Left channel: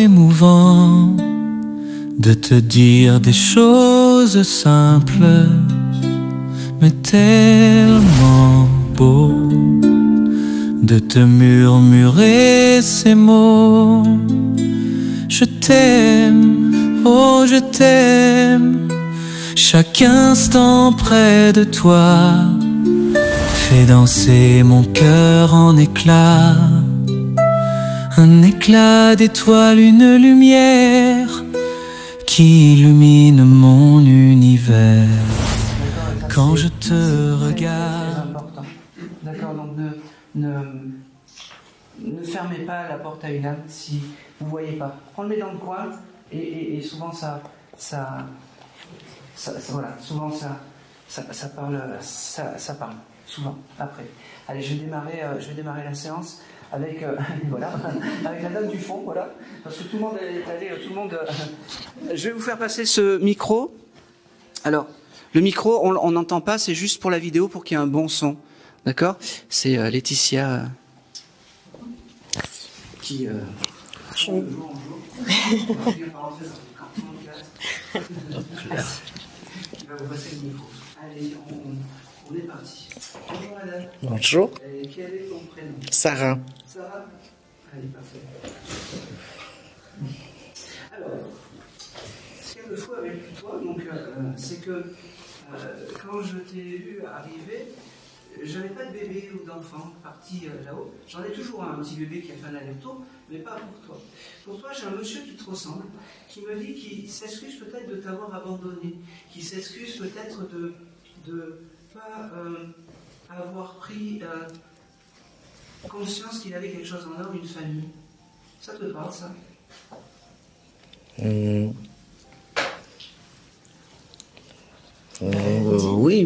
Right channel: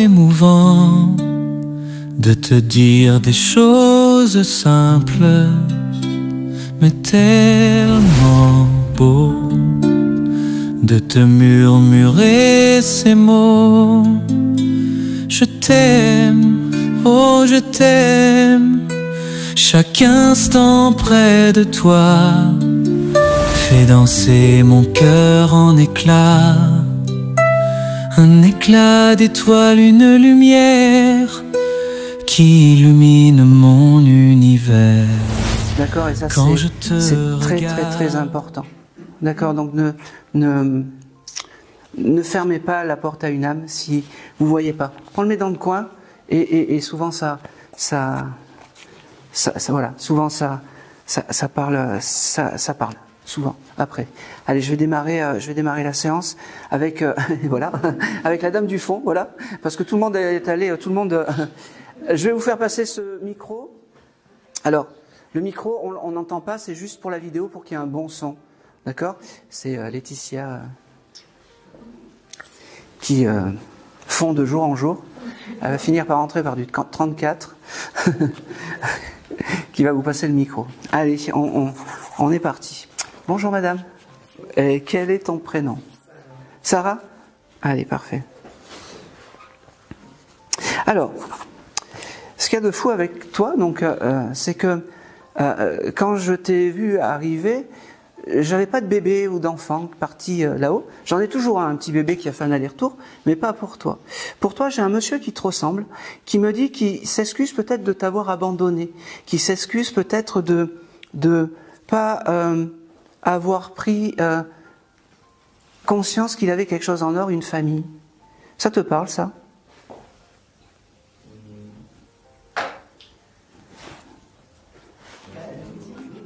émouvant de te dire des choses simples, mais tellement beau de te murmurer ces mots. Je t'aime, oh je t'aime, chaque instant près de toi fait danser mon cœur en éclats. Un éclat d'étoile, une lumière qui illumine mon univers. D'accord, et ça quand je te regarde. C'est très important. D'accord, donc ne fermez pas la porte à une âme si vous ne voyez pas. On le met dans le coin et souvent ça voilà, souvent ça parle, ça parle. Souvent, après. Allez, je vais démarrer la séance avec, voilà, avec la dame du fond, voilà, parce que tout le monde est allé, tout le monde... je vais vous faire passer ce micro. Alors, le micro, on n'entend pas, c'est juste pour la vidéo, pour qu'il y ait un bon son, d'accord? C'est Laetitia qui fond de jour en jour. Elle va finir par rentrer par du 34, qui va vous passer le micro. Allez, on est parti. Bonjour madame. Bonjour. Et quel est ton prénom? Sarah. Sarah? Allez, parfait. Alors, ce qu'il y a de fou avec toi, donc, c'est que quand je t'ai vu arriver, j'avais pas de bébé ou d'enfant parti là-haut. J'en ai toujours un petit bébé qui a fait un aller-retour, mais pas pour toi. Pour toi, j'ai un monsieur qui te ressemble, qui me dit qu'il s'excuse peut-être de t'avoir abandonné, qui s'excuse peut-être de pas... avoir pris conscience qu'il avait quelque chose en or, une famille. Ça te parle, ça? Oui,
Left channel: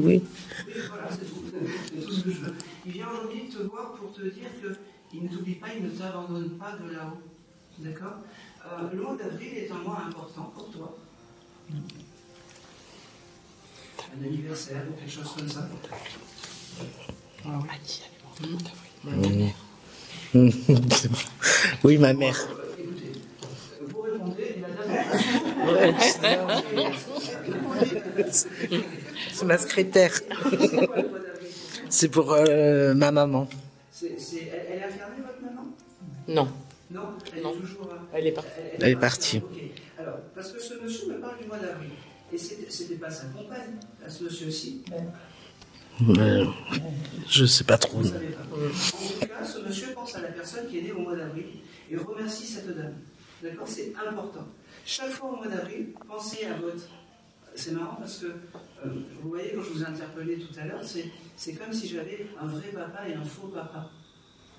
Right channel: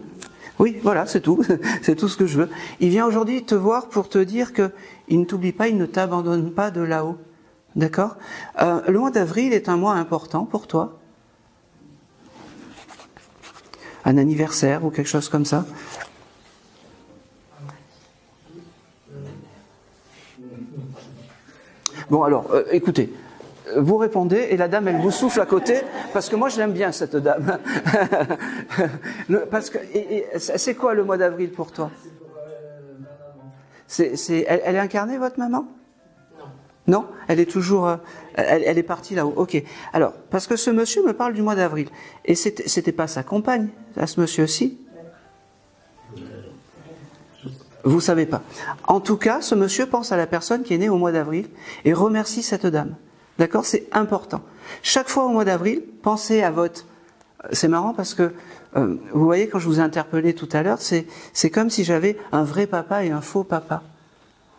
oui. Oui, voilà, c'est tout. C'est tout ce que je veux. Il vient aujourd'hui te voir pour te dire qu'il ne t'oublie pas, il ne t'abandonne pas de là-haut. D'accord? Le mois d'avril est un mois important pour toi. Un anniversaire ou quelque chose comme ça. Oui, ma bon, mère. alors, écoutez, vous répondez et la dame, elle vous souffle à côté, parce que moi, je l'aime bien, cette dame. C'est ma secrétaire. C'est quoi le mois d'avril pour toi? C'est pour ma maman. Elle est incarnée, votre maman? Non. Non? Elle est toujours... elle est partie là-haut. Ok. Alors, parce que ce monsieur me parle du mois d'avril. Et c'était pas sa compagne, à ce monsieur-ci? Je sais pas trop. Vous savez pas. En tout cas, ce monsieur pense à la personne qui est née au mois d'avril et remercie cette dame. D'accord? C'est important. Chaque fois au mois d'avril, pensez à votre... C'est marrant parce que, vous voyez, quand je vous ai interpellé tout à l'heure, c'est comme si j'avais un vrai papa et un faux papa.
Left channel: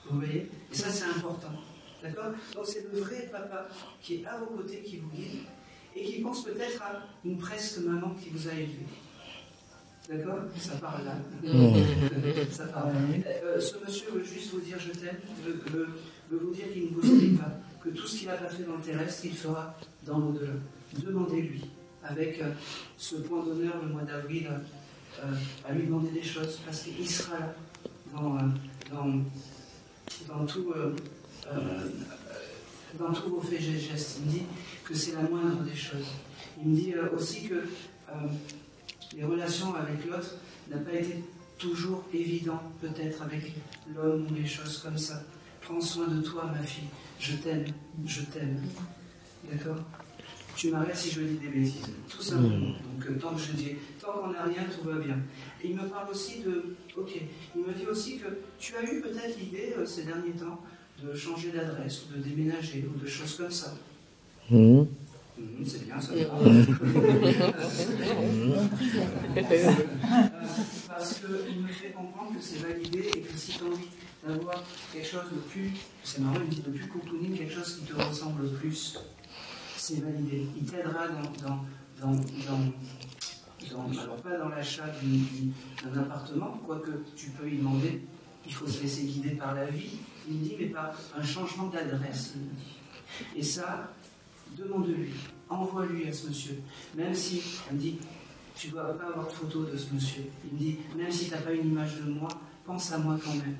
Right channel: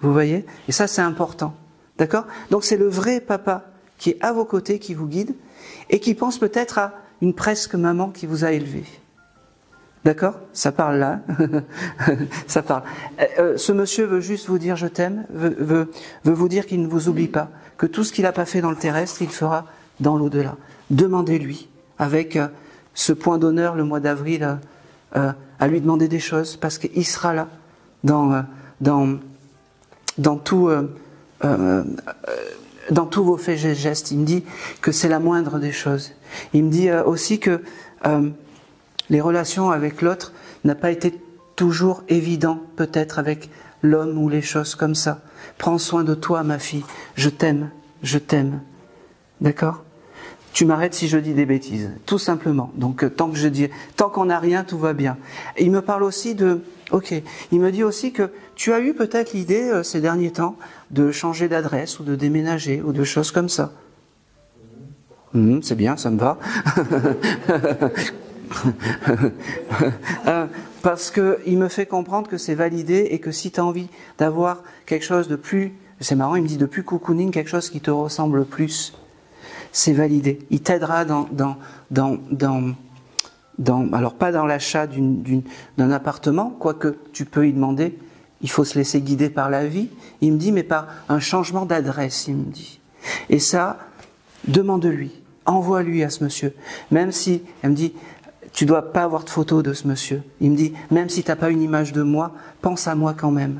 Vous voyez? Et ça, c'est important. D'accord? Donc c'est le vrai papa qui est à vos côtés, qui vous guide et qui pense peut-être à une presque maman qui vous a élevé. D'accord? Ça parle là. Ça parle. Ce monsieur veut juste vous dire je t'aime, veut vous dire qu'il ne vous oublie pas, que tout ce qu'il n'a pas fait dans le terrestre, il fera dans l'au-delà. Demandez-lui, avec ce point d'honneur le mois d'avril, à lui demander des choses, parce qu'il sera là, dans tous vos faits et gestes. Il me dit que c'est la moindre des choses. Il me dit aussi que les relations avec l'autre n'ont pas été toujours évidentes, peut-être avec l'homme ou les choses comme ça. Prends soin de toi, ma fille. Je t'aime, je t'aime. D'accord? Tu m'arrêtes si je dis des bêtises, tout simplement. Donc tant qu'on n'a rien, tout va bien. Et il me parle aussi de... Ok, il me dit aussi que tu as eu peut-être l'idée ces derniers temps de changer d'adresse ou de déménager ou de choses comme ça. C'est bien, ça me va. Parce qu'il me fait comprendre que c'est validé et que si tu as envie d'avoir quelque chose de plus... C'est marrant, il me dit de plus cocooning, quelque chose qui te ressemble plus. C'est validé. Il t'aidera alors pas dans l'achat d'un appartement, quoique tu peux y demander, il faut se laisser guider par la vie. Il me dit, mais par un changement d'adresse, il me dit. Et ça, demande-lui, envoie-lui à ce monsieur. Même si, elle me dit, tu ne dois pas avoir de photo de ce monsieur. Il me dit, même si tu n'as pas une image de moi, pense à moi quand même.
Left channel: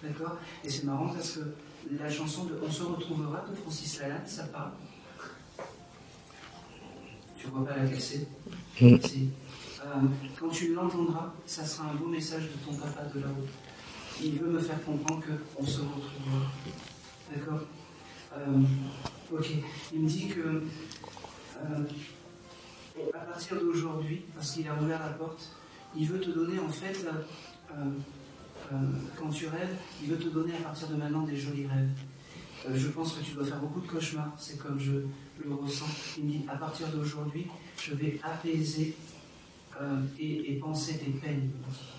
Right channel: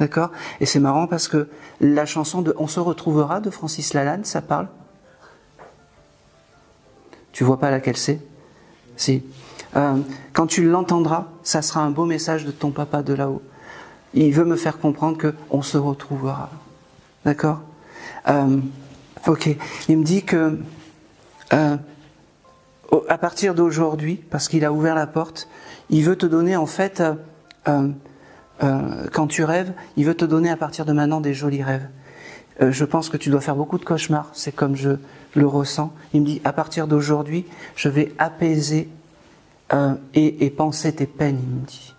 D'accord? Et c'est marrant parce que la chanson de On se retrouvera de Francis Lalanne, ça parle. Tu vois pas laquelle c'est? Si. Quand tu l'entendras, ça sera un beau message de ton papa de là-haut. Il veut me faire comprendre qu'on se retrouvera. D'accord? Ok. Il me dit que à partir d'aujourd'hui, parce qu'il a ouvert la porte, il veut te donner en fait, quand tu rêves, il veut te donner à partir de maintenant des jolis rêves. Je pense que tu dois faire beaucoup de cauchemars, c'est comme je le ressens. Il me dit, à partir d'aujourd'hui, je vais apaiser et penser tes peines, il me dit.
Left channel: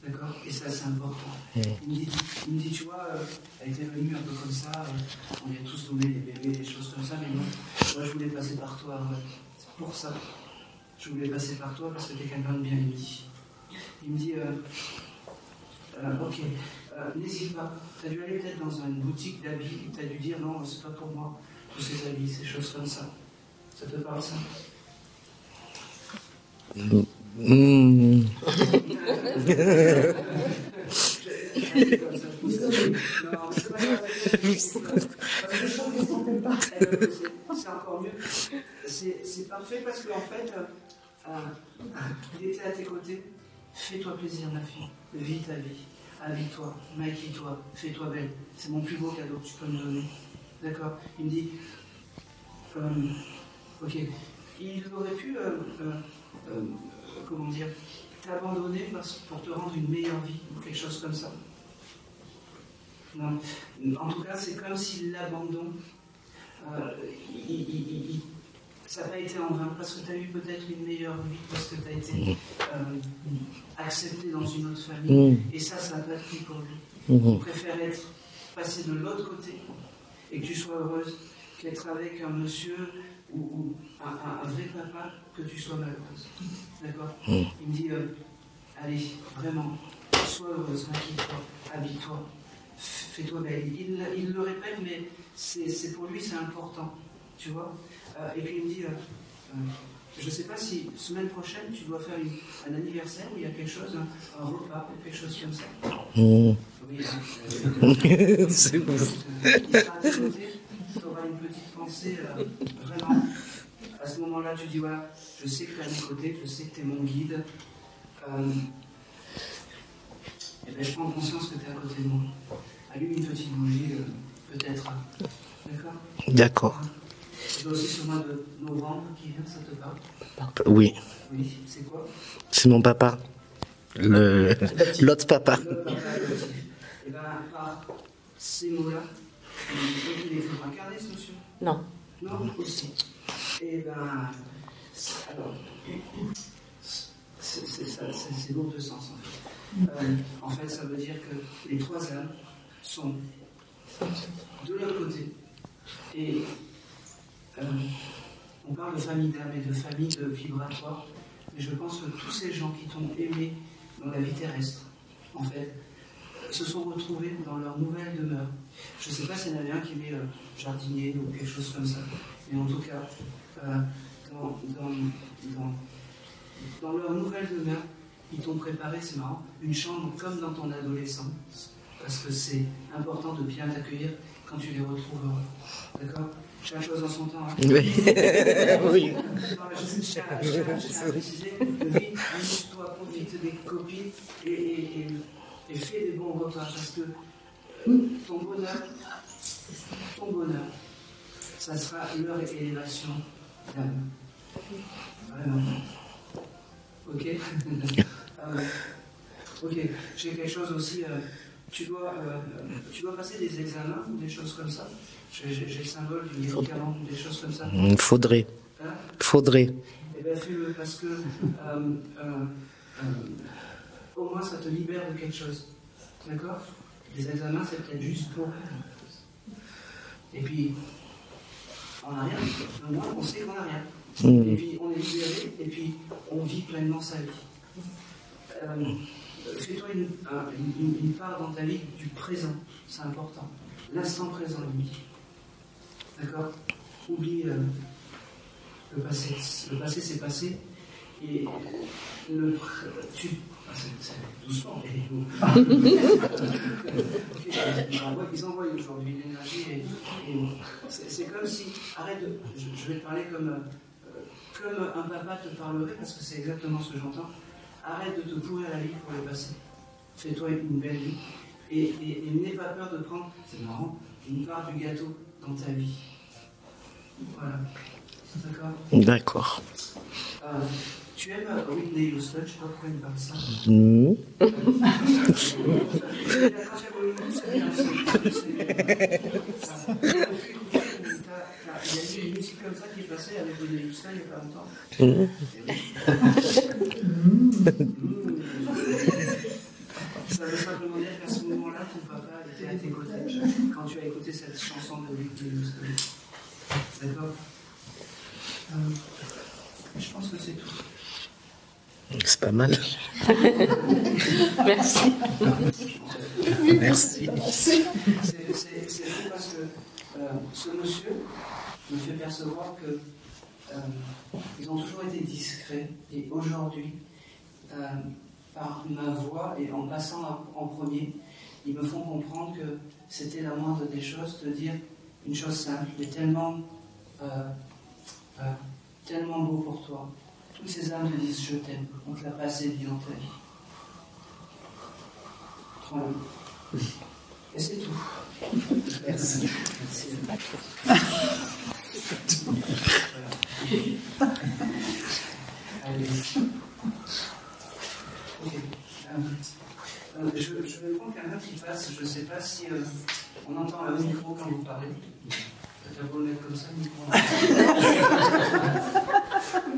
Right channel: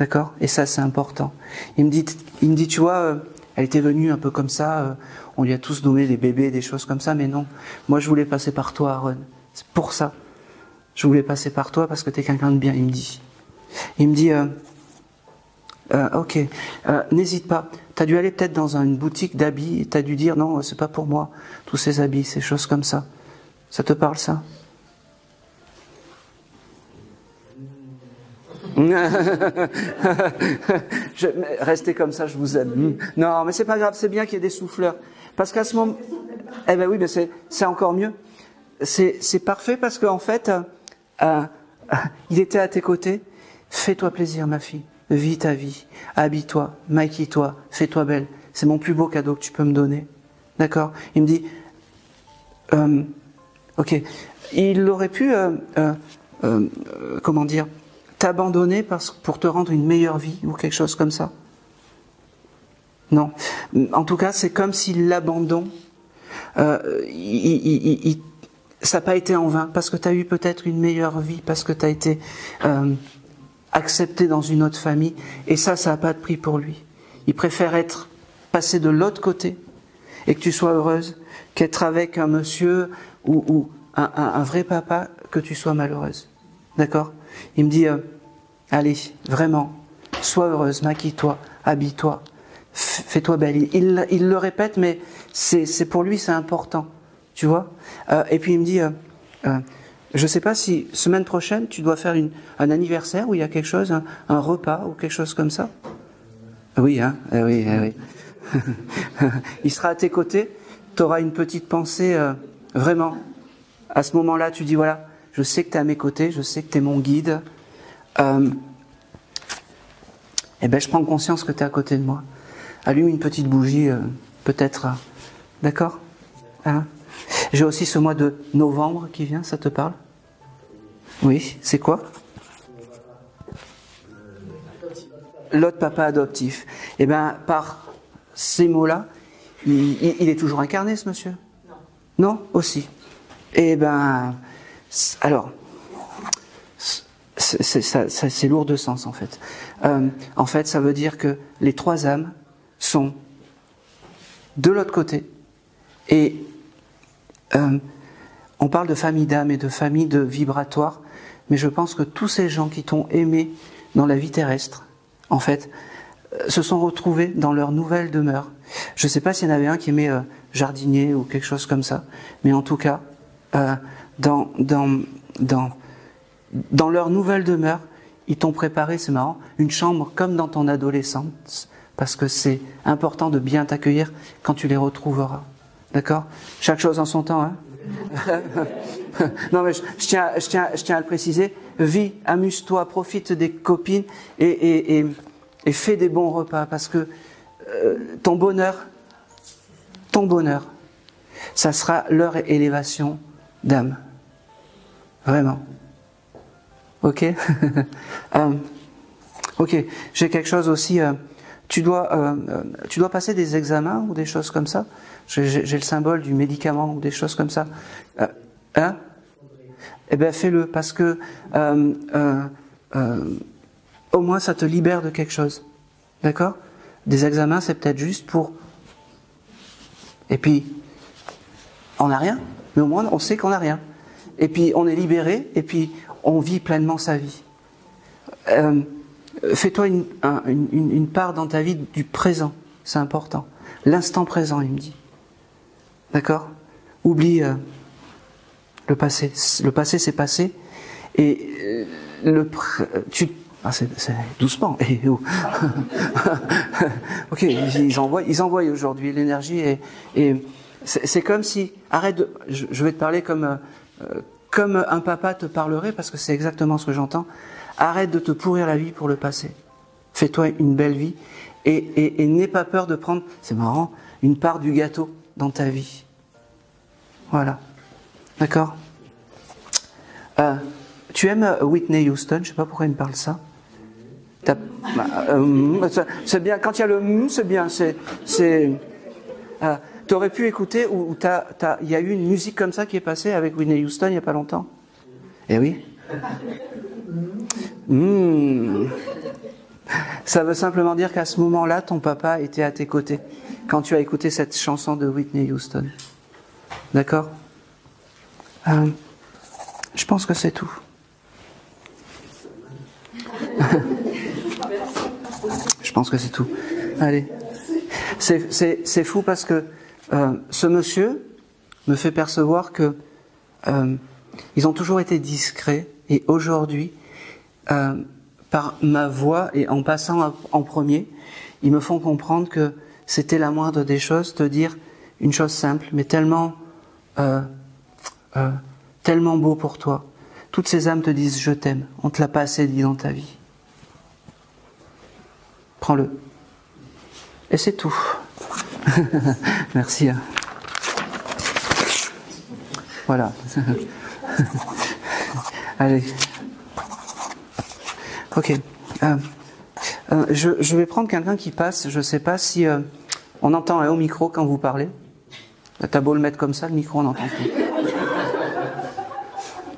D'accord? Et ça, c'est important. Il me dit, tu vois, elle était venue un peu comme ça, on lui a tous donné des bébés, des choses comme ça, mais non. Moi, je voulais passer par toi, Aaron. C'est pour ça. Je voulais passer par toi parce que tu es quelqu'un de bien, il me dit. Il me dit, ok, n'hésite pas. Tu as dû aller peut-être dans une boutique d'habits, tu as dû dire, non, c'est pas pour moi, tous ces habits, ces choses comme ça. Ça te parle, ça? Restez comme ça, je vous aime. Non, mais c'est pas grave, c'est bien qu'il y ait des souffleurs. Parce qu'à ce moment... Eh ben oui, mais c'est encore mieux. C'est parfait parce qu'en fait, il était à tes côtés. Fais-toi plaisir, ma fille. Vis ta vie. Habille-toi, maquille-toi, fais-toi belle. C'est mon plus beau cadeau que tu peux me donner. D'accord? Il me dit... ok. Il aurait pu... comment dire, t'abandonner pour te rendre une meilleure vie ou quelque chose comme ça? Non. En tout cas, c'est comme si l'abandon, ça n'a pas été en vain, parce que tu as eu peut-être une meilleure vie, parce que tu as été accepté dans une autre famille, et ça n'a pas de prix pour lui. Il préfère passer de l'autre côté, et que tu sois heureuse, qu'être avec un monsieur ou un vrai papa, que tu sois malheureuse. D'accord? Il me dit, allez, vraiment, sois heureuse, maquille-toi, habille-toi, fais-toi belle. Il le répète, mais c'est pour lui, c'est important. Tu vois? Et puis il me dit, je ne sais pas si semaine prochaine, tu dois faire un anniversaire où il y a quelque chose, un repas ou quelque chose comme ça. Oui, hein? Oui. Il sera à tes côtés, tu auras une petite pensée, vraiment. À ce moment-là, tu dis, voilà, je sais que tu es à mes côtés, je sais que tu es mon guide. Eh ben, je prends conscience que tu es à côté de moi. Allume une petite bougie, peut-être. D'accord? D'accord. Hein? J'ai aussi ce mois de novembre qui vient, ça te parle? Oui. Oui, c'est quoi? C'est mon papa. L'autre papa. L'autre papa adoptif. Eh bien, par ces mots-là, il est toujours incarné, ce monsieur? Non. Non, aussi. Eh bien, alors, c'est lourd de sens, en fait. En fait, ça veut dire que les trois âmes sont de l'autre côté. Et on parle de famille d'âmes et de famille de vibratoires, mais je pense que tous ces gens qui t'ont aimé dans la vie terrestre, en fait, se sont retrouvés dans leur nouvelle demeure. Je ne sais pas s'il y en avait un qui aimait jardinier ou quelque chose comme ça, mais en tout cas, dans leur nouvelle demeure, ils t'ont préparé, c'est marrant, une chambre comme dans ton adolescence, parce que c'est important de bien t'accueillir quand tu les retrouveras. D'accord? Chaque chose en son temps. Hein? Oui. Non, mais je tiens à le préciser. Vis, amuse-toi, profite des copines et fais des bons repas, parce que ton bonheur, ça sera leur élévation d'âme. Vraiment. Ok? Ok. J'ai quelque chose aussi. Tu dois passer des examens ou des choses comme ça? J'ai le symbole du médicament ou des choses comme ça. Il faudrait. Hein? Faudrait. Eh bien, fais-le, parce que au moins ça te libère de quelque chose. D'accord? Des examens, c'est peut-être juste pour... Et puis, on n'a rien, mais au moins on sait qu'on n'a rien. Et puis, on est libéré, et puis on vit pleinement sa vie. Fais-toi une part dans ta vie du présent, c'est important. L'instant présent, il me dit. D'accord? Oublie le passé. Le passé, c'est passé. Et c'est doucement. Ok, ils envoient aujourd'hui l'énergie et c'est comme si... Je vais te parler comme comme un papa te parlerait, parce que c'est exactement ce que j'entends, arrête de te pourrir la vie pour le passé. Fais-toi une belle vie et n'aie pas peur de prendre, c'est marrant, une part du gâteau dans ta vie. Voilà. D'accord ? D'accord. Tu aimes Whitney Houston? Je ne sais pas pourquoi il me parle ça. C'est bien, quand il y a le c'est bien. Tu aurais pu écouter où il y a eu une musique comme ça qui est passée avec Whitney Houston il n'y a pas longtemps. Eh oui. Ça veut simplement dire qu'à ce moment-là, ton papa était à tes côtés quand tu as écouté cette chanson de Whitney Houston. D'accord ? Je pense que c'est tout. C'est pas mal. Merci. Je pense que c'est tout. Merci. Allez. C'est fou parce que ce monsieur me fait percevoir que ils ont toujours été discrets et aujourd'hui, par ma voix et en passant en premier, ils me font comprendre que c'était la moindre des choses, te dire une chose simple, mais tellement beau pour toi. Toutes ces âmes te disent je t'aime. On ne te l'a pas assez dit dans ta vie. Prends-le. Et c'est tout. Merci. Voilà. Allez. Ok. Je vais prendre quelqu'un qui passe. Je ne sais pas si on entend au micro quand vous parlez. T'as beau le mettre comme ça, le micro, on entend.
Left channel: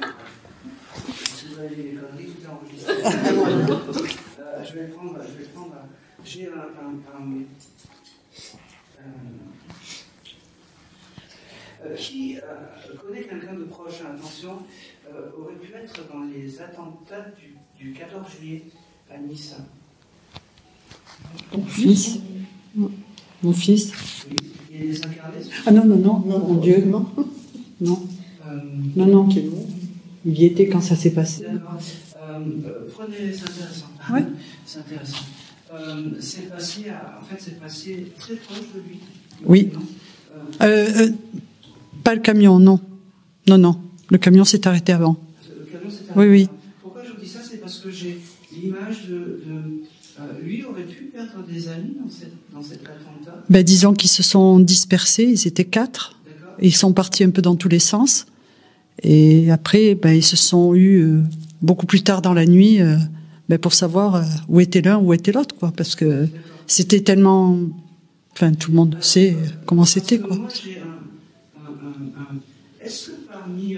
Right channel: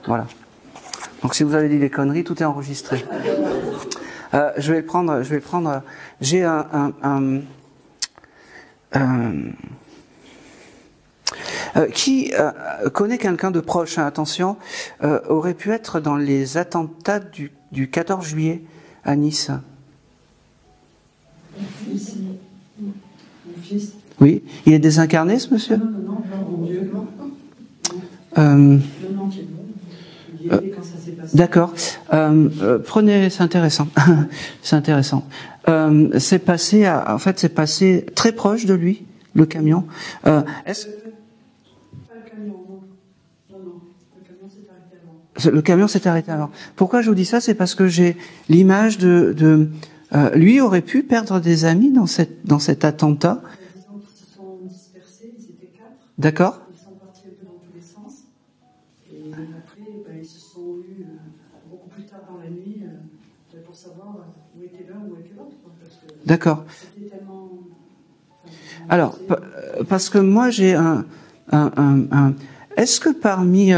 Voilà. Donc si vous avez dit des conneries, tout est enregistré. Je vais le prendre. J'ai qui connaît quelqu'un de proche, hein, attention, aurait pu être dans les attentats du 14 juillet à Nice. Mon fils. Mon fils. Oui, il est désincarné, ce monsieur? Ah non, mon Dieu, non. Non, il y était quand ça s'est passé. D'accord. Prenez, c'est intéressant. Ouais. C'est intéressant. C'est passé très proche de lui, le camion. Pas le camion, non. Non. Le camion s'est arrêté avant. Le camion s'est arrêté avant. Pourquoi je vous dis ça? C'est parce que j'ai l'image lui aurait pu perdre des amis dans cet attentat. Disons qu'ils se sont dispersés, ils étaient 4. D'accord. Ils sont partis un peu dans tous les sens. Et après, ils se sont eus beaucoup plus tard dans la nuit pour savoir où était l'un, où était l'autre, quoi. Parce que c'était tellement... Enfin, tout le monde sait comment c'était. Parce que moi, j'ai Est-ce que parmi...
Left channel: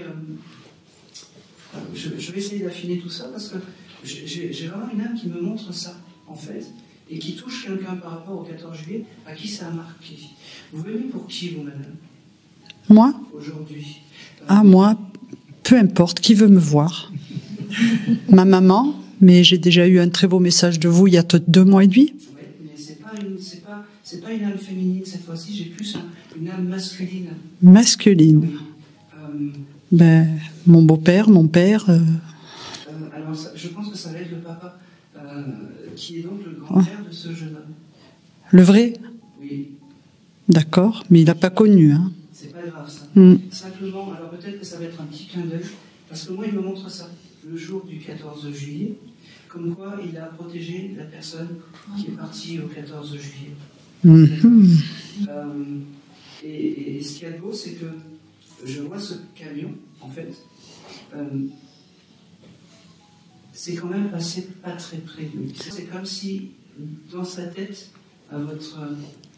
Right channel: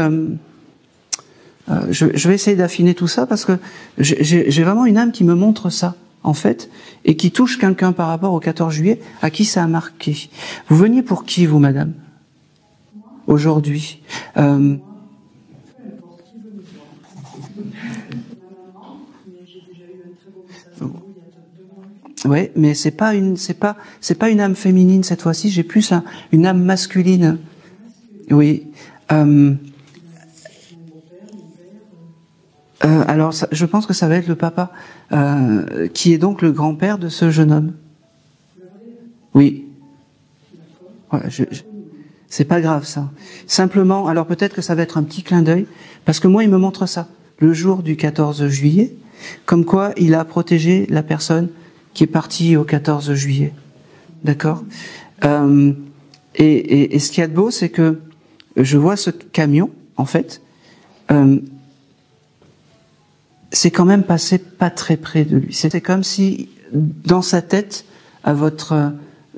je vais essayer d'affiner tout ça, parce que j'ai vraiment une âme qui me montre ça, en fait, et qui touche quelqu'un par rapport au 14 juillet, à qui ça a marqué. Vous veniez pour qui, vous, madame? Moi? Aujourd'hui. Moi, peu importe, qui veut me voir. Ma maman, mais j'ai déjà eu un très beau message de vous il y a 2 mois et demi. Oui, mais c'est pas une âme féminine cette fois-ci, j'ai plus une âme masculine. Masculine? Oui. Mon beau-père, mon père... Alors, je pense que ça va être le papa, qui est donc le grand-père de ce jeune homme. Le vrai? Oui. D'accord, mais il n'a pas connu. Hein. C'est pas grave, ça. Simplement, alors peut-être que ça va être un petit clin d'œil, parce que moi, il me montre ça. Le jour du 14 juillet, comme quoi il a protégé la personne qui est partie au 14 juillet. D'accord. Et ce qu'il y a de beau, c'est que je vois ce camion, en fait, c'est quand même passé pas très près de lui. C'était comme si, dans sa tête, à votre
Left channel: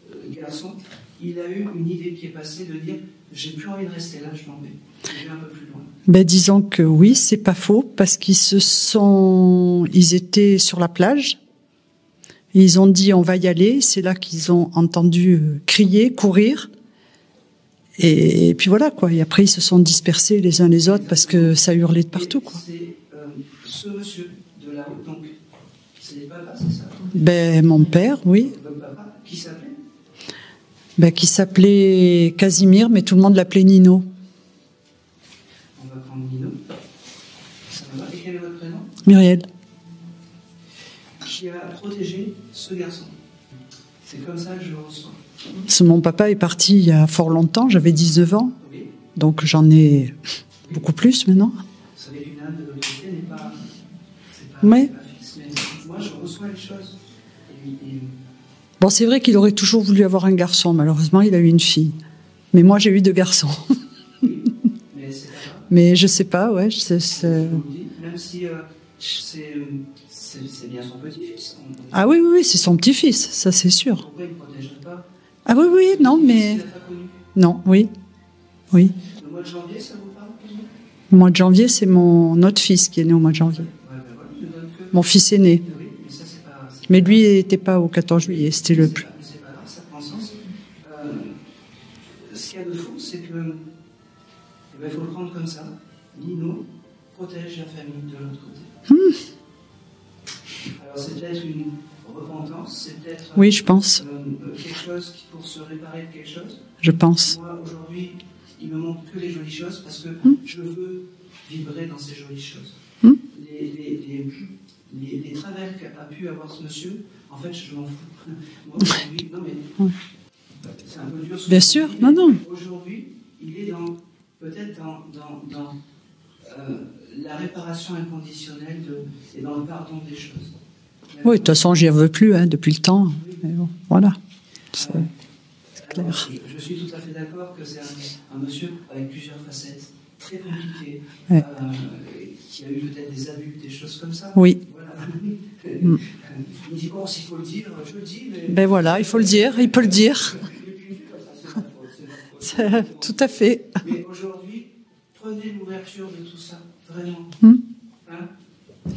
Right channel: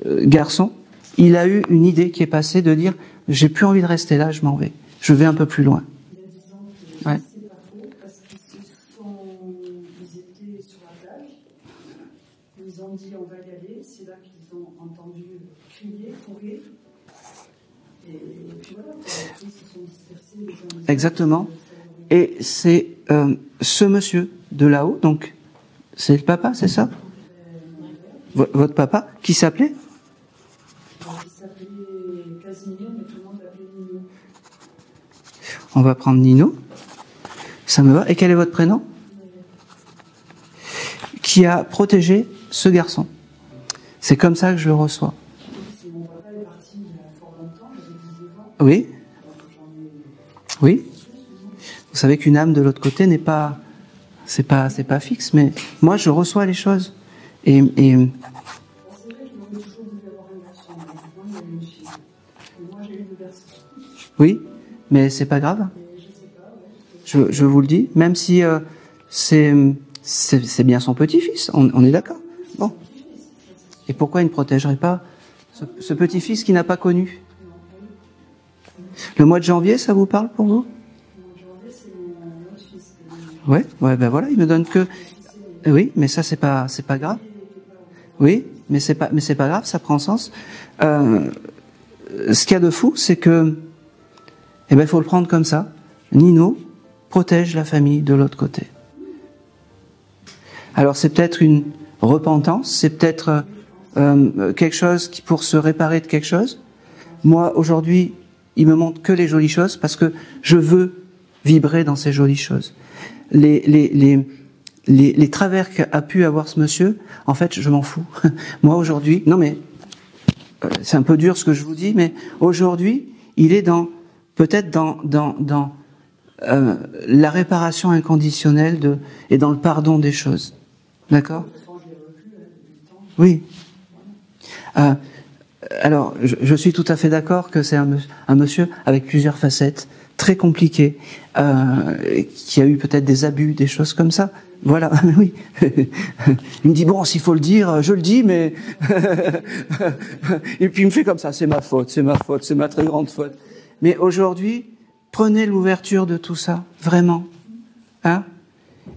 garçon, il a eu une idée qui est passée de dire « j'ai plus envie de rester là, je m'en vais. Je vais un peu plus loin ». Disons que oui, c'est pas faux, parce qu'ils étaient sur la plage, ils ont dit on va y aller, c'est là qu'ils ont entendu crier, courir, et puis voilà quoi. Et après ils se sont dispersés les uns les autres. Exactement. Parce que ça hurlait de partout. Et c'est ce monsieur de là-haut, donc c'est le papa, c'est ça? Mon père, oui. Votre papa, qui s'appelait? Qui s'appelait Casimir, mais tout le monde l'appelait Nino. On va prendre Nino. Ça me va. Et quel est votre prénom? Muriel. Qui a protégé ce garçon. C'est comme ça que je le reçois. Mon papa est parti il y a fort longtemps, j'avais 19 ans. Oui. donc j'en ai beaucoup plus maintenant. Vous savez qu'une âme de l'autre côté n'est pas... C'est pas fixe, mais moi, je reçois les choses. Bon, c'est vrai qu'il aurait toujours voulu avoir un garçon. Malheureusement, il a eu une fille. Mais moi, j'ai eu 2 garçons. Oui, mais c'est pas grave. Mais je sais pas, ouais. Je vous le dis, même si c'est bien son petit-fils, on est d'accord. Ah oui, c'est son petit-fils, ça c'est sûr. Et pourquoi il ne protégerait pas ce petit-fils qu'il n'a pas connu? Non, oui. Le mois de janvier, ça vous parle pour vous? Le mois de janvier, c'est mon autre fils qui est né au mois de janvier. Ouais, ben voilà, il me donne que... Mon fils est né. Oui, mais ça, c'est pas grave. Mais lui, il n'était pas au 14 juillet. Mais c'est pas grave, ça prend sens. Ce qu'il y a de fou, c'est que... il faut le prendre comme ça. Nino protège la famille de l'autre côté. Alors, c'est peut-être une repentance, c'est peut-être... Oui, je pense. Quelque chose pour se réparer de quelque chose. Je pense. Moi, aujourd'hui... il me montre que les jolies choses parce que je veux vibrer dans ces jolies choses. Les travers qu'a pu avoir ce monsieur, en fait, je m'en fous. Moi, aujourd'hui, non mais, c'est un peu dur ce que je vous dis, mais aujourd'hui, il est peut-être dans la réparation inconditionnelle et dans le pardon des choses. D'accord ? Oui, de toute façon, j'y veux plus, depuis le temps. Oui. Voilà. Alors, je suis tout à fait d'accord que c'est un monsieur avec plusieurs facettes, très compliqué, qui a eu peut-être des abus, des choses comme ça. Oui. Voilà, oui. Il me dit, bon, s'il faut le dire, je le dis, mais... Ben voilà, il faut le dire, il peut le dire. Et puis il me fait comme ça, c'est ma faute, c'est ma très grande faute. Tout à fait. Mais aujourd'hui, prenez l'ouverture de tout ça, vraiment. Hein ?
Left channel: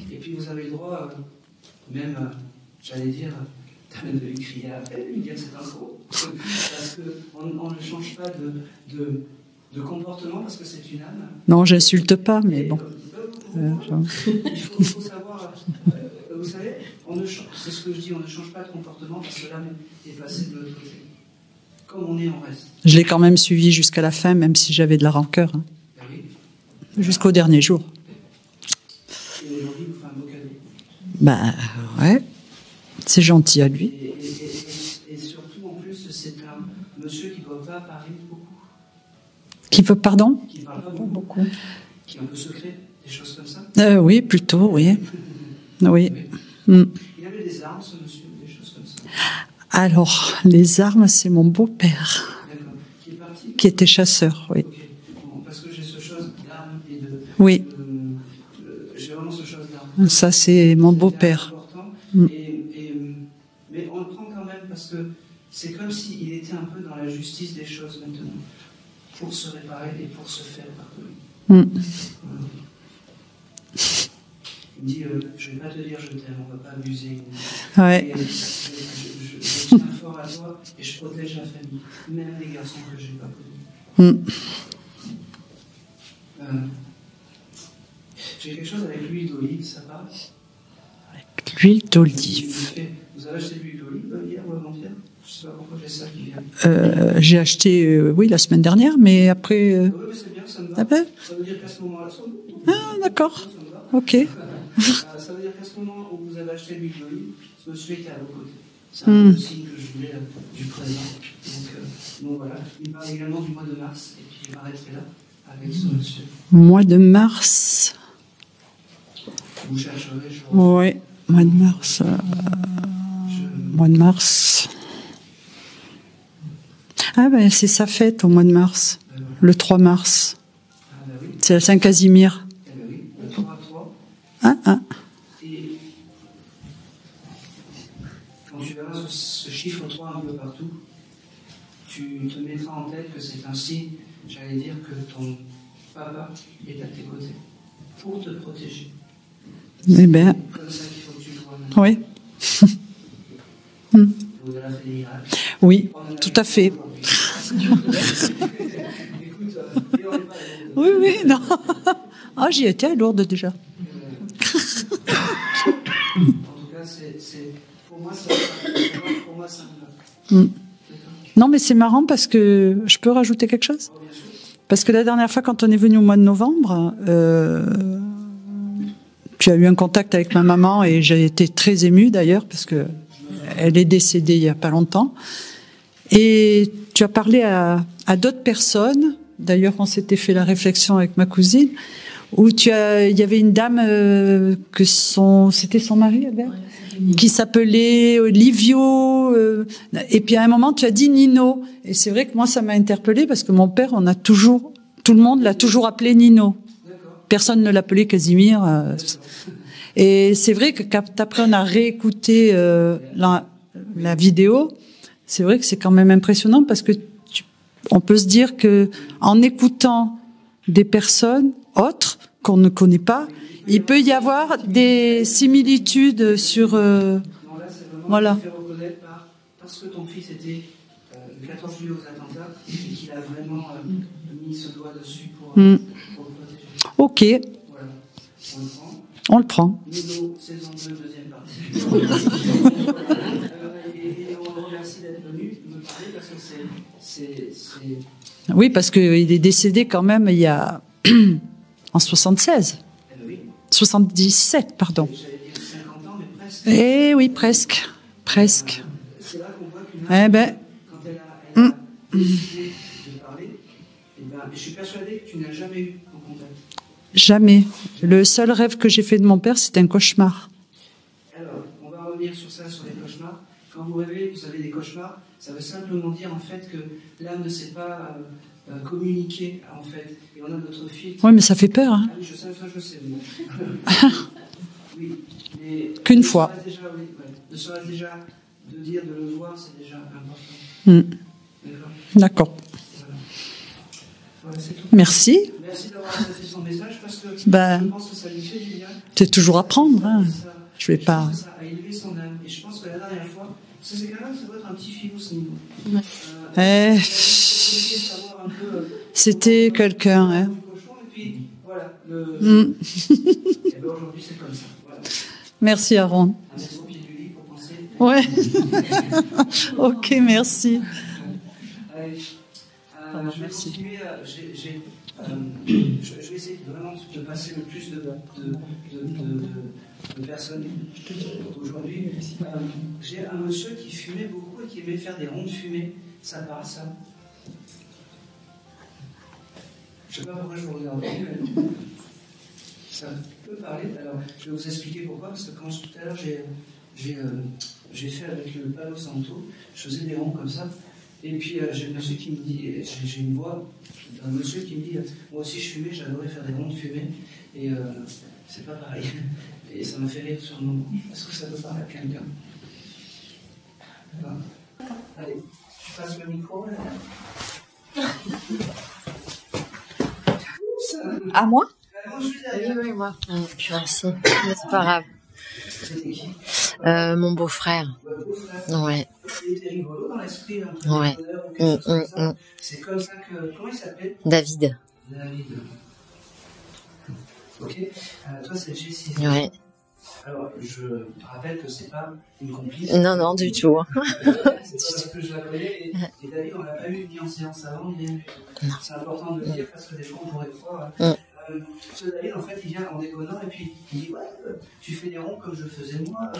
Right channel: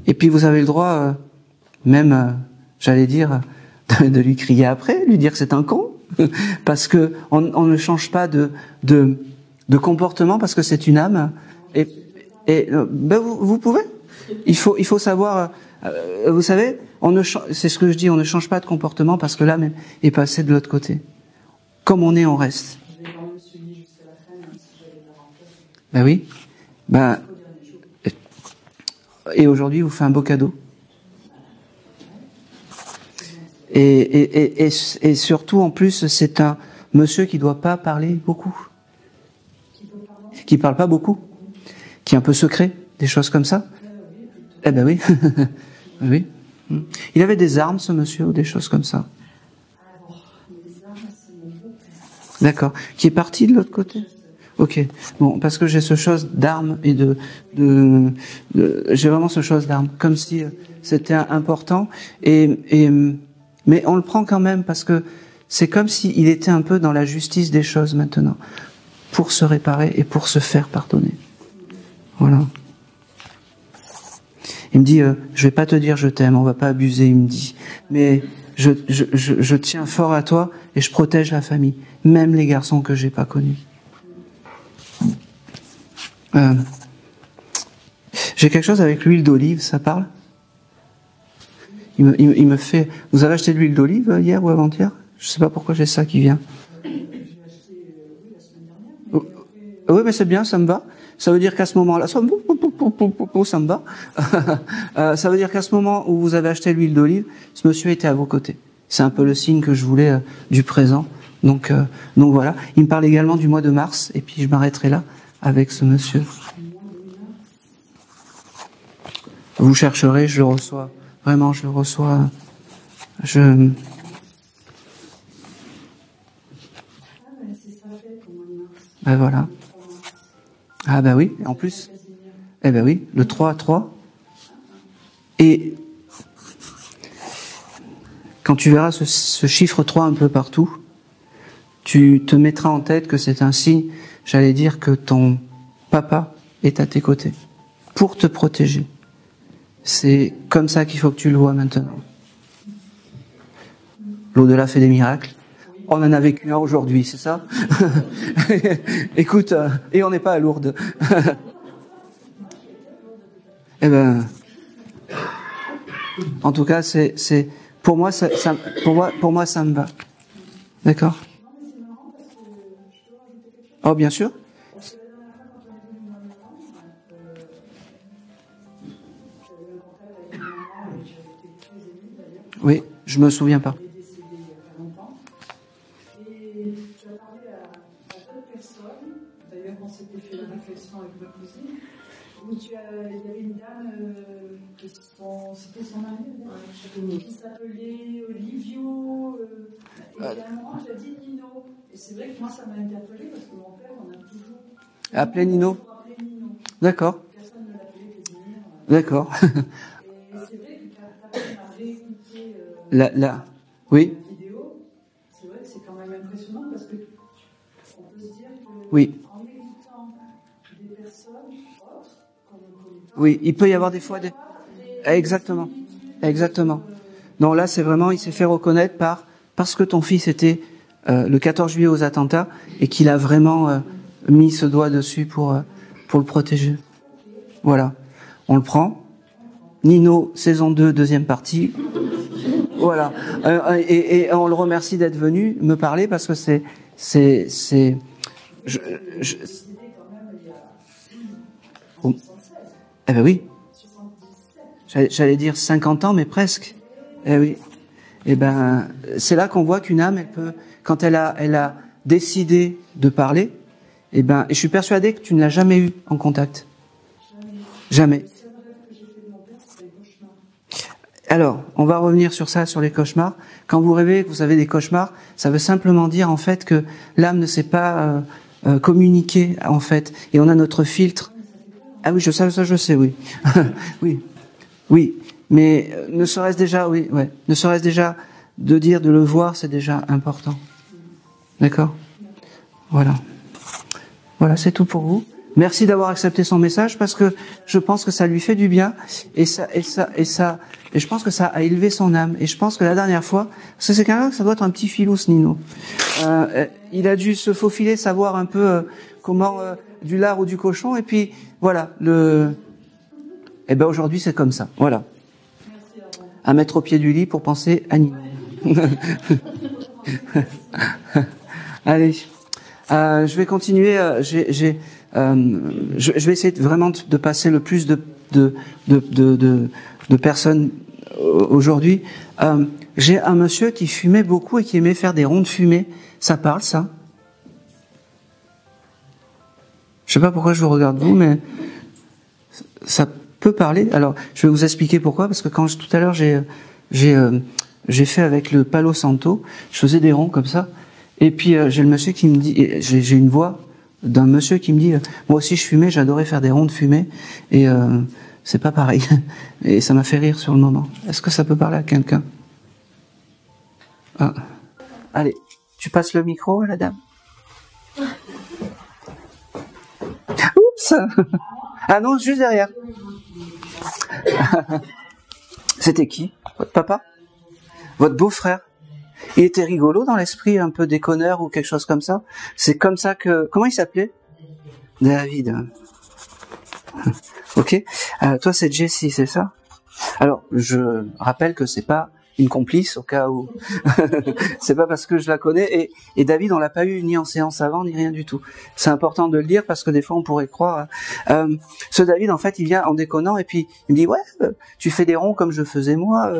Et puis vous avez le droit, même, j'allais dire, de lui crier après, lui dire que c'est un con. Parce que on ne change pas de comportement parce que c'est une âme. Non, j'insulte pas. Mais vous pouvez. Il faut savoir. Vous savez, c'est ce que je dis. On ne change pas de comportement parce que l'âme est passée de l'autre côté. Comme on est, on reste. Je l'ai quand même suivi jusqu'à la fin, même si j'avais de la rancœur. Ben oui. Jusqu'au dernier jour. Et aujourd'hui, vous fait un beau cadeau. Ouais. C'est gentil. Et surtout, en plus, c'est un monsieur qui ne doit pas parler beaucoup. Qui veut, pardon ? Qui ne parle pas beaucoup. Qui est un peu secret, des choses comme ça. Oui, plutôt, oui. Oui. Il avait des armes, ce monsieur, ou des choses comme ça? Alors, les armes, c'est mon beau-père. D'accord. Qui est parti de l'autre côté ? Qui était chasseur, oui. Ok. Bon, parce que j'ai ce chose d'armes et de... Oui. J'ai vraiment ce chose d'armes. Comme ça, c'est mon beau-père. C'était important. Mais on le prend quand même parce que c'est comme s'il était un peu dans la justice des choses maintenant. Pour se réparer et pour se faire pardonner. Voilà. Il me dit, je vais pas te dire je t'aime, on va pas abuser, il me dit. Ouais. Mais je tiens fort à toi et je protège la famille, même les garçons que j'ai pas connus. J'ai quelque chose avec l'huile d'olive, ça parle? L'huile d'olive. Il me fait. Vous avez acheté de l'huile d'olive hier ou avant-hier? Je sais pas pourquoi j'ai ça qui vient. J'ai acheté, la semaine dernière, mais après... Oui, mais c'est bien, ça me va. Ça veut dire qu'à ce moment-là... Ça me va. Ok. Ça veut dire qu'à ce moment où vous avez acheté l'huile d'olive, ce monsieur était à vos côtés. C'est un peu le signe que je voulais du présent. Donc voilà. Il me parle également du mois de mars, et puis je m'arrêterai là avec ce monsieur. Mois de mars. Vous chercherez, je le reçois. Oui. Vraiment, je le reçois. Mois de mars... c'est sa fête au mois de mars. Voilà. Le 3 mars. Ah oui. C'est la Saint-Casimir. Oui, le 3-3. Ah. Et quand tu verras ce chiffre 3 un peu partout, tu te mettras en tête que c'est un signe, j'allais dire, que ton papa est à tes côtés pour te protéger. C'est comme ça qu'il faut que tu le vois maintenant. Oui. L'au-delà fait des miracles. Oui, on en a vécu un aujourd'hui, c'est ça? Écoute, et on n'est pas à Lourdes. Oui, non. J'y étais à Lourdes déjà. En tout cas, pour moi, ça me va. D'accord? Non, mais c'est marrant parce que je peux rajouter quelque chose? Oh, bien sûr. Parce que la dernière fois, quand on est venu au mois de novembre, tu as eu un contact avec ma maman et j'ai été très émue d'ailleurs parce que je me souviens. Elle est décédée il y a pas longtemps. Et tu as parlé à d'autres personnes D'ailleurs, on s'était fait la réflexion avec ma cousine, où il y avait une dame c'était son mari, Albert, qui s'appelait Livio, et puis à un moment tu as dit Nino, et c'est vrai que moi ça m'a interpellée parce que mon père, tout le monde l'a toujours appelé Nino. D'accord. Personne ne l'appelait Casimir. D'accord. Et c'est vrai que quand après on a réécouté la vidéo, c'est vrai que c'est quand même impressionnant parce que on peut se dire que en écoutant des personnes autres qu'on ne connaît pas, il peut y avoir des similitudes sur. Non, là, c'est vraiment, il s'est fait reconnaître parce que ton fils était le 14 juillet aux attentats et qu'il a vraiment mis ce doigt dessus pour le protéger. Ok. Voilà. On le prend. On le prend. Nino, saison 2, deuxième partie. Voilà. Et on le remercie d'être venu me parler parce que c'est. Oui, parce qu'il est décédé quand même il y a. En 76. Eh ben oui. 77, pardon. J'allais dire 50 ans, mais presque. Eh oui, presque. Oui. Presque. C'est là qu'on voit qu'une âme, quand elle a décidé de parler, et je suis persuadé que tu ne l'as jamais eu en contact. Jamais. Le seul rêve que j'ai fait de mon père, c'était un cauchemar. Alors, on va revenir sur ça, sur les cauchemars. Quand vous rêvez, vous avez des cauchemars, ça veut simplement dire en fait que l'âme ne sait pas communiquer en fait, et on a notre filtre. Oui, mais ça fait peur. Hein. Ah oui, ça je sais, oui. Oui, mais qu'une fois. Ne serait-ce déjà de dire, de le voir, c'est déjà important. D'accord. D'accord. Voilà. Voilà, c'est tout pour vous. Merci. Merci d'avoir accepté son message parce que je pense que ça lui fait du bien. C'est toujours à prendre. Je pense que ça a élevé son âme. Et je pense que la dernière fois, parce que c'est quelqu'un, ça doit être un petit filou, ce Nino. Il a dû se faufiler, savoir un peu c'était quelqu'un du lard ou du cochon. Et puis voilà, et aujourd'hui c'est comme ça. Voilà. Merci Aaron. À mettre au pied du lit pour penser à Nino. Ouais. Ok, merci. Allez. Je vais continuer. Je vais essayer vraiment de passer le plus de personnes aujourd'hui. J'ai un monsieur qui fumait beaucoup et qui aimait faire des ronds de fumée. Ça parle, ça? Je sais pas pourquoi je vous regarde vous, mais ça peut parler. Alors, je vais vous expliquer pourquoi. Parce que tout à l'heure j'ai fait avec le Palo Santo, je faisais des ronds comme ça. Et puis j'ai le monsieur qui me dit, j'ai une voix d'un monsieur qui me dit, moi aussi je fumais, j'adorais faire des ronds de fumée, et c'est pas pareil. Et ça m'a fait rire sur le moment. Est-ce que ça peut parler à quelqu'un? Allez, tu passes le micro à la dame. Oups. À moi? Ah non, juste derrière. Oui, moi. Merci. C'est pas grave. C'était qui? Papa? Mon beau-frère. Votre beau-frère? Ouais. Il était rigolo dans l'esprit, un peu déconneur ou quelque chose comme ça. C'est comme ça que... Comment il s'appelait? David. David. Ok. Toi, c'est Jessie, c'est ça? Alors, je rappelle que c'est pas une complice. Non, du tout. C'est pas parce que je la connais. Et David, on l'a pas eu ni en séance avant, ni rien du tout. C'est important de le dire parce que des fois, on pourrait croire. Ce David, en fait, il vient en déconnant et puis il me dit, ouais, tu fais des ronds comme je faisais moi.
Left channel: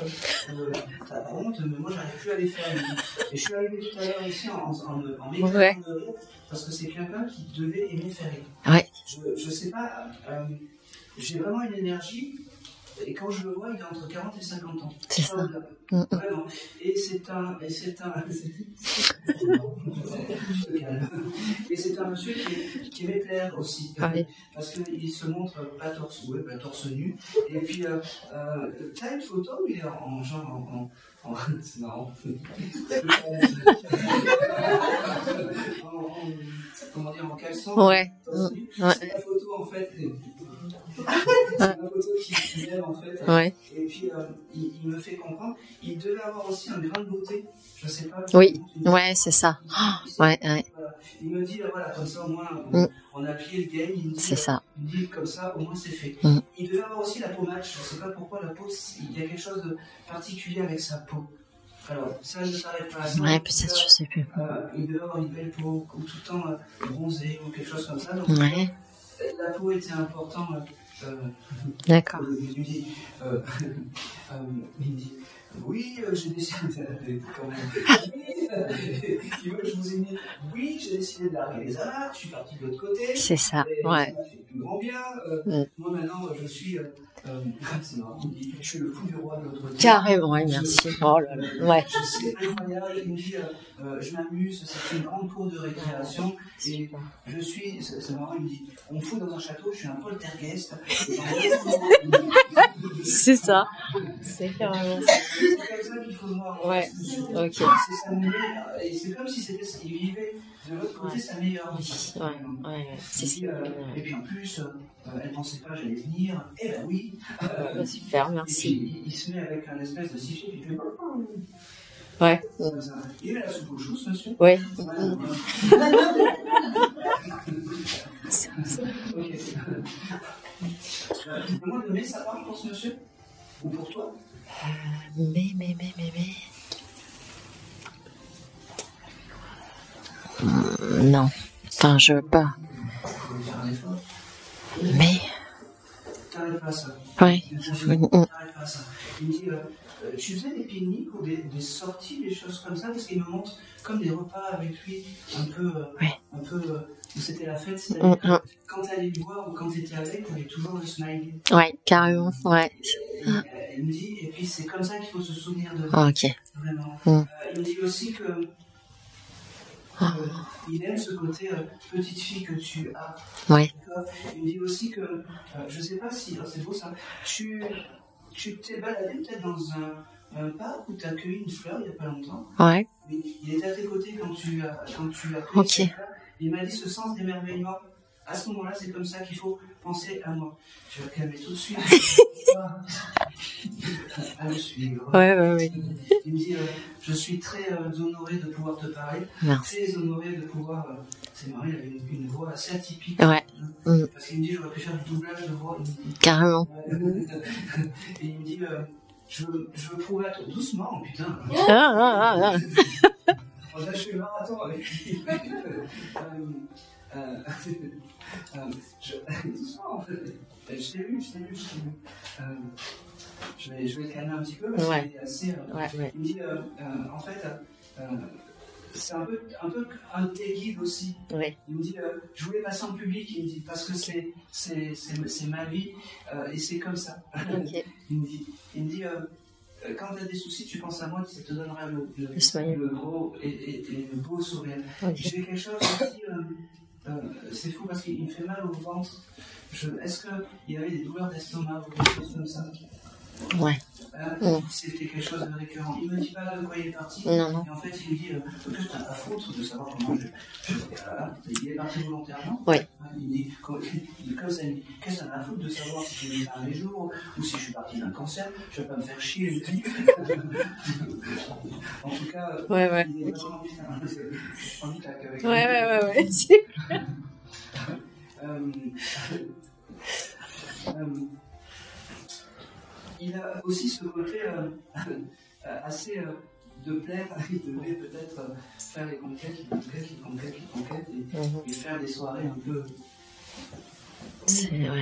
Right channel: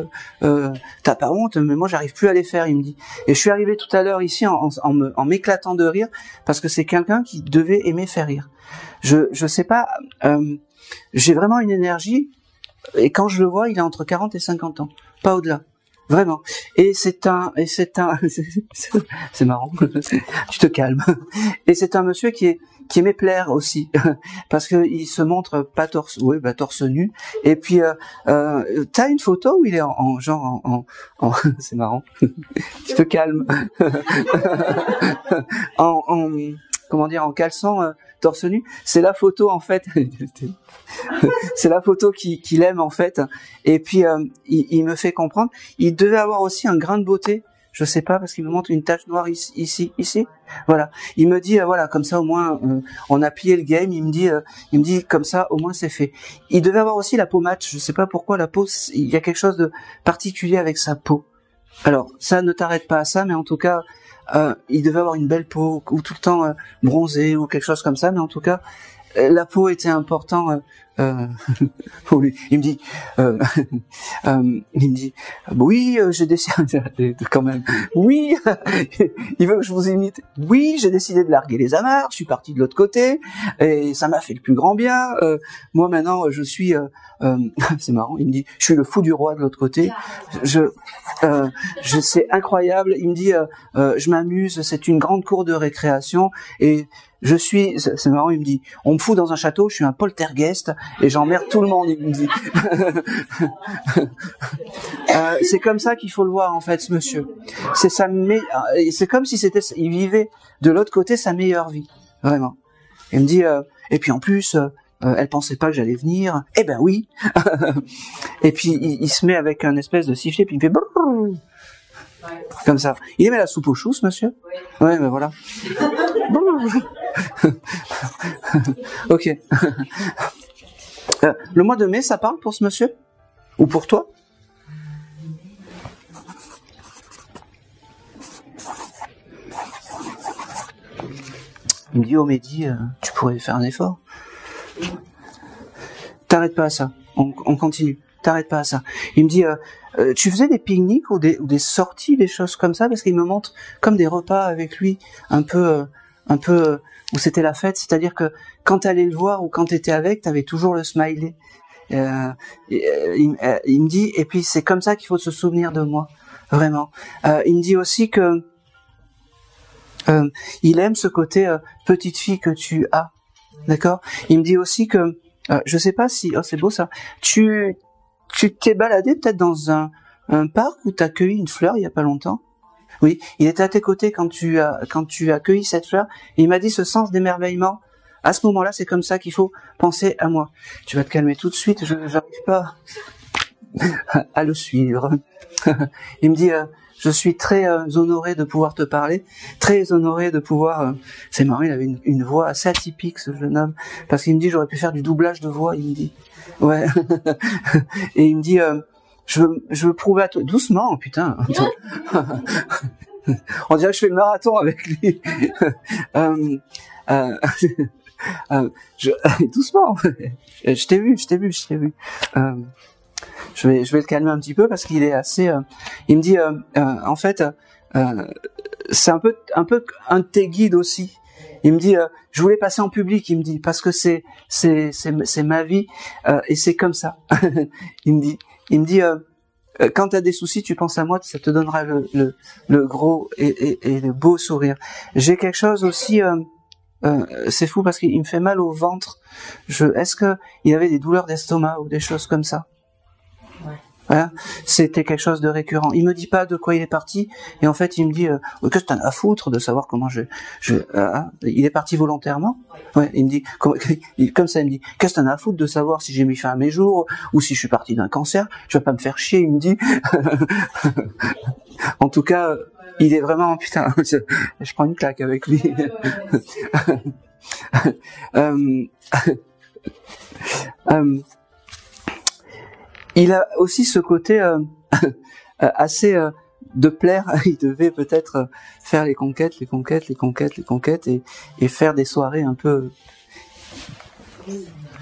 T'as pas honte, mais moi, j'arrive plus à les faire. Il me dit. Et je suis arrivé tout à l'heure ici en m'éclatant de rire parce que c'est quelqu'un qui devait aimer faire rire. Ouais. Je sais pas. J'ai vraiment une énergie. Et quand je le vois, il a entre 40 et 50 ans. Pas au-delà. Vraiment. Et c'est marrant. Tu te calmes. Et c'est un monsieur qui aimait plaire aussi. Parce qu'il se montre pas torse nu. Et puis, t'as une photo où il est en c'est marrant. Tu te calmes. Comment dire, en caleçon, torse nu. C'est la photo, en fait. C'est la photo qu'il aime, en fait. Et puis, il me fait comprendre. Il devait avoir aussi un grain de beauté. Je sais pas, parce qu'il me montre une tache noire ici. Voilà. Il me dit, voilà, comme ça, au moins, on a plié le game. Il me dit, comme ça, au moins, c'est fait. Il devait avoir aussi la peau mate. Je sais pas pourquoi la peau, il y a quelque chose de particulier avec sa peau. Alors, ça ne t'arrête pas à ça, mais en tout cas, il devait avoir une belle peau, ou tout le temps bronzé, ou quelque chose comme ça, mais en tout cas, la peau était important pour lui. Il me dit, oui, j'ai décidé, quand même, oui, il veut que je vous imite. Oui, j'ai décidé de larguer les amarres, je suis parti de l'autre côté, et ça m'a fait le plus grand bien. Moi maintenant, je suis, c'est marrant, il me dit, je suis le fou du roi de l'autre côté. Carrément, c'est incroyable. Il me dit, je m'amuse, c'est une grande cour de récréation, et je suis, c'est marrant, il me dit, on me fout dans un château, je suis un poltergeist et j'emmerde tout le monde, il me dit. C'est ça. C'est comme ça qu'il faut le voir en fait, ce monsieur. Okay. C'est comme si il vivait de l'autre côté sa meilleure vie, vraiment. Il me dit, et puis en plus, elle pensait pas que j'allais venir. Eh ben oui. Super, et puis il se met avec un espèce de sifflet, puis il fait. Comme ça. Il aimait la soupe aux choux, ce monsieur? Oui. Ouais, ben voilà. Ok. Le mois de mai, ça parle pour ce monsieur? Ou pour toi? Mais. Non. Enfin, je veux pas. Tu pourrais faire un effort. Mais. T'arrêtes pas à ça. On continue. T'arrêtes pas à ça. Il me dit... tu faisais des pique-niques ou des sorties, des choses comme ça, parce qu'il me montre comme des repas avec lui, un peu où c'était la fête, c'est-à-dire que quand tu allais le voir ou quand tu étais avec, tu avais toujours le smiley. Ouais, carrément. Il me dit, et puis c'est comme ça qu'il faut se souvenir de moi, vraiment. Il me dit aussi que il aime ce côté petite fille que tu as, d'accord. Il me dit aussi que, je sais pas si, c'est beau ça, tu t'es baladé peut-être dans un parc où tu as cueilli une fleur il y a pas longtemps. Ouais. Oui, il était à tes côtés quand tu as cueilli cette fleur. Et il m'a dit ce sens d'émerveillement. À ce moment-là, c'est comme ça qu'il faut penser à moi. Tu vas te calmer tout de suite, je n'arrive pas à le suivre. Ouais. Il me dit, je suis très honoré de pouvoir te parler, très honoré de pouvoir... C'est marrant, il avait une voix assez atypique, ce jeune homme, parce qu'il me dit, j'aurais pu faire du doublage de voix, il me dit. Carrément. Ouais. Et il me dit, je veux prouver à toi... Doucement, putain. On dirait que je fais le marathon avec lui. Doucement. Je t'ai vu. Je vais le calmer un petit peu parce qu'il est assez... Il me dit, en fait, c'est un peu un de tes guides aussi. Il me dit, je voulais passer en public, il me dit, parce que c'est ma vie et c'est comme ça. Il me dit, quand tu as des soucis, tu penses à moi, ça te donnera le gros et le beau sourire. J'ai quelque chose aussi, c'est fou parce qu'il me fait mal au ventre. Est-ce qu'il avait des douleurs d'estomac ou des choses comme ça? Voilà. C'était quelque chose de récurrent. Il me dit pas de quoi il est parti, et en fait il me dit qu'est-ce que t'en as à foutre de savoir comment il est parti volontairement. Il me dit comme ça, il me dit qu'est-ce que t'en as à foutre de savoir si j'ai mis fin à mes jours ou si je suis parti d'un cancer. Je vais pas me faire chier, il me dit. En tout cas, il est vraiment putain. Je prends une claque avec lui. Il a aussi ce côté assez de plaire. Il devait peut-être faire les conquêtes et faire des soirées un peu...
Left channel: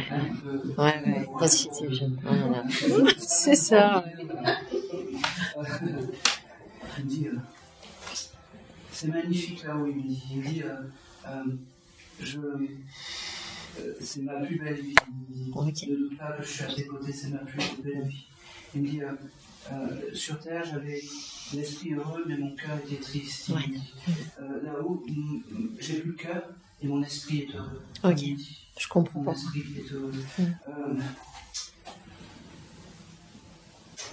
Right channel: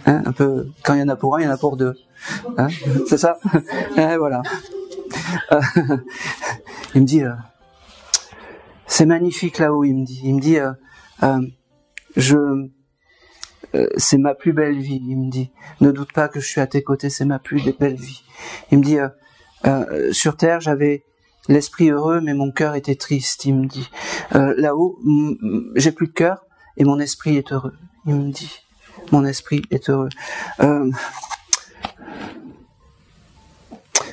un peu quand il y en a pour un, il y en a pour deux. C'est ça. C'est ça. Voilà. Il me dit... c'est magnifique là-haut, il me dit... c'est ma plus belle vie, il me dit. Ne doute pas que je suis à tes côtés, c'est ma plus belle vie. Il me dit, sur terre, j'avais l'esprit heureux, mais mon cœur était triste, il me dit. Là-haut, j'ai plus de cœur, et mon esprit est heureux. Il me dit. Je comprends. Mon esprit est heureux.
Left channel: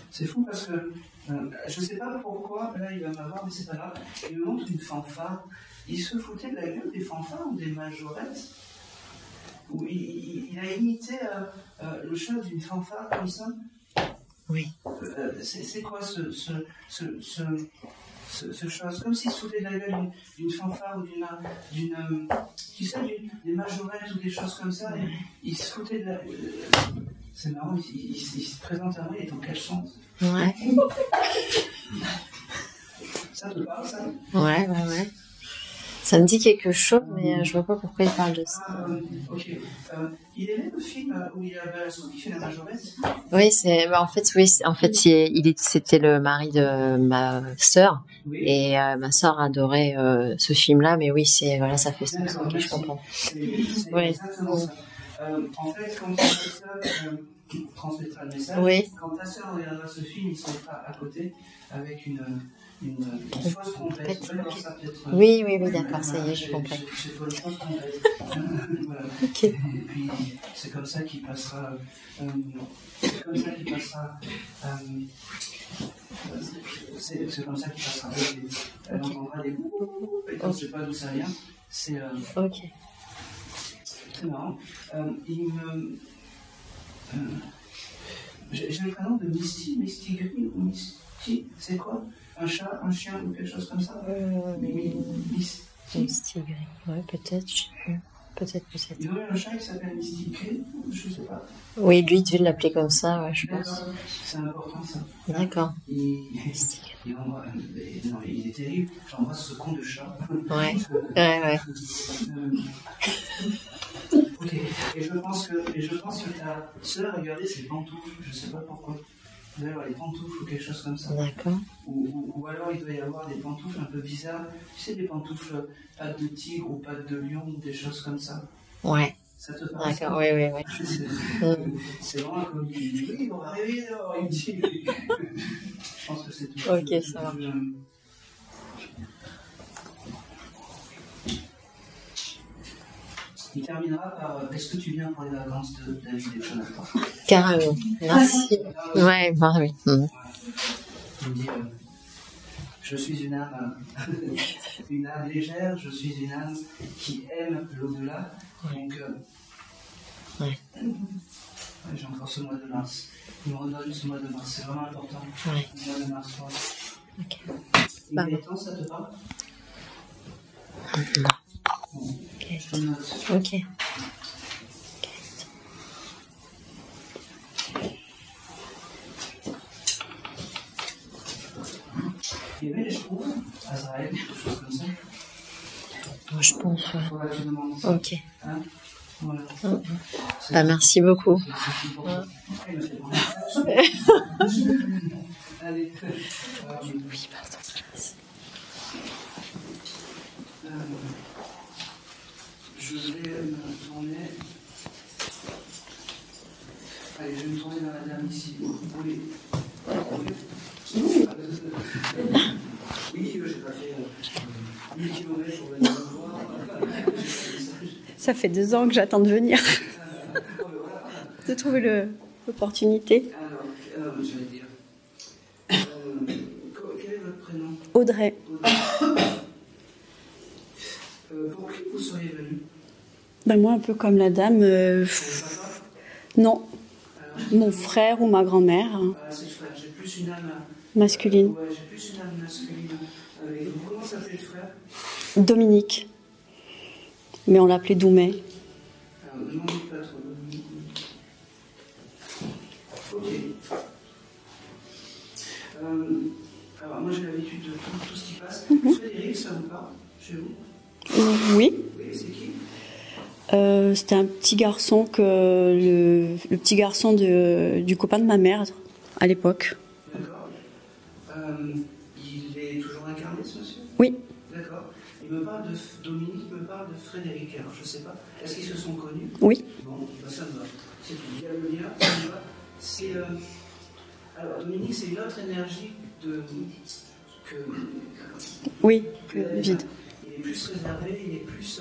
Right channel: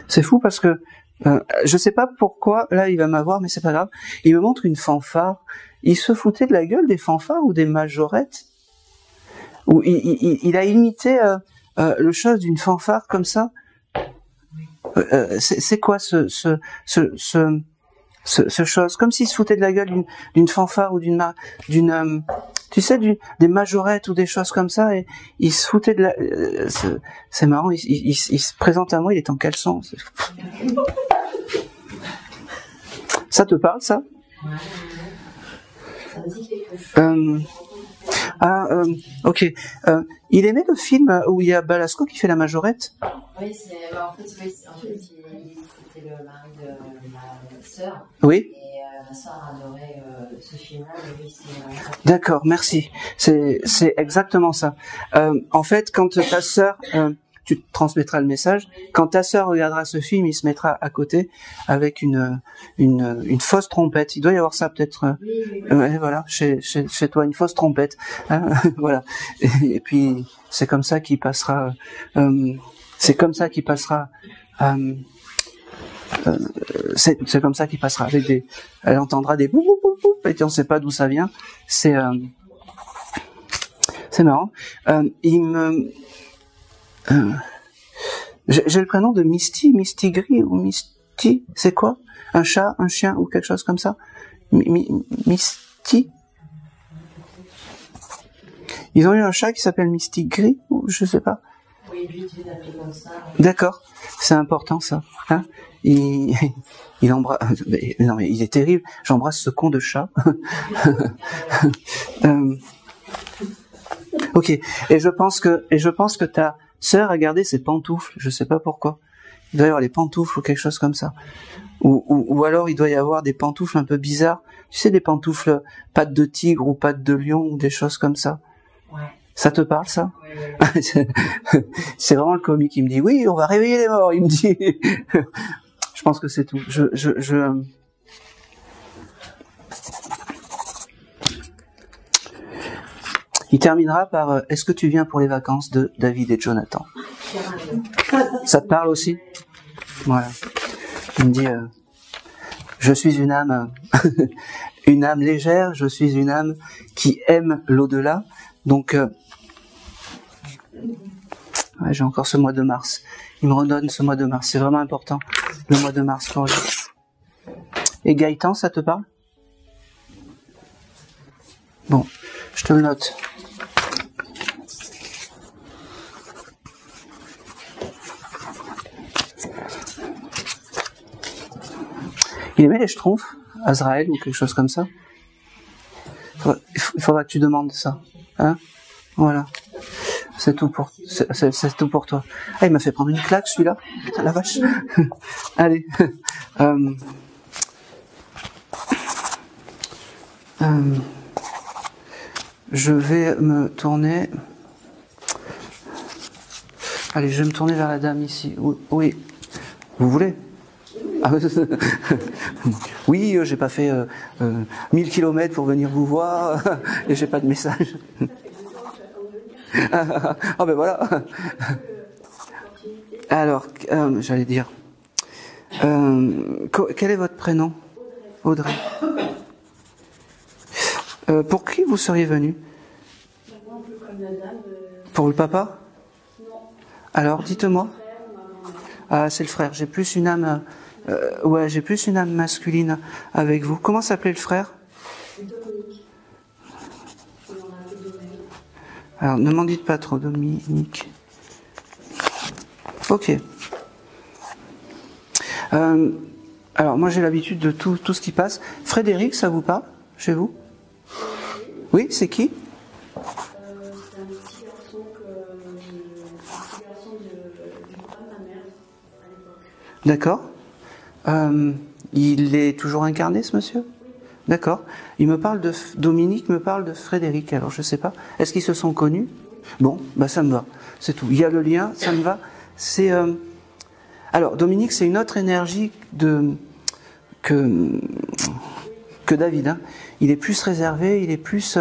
C'est fou parce que, je sais pas pourquoi, là il va m'avoir, mais c'est pas grave. Il me montre une fanfare. Il se foutait de la gueule des fanfares ou des majorettes. Où il a imité le chose d'une fanfare comme ça. Oui. C'est quoi ce chose? Comme s'il se foutait de la gueule d'une fanfare ou tu sais, des majorettes ou des choses comme ça, et il se foutait de la... c'est marrant, il se présente à moi, il est en caleçon. Ouais. Ça te parle, ça? Ouais. Ça me dit quelque chose, mais je vois pas pourquoi il parle de ça. Ok. Il aimait le film où il y a Balasco qui fait la majorette? Oui, c'était le mari de ma sœur. Oui. Et ma sœur adorait ce film-là, mais oui, ça fait. D'accord, merci. C'est exactement ça. En fait, quand ta sœur, tu te transmettras le message. Oui. Quand ta sœur regardera ce film, il se mettra à côté avec une fausse trompette. Il doit y avoir ça peut-être. Oui. Voilà, chez toi, une fausse trompette. Hein, voilà. Okay. Et puis c'est comme ça qu'il passera. C'est comme ça qu'il passera. C'est comme ça qu'il passera. Elle entendra des bouh bouh bouh bouh, et on ne sait pas d'où ça vient. C'est marrant. J'ai le prénom de Misty Gris ou Misty. C'est quoi? Un chat, un chien ou quelque chose comme ça? Misty Gris, ouais, peut-être, je sais plus. Peut-être. Ils ont eu un chat qui s'appelle Misty Gris, ou je sais pas. Oui, lui, il devait l'appeler comme ça. Ouais, d'accord, c'est important ça. Hein? D'accord. Il embrasse. Non, mais il est terrible. J'embrasse ce con de chat. Ouais. Ok. Et je pense que ta sœur a gardé ses pantoufles. Je sais pas pourquoi. Il doit y avoir les pantoufles ou quelque chose comme ça. Ou alors il doit y avoir des pantoufles un peu bizarres. Tu sais, des pantoufles pattes de tigre ou pattes de lion ou des choses comme ça. Ouais. Ça te parle, ça? Oui. C'est vraiment le comique qui me dit oui, on va réveiller les morts. Il me dit. Je pense que c'est tout. Okay, Il terminera par est-ce que tu viens pour les vacances de David et Jonathan? Carrément. Ça te parle aussi? Oui. Voilà. Il me dit je suis une âme une âme légère, je suis une âme qui aime l'au-delà. Donc j'ai encore ce mois de mars. Il me redonne ce mois de mars, c'est vraiment important. Le mois de mars pour lui. Okay. Et Gaëtan, ça te parle? Non. Bon, je te le note. Ok. Il aimait les schtroumpfs, Azraël ou quelque chose comme ça? Il faudra que tu demandes ça. Ok. Hein? Voilà. C'est tout merci beaucoup. C'est tout pour toi. Ah, il m'a fait prendre une claque celui-là. La vache. Allez. Je vais me tourner. Allez, je vais me tourner vers la dame ici. Oui. Vous voulez? Oui, j'ai pas fait 1000 km pour venir vous voir et j'ai pas de message. Ça fait 2 ans que j'attends de venir. Ah ben voilà. De trouver l'opportunité. Alors, j'allais dire, quel est votre prénom? Audrey. Audrey. Pour qui vous seriez venue? Ben moi, un peu comme la dame. Pour le papa? Non. Alors, dites-moi. Mon frère ou ma grand-mère. Ah, c'est le frère. J'ai plus une âme masculine. Ouais, j'ai plus une âme masculine avec vous. Comment s'appelait le frère? Dominique. Mais on l'appelait Doumet. Alors, ne m'en dites pas trop, Dominique. Ok. Alors, moi, j'ai l'habitude de tout ce qui passe. Frédéric, ça vous parle chez vous? Oui. Oui, c'est qui? C'était un petit garçon le petit garçon du copain de ma mère à l'époque. D'accord. Il est toujours incarné, ce monsieur? Oui. D'accord. Il me parle de Dominique, me parle de Frédéric. Alors je sais pas. Est-ce qu'ils se sont connus? Oui. Bon, bah ça me va. C'est tout. Il y a le lien, ça me va. C'est alors Dominique, c'est une autre énergie que David. Hein. Il est plus réservé, il est plus.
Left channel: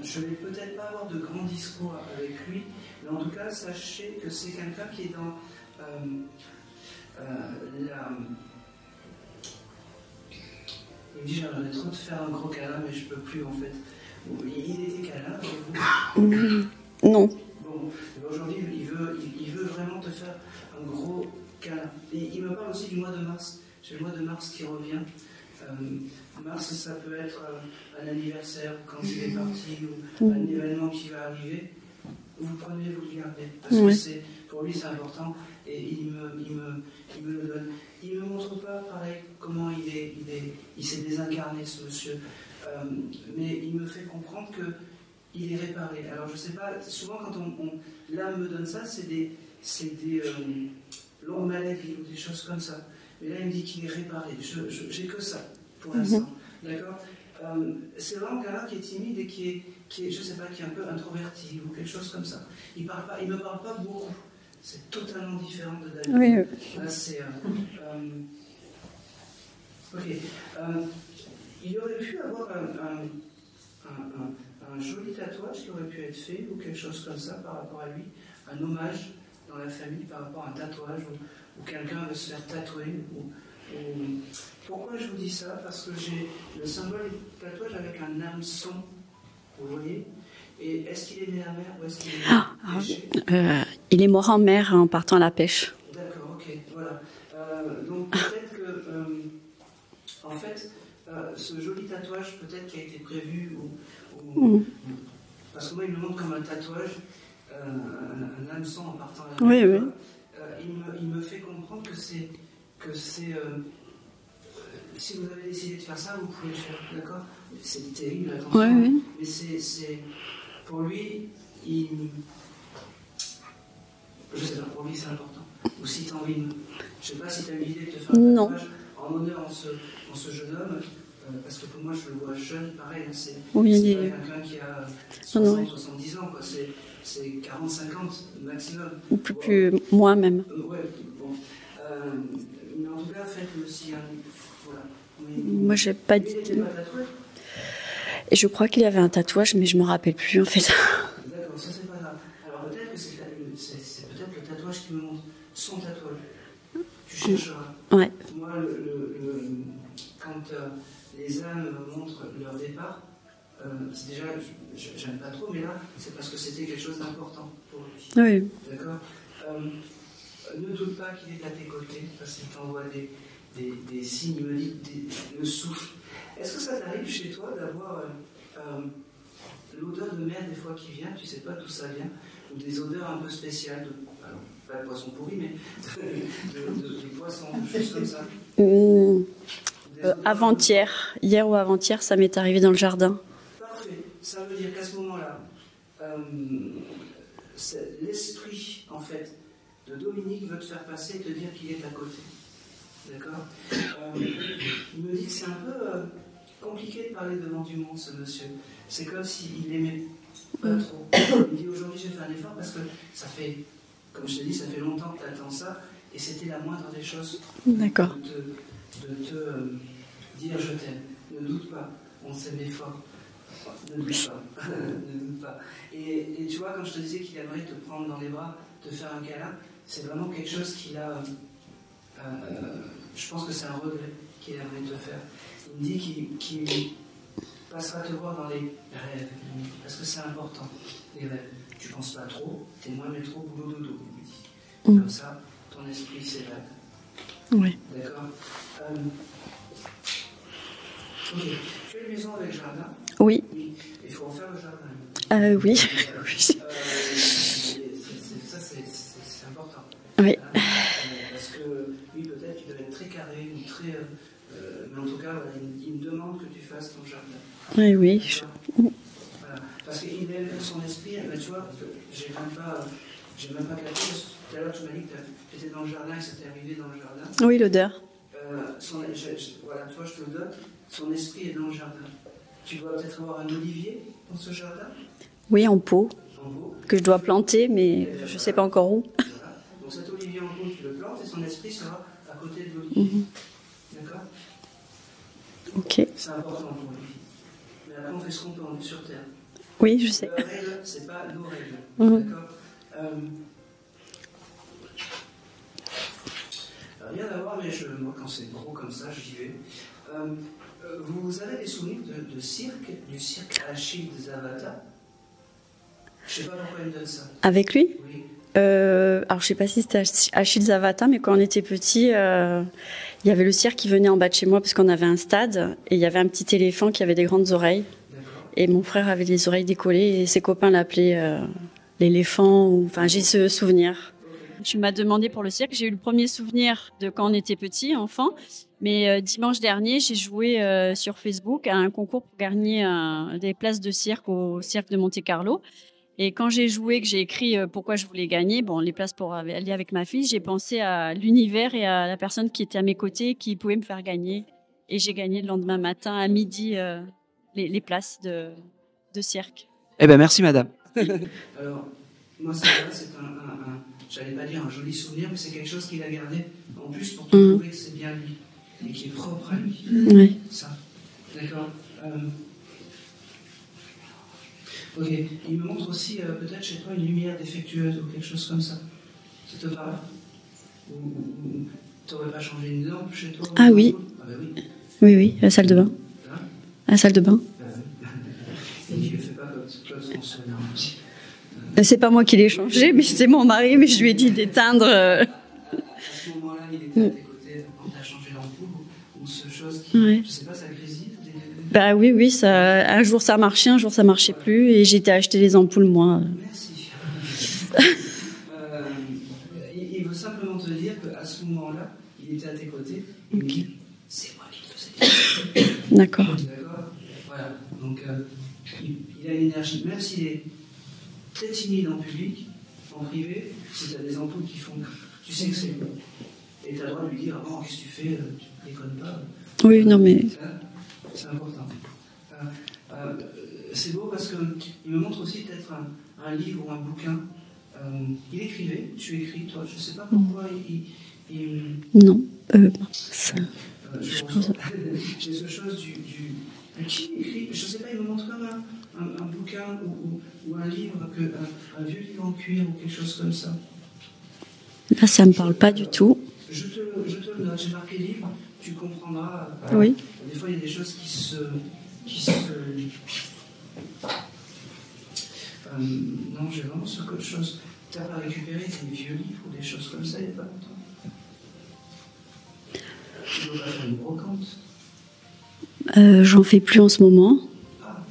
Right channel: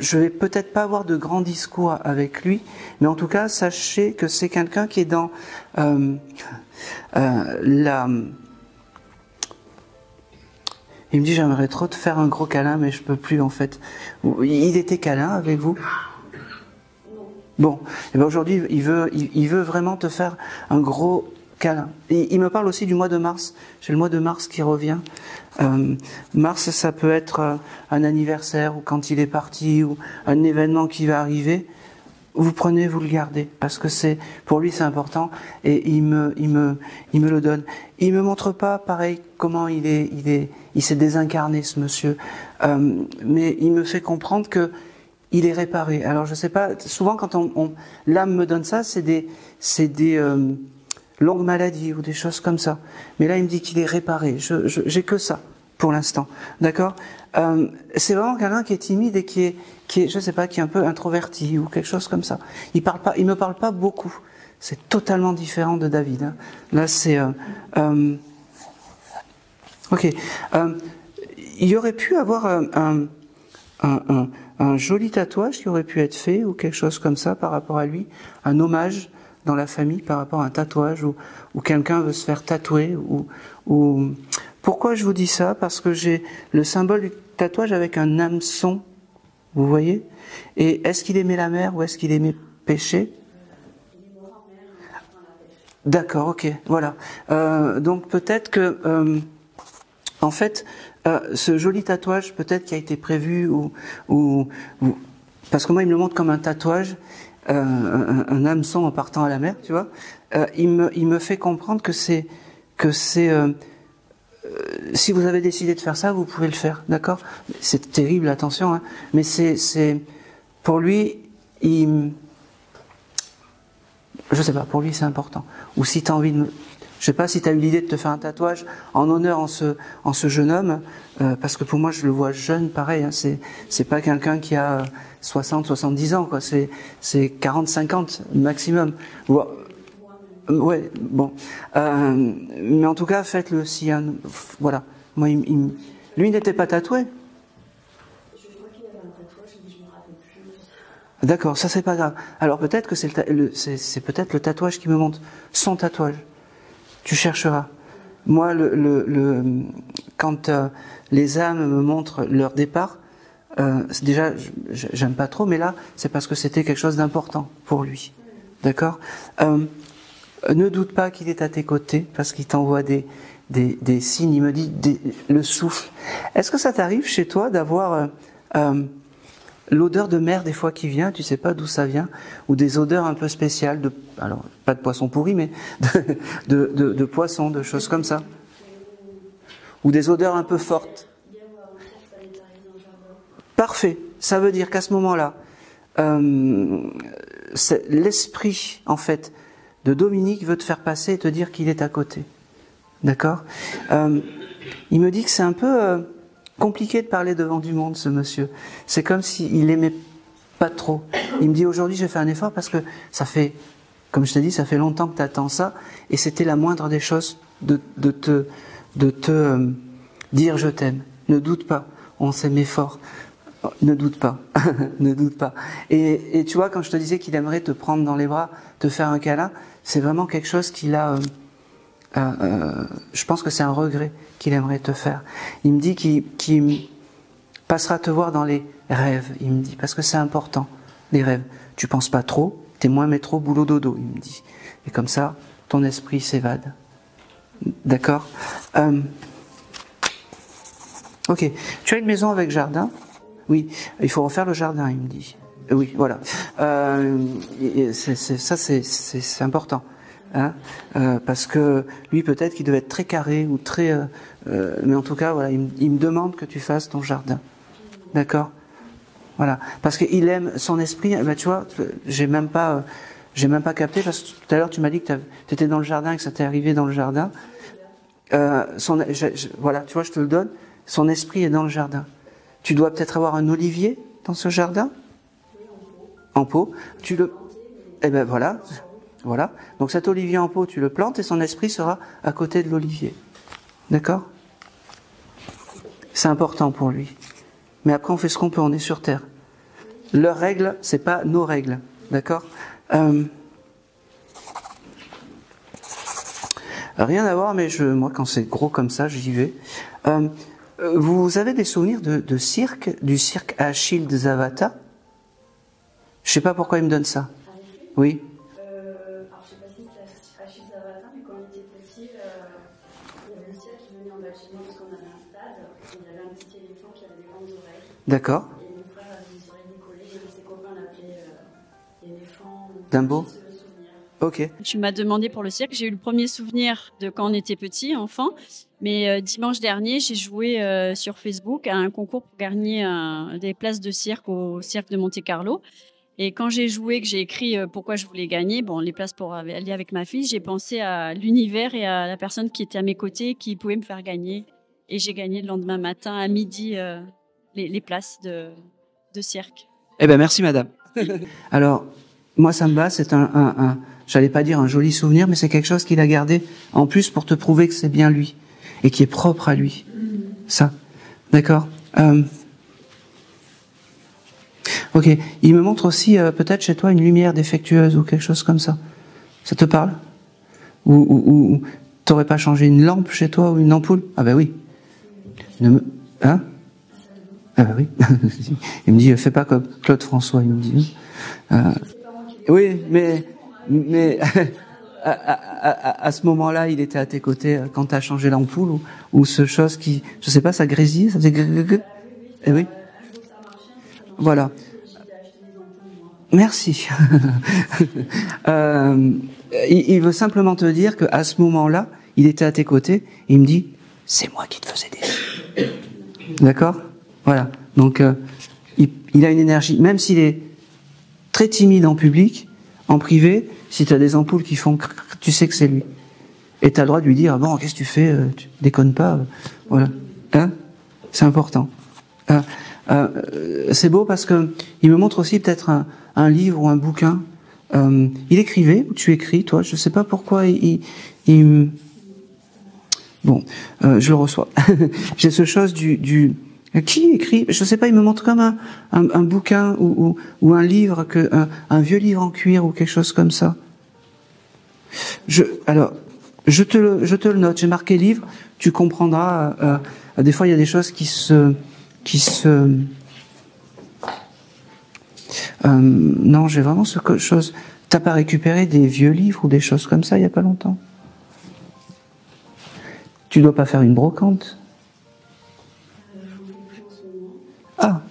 Je vais peut-être pas avoir de grands discours avec lui, mais en tout cas, sachez que c'est quelqu'un qui est dans la. Il me dit j'aimerais trop te faire un gros câlin, mais je peux plus en fait. Il était câlin avec vous? Non. Bon, et ben aujourd'hui il veut vraiment te faire un gros câlin. Et il me parle aussi du mois de mars. J'ai le mois de mars qui revient. Mars, ça peut être un anniversaire ou quand il est parti ou un événement qui va arriver. Vous prenez, vous le gardez parce que c'est pour lui c'est important et il me le donne. Il me montre pas pareil comment il s'est désincarné ce monsieur. mais il me fait comprendre que il est réparé. Alors je sais pas, souvent quand l'âme me donne ça, c'est des longues maladies ou des choses comme ça. Mais là il me dit qu'il est réparé. J'ai que ça pour l'instant, d'accord. C'est vraiment quelqu'un qui est timide et qui est, je sais pas, qui est un peu introverti ou quelque chose comme ça. Il me parle pas beaucoup. C'est totalement différent de David. Oui, hein. oui. Là c'est ok. Il y aurait pu avoir un joli tatouage qui aurait pu être fait ou quelque chose comme ça par rapport à lui, un hommage dans la famille par rapport à un tatouage ou quelqu'un veut se faire tatouer ou... Pourquoi je vous dis ça? Parce que j'ai le symbole du tatouage avec un hameçon, vous voyez? Et est-ce qu'il aimait la mer ou est-ce qu'il aimait pêcher? Il est mort en mer en partant à la pêche. D'accord, ok, voilà. Donc peut-être que, en fait, ce joli tatouage, peut-être qui a été prévu ou parce que moi il me le montre comme un tatouage, un hameçon en partant à la mer, Oui, tu oui. vois. Il me fait comprendre que c'est si vous avez décidé de faire ça, vous pouvez le faire, d'accord? C'est terrible, attention, Oui, hein, oui. mais c'est pour lui, je sais pas, pour lui c'est important. Ou si tu as envie de, je sais pas si tu as eu l'idée de te faire un tatouage en honneur en ce jeune homme, parce que pour moi je le vois jeune, pareil, hein, c'est pas quelqu'un qui a 60, 70 ans, quoi. C'est 40, 50 maximum. Plus moi-même. Ouais, bon. Mais en tout cas, faites-le si voilà. Moi, j'ai pas lui dit- n'était pas tatoué. Et je crois qu'il avait un tatouage, mais je me rappelle plus en fait. D'accord, ça c'est pas grave. Alors peut-être que c'est peut-être le tatouage qui me montre son tatouage. Tu chercheras. Ouais. Moi, quand les âmes me montrent leur départ, déjà, j'aime pas trop, mais là, c'est parce que c'était quelque chose d'important pour lui. Oui. D'accord. Ne doute pas qu'il est à tes côtés, parce qu'il t'envoie des signes, il me dit le souffle. Est-ce que ça t'arrive chez toi d'avoir l'odeur de mer des fois qui vient, tu sais pas d'où ça vient, ou des odeurs un peu spéciales, alors pas de poisson pourri, mais de poisson, de choses comme ça? Ou des odeurs un peu fortes? Avant-hier, hier ou avant-hier, ça m'est arrivé dans le jardin. Parfait. Ça veut dire qu'à ce moment-là, l'esprit, en fait, de Dominique veut te faire passer et te dire qu'il est à côté. D'accord? Il me dit que c'est un peu compliqué de parler devant du monde, ce monsieur. C'est comme s'il aimait pas trop. Il me dit aujourd'hui, j'ai fait un effort parce que ça fait, comme je te dis, ça fait longtemps que tu attends ça, et c'était la moindre des choses de te dire je t'aime. Ne doute pas, on s'aimait fort. Ne doute pas, ne doute pas. Et tu vois, quand je te disais qu'il aimerait te prendre dans les bras, te faire un câlin, c'est vraiment quelque chose qu'il a... je pense que c'est un regret qu'il aimerait te faire. Il me dit qu'il passera te voir dans les rêves, il me dit, parce que c'est important, les rêves. Tu penses pas trop, t'es moins métro, boulot, dodo, il me dit. Et comme ça, ton esprit s'évade. Oui. D'accord. Ok. Tu as une maison avec jardin? Oui. Oui. Il faut refaire le jardin, il me dit. Oui. Voilà. Ça, c'est important. Oui. Hein, parce que lui, peut-être qu'il devait être très carré ou très... mais en tout cas, voilà, il me demande que tu fasses ton jardin. Oui, oui. D'accord. Voilà. Parce qu'il aime son esprit. Ben, tu vois, j'ai même pas capté, parce que tout à l'heure, tu m'as dit que tu étais dans le jardin et que ça t'est arrivé dans le jardin. Oui, l'odeur. Voilà, tu vois, je te le donne. Son esprit est dans le jardin. Tu dois peut-être avoir un olivier dans ce jardin? Oui, en pot. En pot. Que je dois planter, mais eh ben, je voilà. ne sais pas encore où. Voilà. Donc cet olivier en pot, tu le plantes et son esprit sera à côté de l'olivier. D'accord? Ok. C'est important pour lui. Mais après, on fait ce qu'on peut, on est sur Terre. Oui, je sais. Leurs règles, c'est pas nos règles. D'accord? Rien à voir, mais moi, quand c'est gros comme ça, j'y vais. Vous avez des souvenirs du cirque Achille de Zavata? Je sais pas pourquoi il me donne ça. Avec lui? Oui. Alors, je sais pas si c'était Achille Zavata, mais quand on était petit, il y avait le cirque qui venait en bas de chez moi parce qu'on avait un stade et il y avait un petit éléphant qui avait des grandes oreilles. D'accord. Et mon frère avait les oreilles décollées et ses copains l'appelaient l'éléphant. Enfin, j'ai ce souvenir. Ok. Tu m'as demandé pour le cirque. J'ai eu le premier souvenir de quand on était petit, enfant. Mais dimanche dernier, j'ai joué sur Facebook à un concours pour gagner des places de cirque au cirque de Monte-Carlo. Et quand j'ai joué, que j'ai écrit pourquoi je voulais gagner, les places pour aller avec ma fille, j'ai pensé à l'univers et à la personne qui était à mes côtés, qui pouvait me faire gagner. Et j'ai gagné le lendemain matin à midi les places de cirque. Eh bien, merci madame. Alors, moi ça me va, c'est j'allais pas dire un joli souvenir, mais c'est quelque chose qu'il a gardé en plus pour te prouver que c'est bien lui et qui est propre à lui. Oui. Ça, d'accord. Ok, il me montre aussi peut-être chez toi une lumière défectueuse ou quelque chose comme ça. Ça te parle? Ou t'aurais pas changé une lampe chez toi ou une ampoule? Ah ben oui. Oui, la salle de bain. Hein? La salle de bain. Ah ben oui. Il me dit, fais pas comme Claude François. C'est pas moi qui l'ai changé, mais c'est mon mari, mais je lui ai dit d'éteindre. À ce moment-là, il était à tes côtés quand tu as changé l'ampoule ou ce chose qui, je sais pas, ça grésille, ça faisait Bah oui, ça, un jour ça marchait, un jour ça marchait plus, et j'ai été acheter les ampoules moi. Merci. Il veut simplement te dire qu'à ce moment-là, il était à tes côtés, et il me dit, c'est moi qui te faisais des. D'accord. D'accord. Voilà. Donc il a une énergie, même s'il est très timide en public, en privé, si tu as des ampoules qui font tu sais que c'est lui. Et tu as le droit de lui dire, bon, qu'est-ce que tu fais? Tu déconnes pas. Oui, voilà. Non mais... Hein, c'est important. C'est beau parce que il me montre aussi peut-être un livre ou un bouquin. Il écrivait, ou tu écris, toi? Je sais pas pourquoi Non. Bon, je le reçois. J'ai ce chose du qui écrit, je sais pas, il me montre comme un bouquin ou un livre, un vieux livre en cuir ou quelque chose comme ça. Ça me parle pas du tout. Je te le note, j'ai marqué livre, tu comprendras. Oui. Des fois, il y a des choses qui se non, j'ai vraiment ce chose. T'as pas récupéré des vieux livres ou des choses comme ça il y a pas longtemps? Tu dois pas faire une brocante? J'en fais plus en ce moment. Ah.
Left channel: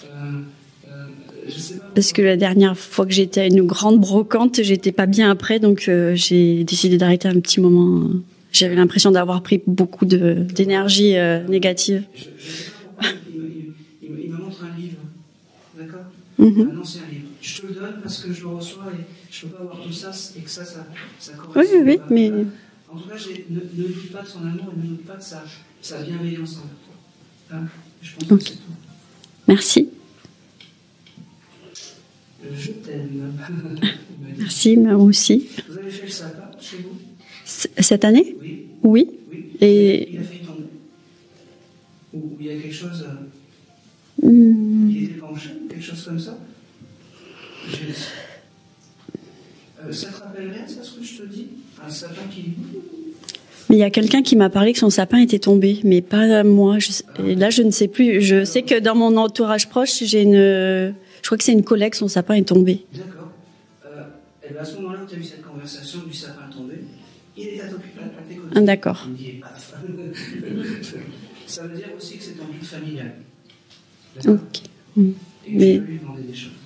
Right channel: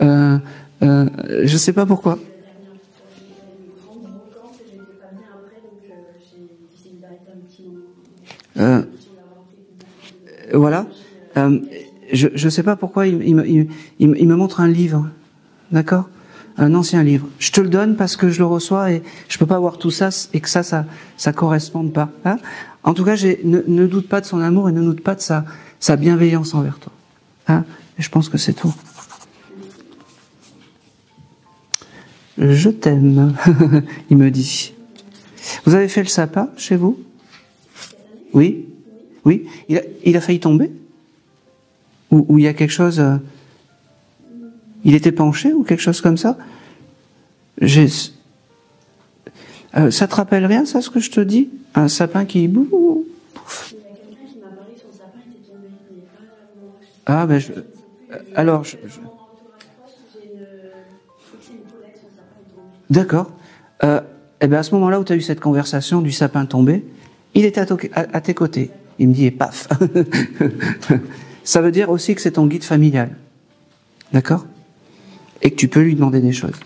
Je sais pas pourquoi. Parce que la dernière fois que j'étais à une grande brocante, j'étais pas bien après, donc j'ai décidé d'arrêter un petit moment. J'avais l'impression d'avoir pris beaucoup d'énergie négative. Je sais pas pourquoi il me montre un livre, d'accord, un ancien livre. Je te le donne parce que je le reçois et je peux pas voir tout ça et que ça correspond pas. Mais... Hein, en tout cas, ne doute pas de son amour et ne doute pas de sa bienveillance envers toi. Hein, et je pense que c'est tout. Merci. Je t'aime, il me dit. Si, moi aussi. Vous avez fait le sapin chez vous? Cette année? Oui. Oui. Oui. Et... Il a failli tomber? Ou il y a quelque chose... Il était penché ou quelque chose comme ça? Ça te rappelle rien, ça, ce que je te dis? Un sapin qui... Mais il y a quelqu'un qui m'a parlé que son sapin était tombé, mais pas moi. Je ne sais plus. Je sais que dans mon entourage proche, je crois que c'est une collègue, son sapin est tombé. D'accord. Et bien à ce moment-là où tu as eu cette conversation du sapin tombé, il était à tes côtés. D'accord. Il me dit, et paf. Ça veut dire aussi que c'est ton guide familial. D'accord. Okay. Et que tu peux lui demander des choses.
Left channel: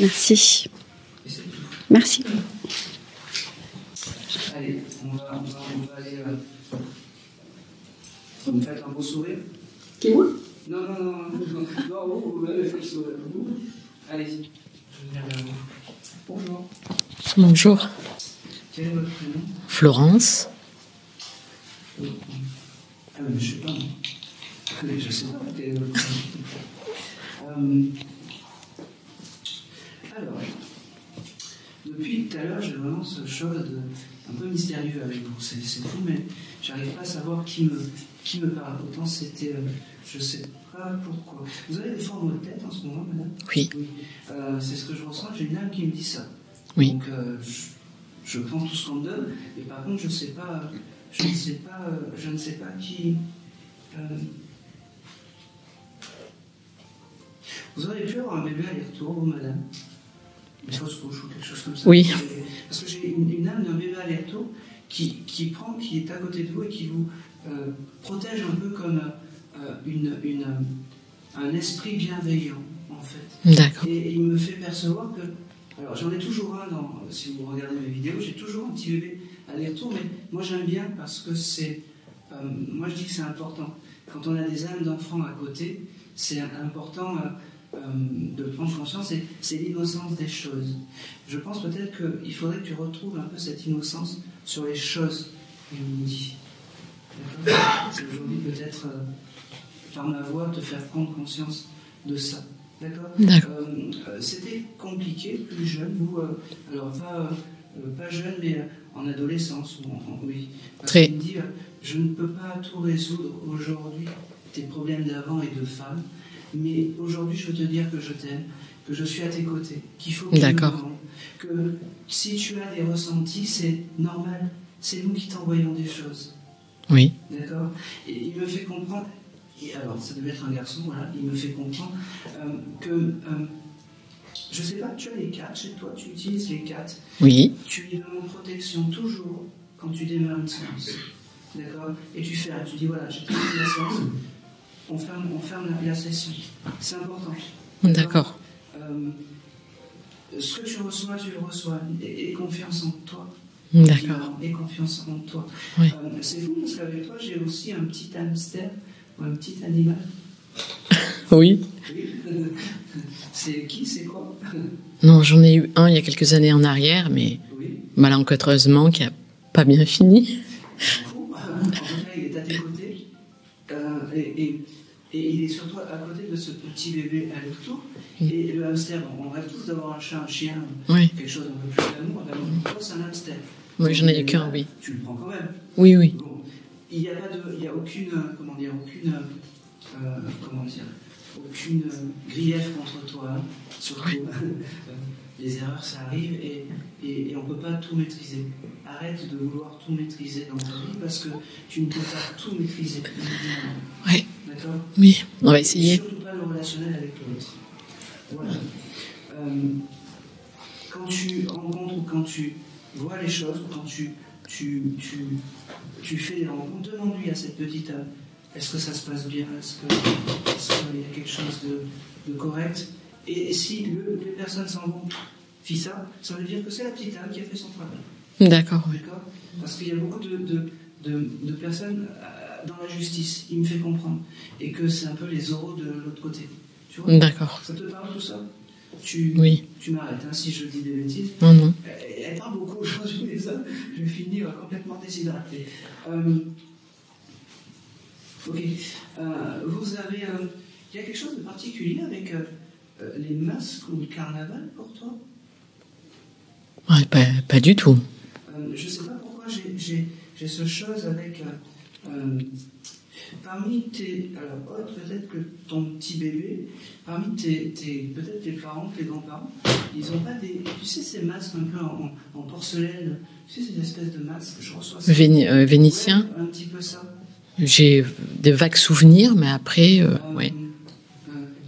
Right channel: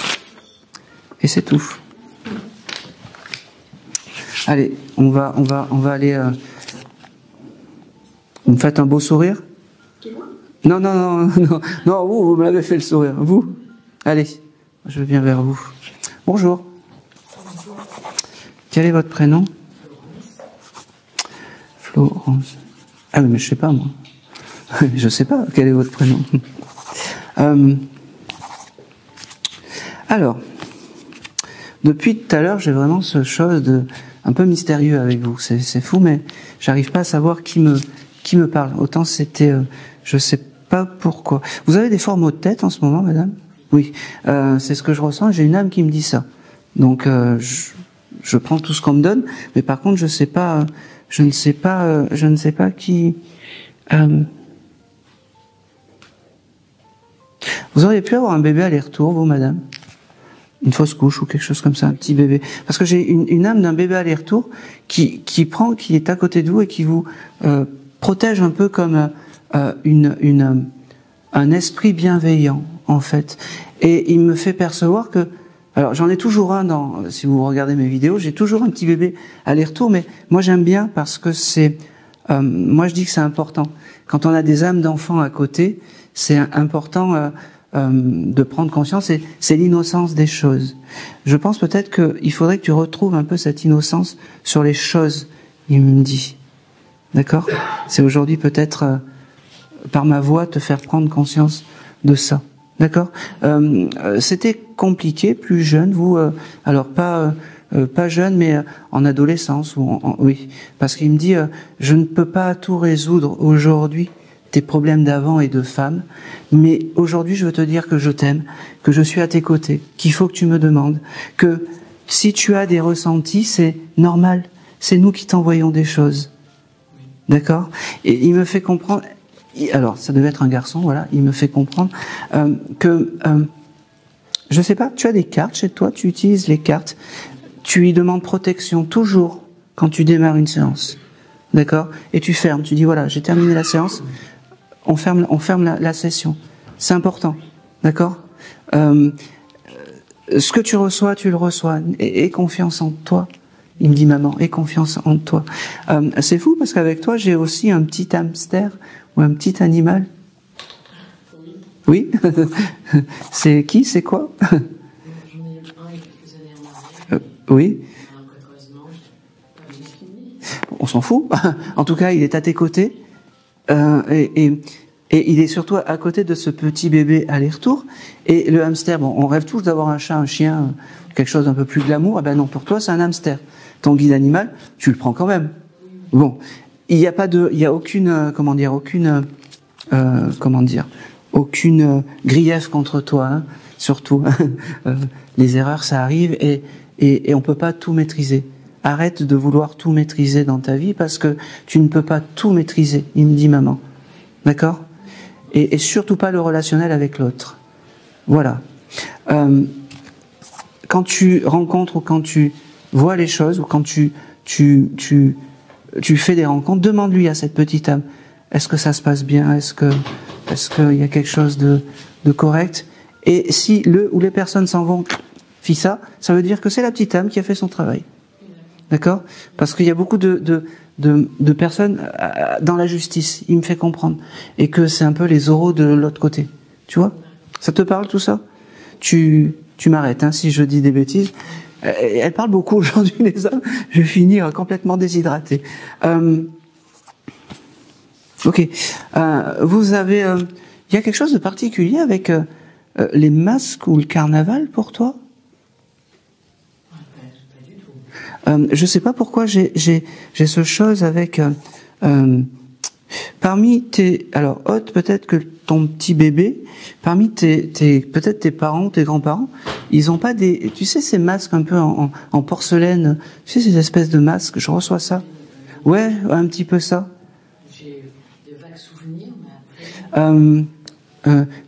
Merci. Et c'est tout. Merci. Allez, on va aller... Vous me faites un beau sourire? Qui, moi? Non, vous me l'avez fait le sourire. Vous? Allez, je viens vers vous. Bonjour. Bonjour. Quel est votre prénom? Florence. Florence. Ah oui, mais je sais pas, moi. Je sais pas quel est votre prénom. Alors, depuis tout à l'heure, j'ai vraiment ce chose un peu mystérieux avec vous. C'est fou, mais j'arrive pas à savoir qui me parle. Autant c'était... je sais pas pourquoi. Vous avez des formes de tête en ce moment, madame? Oui. Oui. C'est ce que je ressens. J'ai une âme qui me dit ça. Oui. Donc, je prends tout ce qu'on me donne, mais par contre, je ne sais pas qui... Vous auriez pu avoir un bébé aller-retour, vous, madame? Une fausse couche ou quelque chose comme ça? Oui. Un petit bébé. Parce que j'ai une âme d'un bébé aller-retour qui est à côté de vous et qui vous protège un peu comme un esprit bienveillant. en fait. Et il me fait percevoir que... Alors, j'en ai toujours un si vous regardez mes vidéos, j'ai toujours un petit bébé aller-retour, mais moi, j'aime bien parce que c'est... moi, je dis que c'est important. Quand on a des âmes d'enfants à côté, c'est important de prendre conscience, et c'est l'innocence des choses. Je pense peut-être qu'il faudrait que tu retrouves un peu cette innocence sur les choses, il me dit. D'accord? C'est aujourd'hui peut-être, par ma voix, te faire prendre conscience de ça. D'accord? C'était compliqué, plus jeune, vous, alors pas jeune, mais en adolescence, oui. Parce qu'il me dit, je ne peux pas tout résoudre aujourd'hui, tes problèmes d'avant et de femme, mais aujourd'hui je veux te dire que je t'aime, que je suis à tes côtés, qu'il faut que tu me demandes, que si tu as des ressentis, c'est normal, c'est nous qui t'envoyons des choses. Oui. D'accord? Et il me fait comprendre... Alors, ça devait être un garçon, voilà. Il me fait comprendre que, je sais pas, tu as des cartes chez toi, tu utilises les cartes. Oui. Tu lui demandes protection toujours quand tu démarres une séance, d'accord? Et tu fermes. Tu dis voilà, j'ai terminé la séance. On ferme la session. C'est important, d'accord? D'accord. Ce que tu reçois, tu le reçois. Aie confiance en toi. Il dit maman, aie confiance en toi. Oui. C'est fou parce qu'avec toi, j'ai aussi un petit hamster ou un petit animal. Oui. Oui. C'est qui? C'est quoi? Non, j'en ai eu un il y a quelques années en arrière, mais oui. Malencontreusement, qui a pas bien fini. On s'en fout. En tout cas, il est à tes côtés. Et il est surtout à côté de ce petit bébé aller-retour. Et le hamster, bon, on rêve tous d'avoir un chat, un chien, quelque chose d'un peu plus glamour. Eh ben non, pour toi, c'est un hamster. Ton animal, tu le prends quand même. Oui, oui. Bon, il n'y a aucune, aucune grief contre toi, hein, surtout. Les erreurs, ça arrive et on peut pas tout maîtriser. Arrête de vouloir tout maîtriser dans ta vie parce que tu ne peux pas tout maîtriser, il me dit maman. Oui. D'accord? Oui. Et surtout pas le relationnel avec l'autre. Voilà. Quand tu rencontres ou quand tu vois les choses ou quand tu fais des rencontres, demande-lui à cette petite âme, est-ce que ça se passe bien? Est-ce qu'il y a quelque chose de correct? Et si le ou les personnes s'en vont, ça veut dire que c'est la petite âme qui a fait son travail. D'accord. D'accord? Parce qu'il y a beaucoup de personnes dans la justice, il me fait comprendre. Et que c'est un peu les oraux de l'autre côté. Tu vois? D'accord. Ça te parle tout ça? Tu m'arrêtes hein, si je dis des bêtises. Elle parle beaucoup aujourd'hui, les hommes. Je vais finir complètement déshydraté. Ok. Vous avez... il y a quelque chose de particulier avec les masques ou le carnaval pour toi? Ouais, pas du tout. Je sais pas pourquoi j'ai ce chose avec... parmi tes... Alors, Haute, peut-être que ton petit bébé, parmi peut-être tes parents, tes grands-parents, ils ont pas des... Tu sais, ces masques un peu en porcelaine, tu sais, ces espèces de masques, je reçois ça. Vénitien. Ouais, un petit peu ça. J'ai des vagues souvenirs, mais après...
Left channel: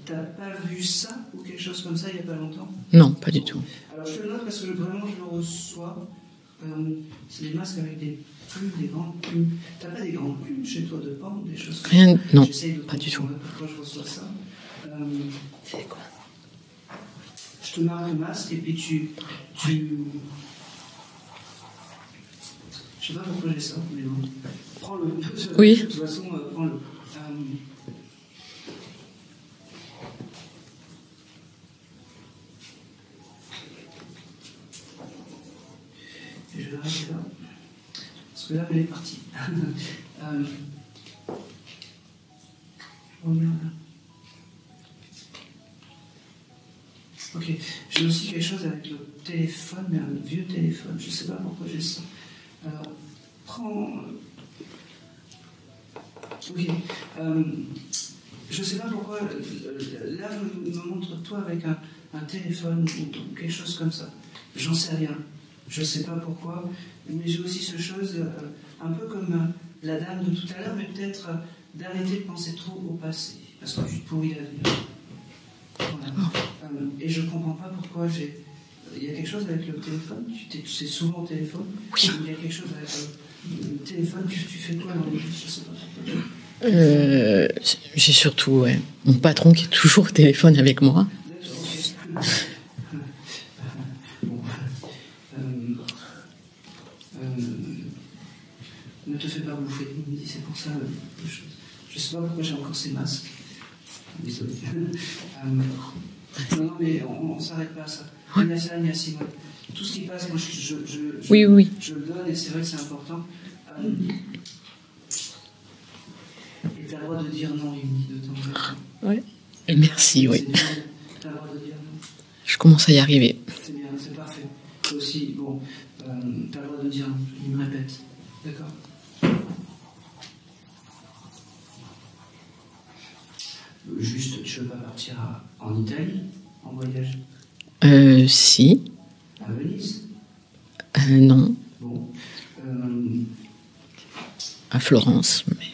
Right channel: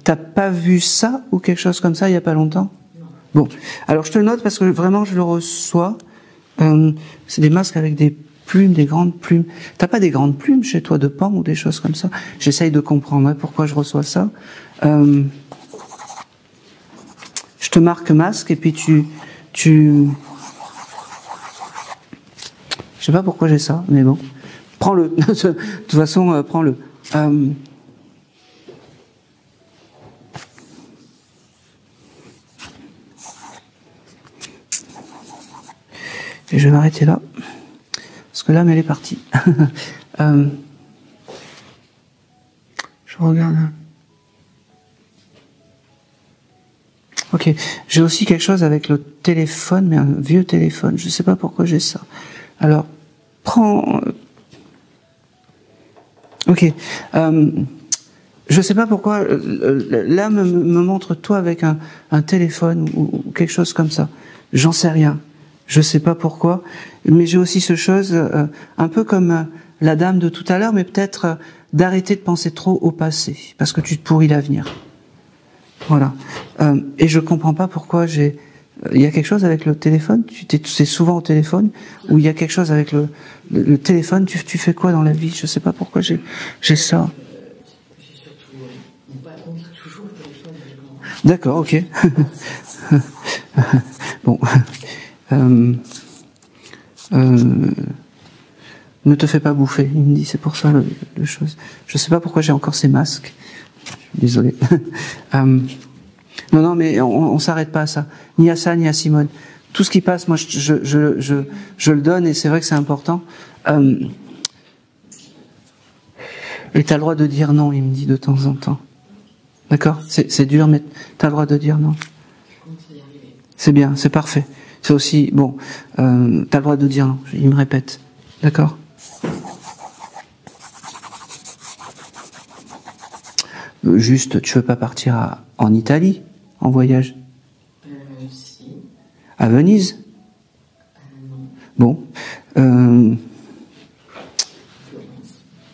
T'as pas vu ça ou quelque chose comme ça il y a pas longtemps? Non, pas du tout. Alors je te le note parce que vraiment je le reçois. C'est des masques avec des plumes, des grandes plumes. T'as pas des grandes plumes chez toi de pan ou des choses comme ça? J'essaye de comprendre pourquoi je reçois ça. Je te marque masque et puis tu... Je sais pas pourquoi j'ai ça, mais bon. Prends-le. Oui. De toute façon, prends-le. Et je vais m'arrêter là, parce que l'âme, elle est partie. Je regarde. Ok, j'ai aussi quelque chose avec le téléphone, mais un vieux téléphone. Je ne sais pas pourquoi j'ai ça. Alors, prends... Ok. Je ne sais pas pourquoi l'âme me montre toi avec un téléphone ou quelque chose comme ça. J'en sais rien. Je sais pas pourquoi, mais j'ai aussi ce chose, un peu comme la dame de tout à l'heure, mais peut-être d'arrêter de penser trop au passé, parce que tu te pourris l'avenir. Voilà. Et je comprends pas pourquoi j'ai Il y a quelque chose avec le téléphone? C'est souvent au téléphone? Oui. Ou il y a quelque chose avec le téléphone? Tu fais quoi dans la vie? Je sais pas pourquoi j'ai ça. J'ai surtout mon patron qui est toujours au téléphone avec moi. D'accord, ok. Bon. Ne te fais pas bouffer, il me dit, c'est pour ça le chose. Je sais pas pourquoi j'ai encore ces masques. Désolé. Non, mais on s'arrête pas à ça. Ni à ça, ni à Simone. Tout ce qui passe, moi, je le donne, et c'est vrai que c'est important. Et t'as le droit de dire non, il me dit de temps en temps. Oui. D'accord. C'est dur, mais t'as le droit de dire non. Je commence à y arriver. C'est bien, c'est parfait. C'est aussi bon. T'as le droit de dire non. Il me répète. D'accord. Juste, tu veux pas partir en Italie, en voyage? Si. À Venise? Non. Bon. À Florence, mais...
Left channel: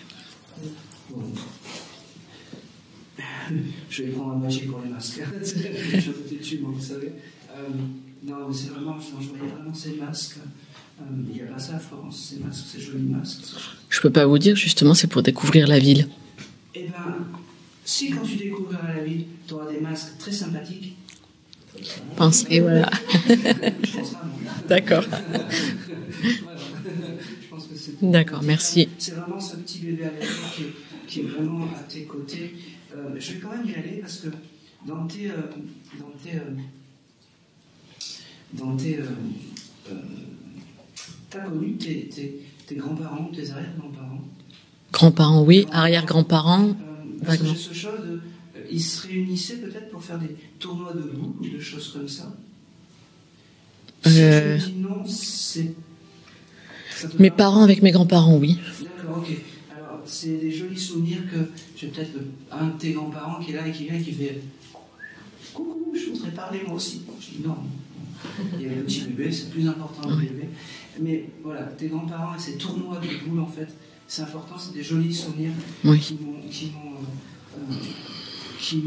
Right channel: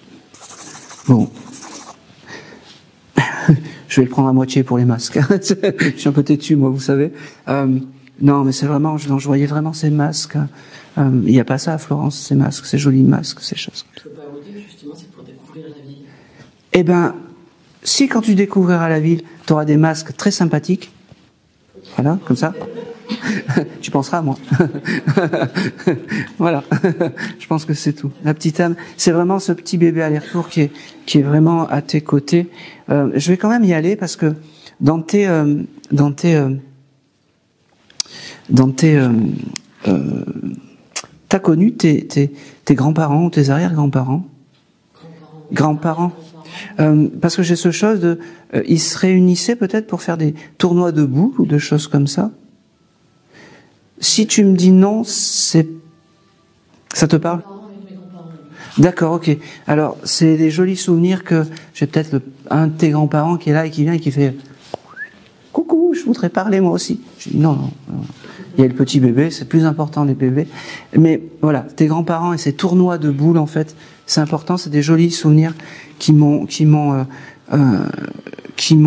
Bon. Je vais le prendre à moitié pour les masques. Je suis un peu têtu, moi, vous savez. Non, mais c'est vraiment... Je voyais vraiment ces masques. Il n'y a pas ça à Florence, ces masques, ces jolis masques, ces choses. Je peux pas vous dire, justement, c'est pour découvrir la ville. Eh ben, si quand tu découvriras la ville, tu auras des masques très sympathiques, voilà, comme ça, voilà. Tu penseras à moi. D'accord. Voilà. Je pense que c'est tout. D'accord, la petite merci. âme, c'est vraiment ce petit bébé aller-retour qui est vraiment à tes côtés. Je vais quand même y aller parce que t'as connu tes grands-parents ou tes arrière-grands-parents? Grands-parents, oui. Arrière-grands-parents. Parce que j'ai ce chose de... ils se réunissaient peut-être pour faire des tournois de boules ou de choses comme ça. Si tu me dis non, ça te parle? Mes parents avec mes grands-parents, oui. D'accord, ok. Alors, c'est des jolis souvenirs que j'ai peut-être un de tes grands-parents qui est là et qui vient et qui fait « Coucou, je voudrais parler moi aussi. » Je dis « Non. Il y a le petit bébé, c'est plus important les bébés. » Mais voilà, tes grands-parents et ces tournois de boules, en fait, c'est important, c'est des jolis souvenirs qui m'ont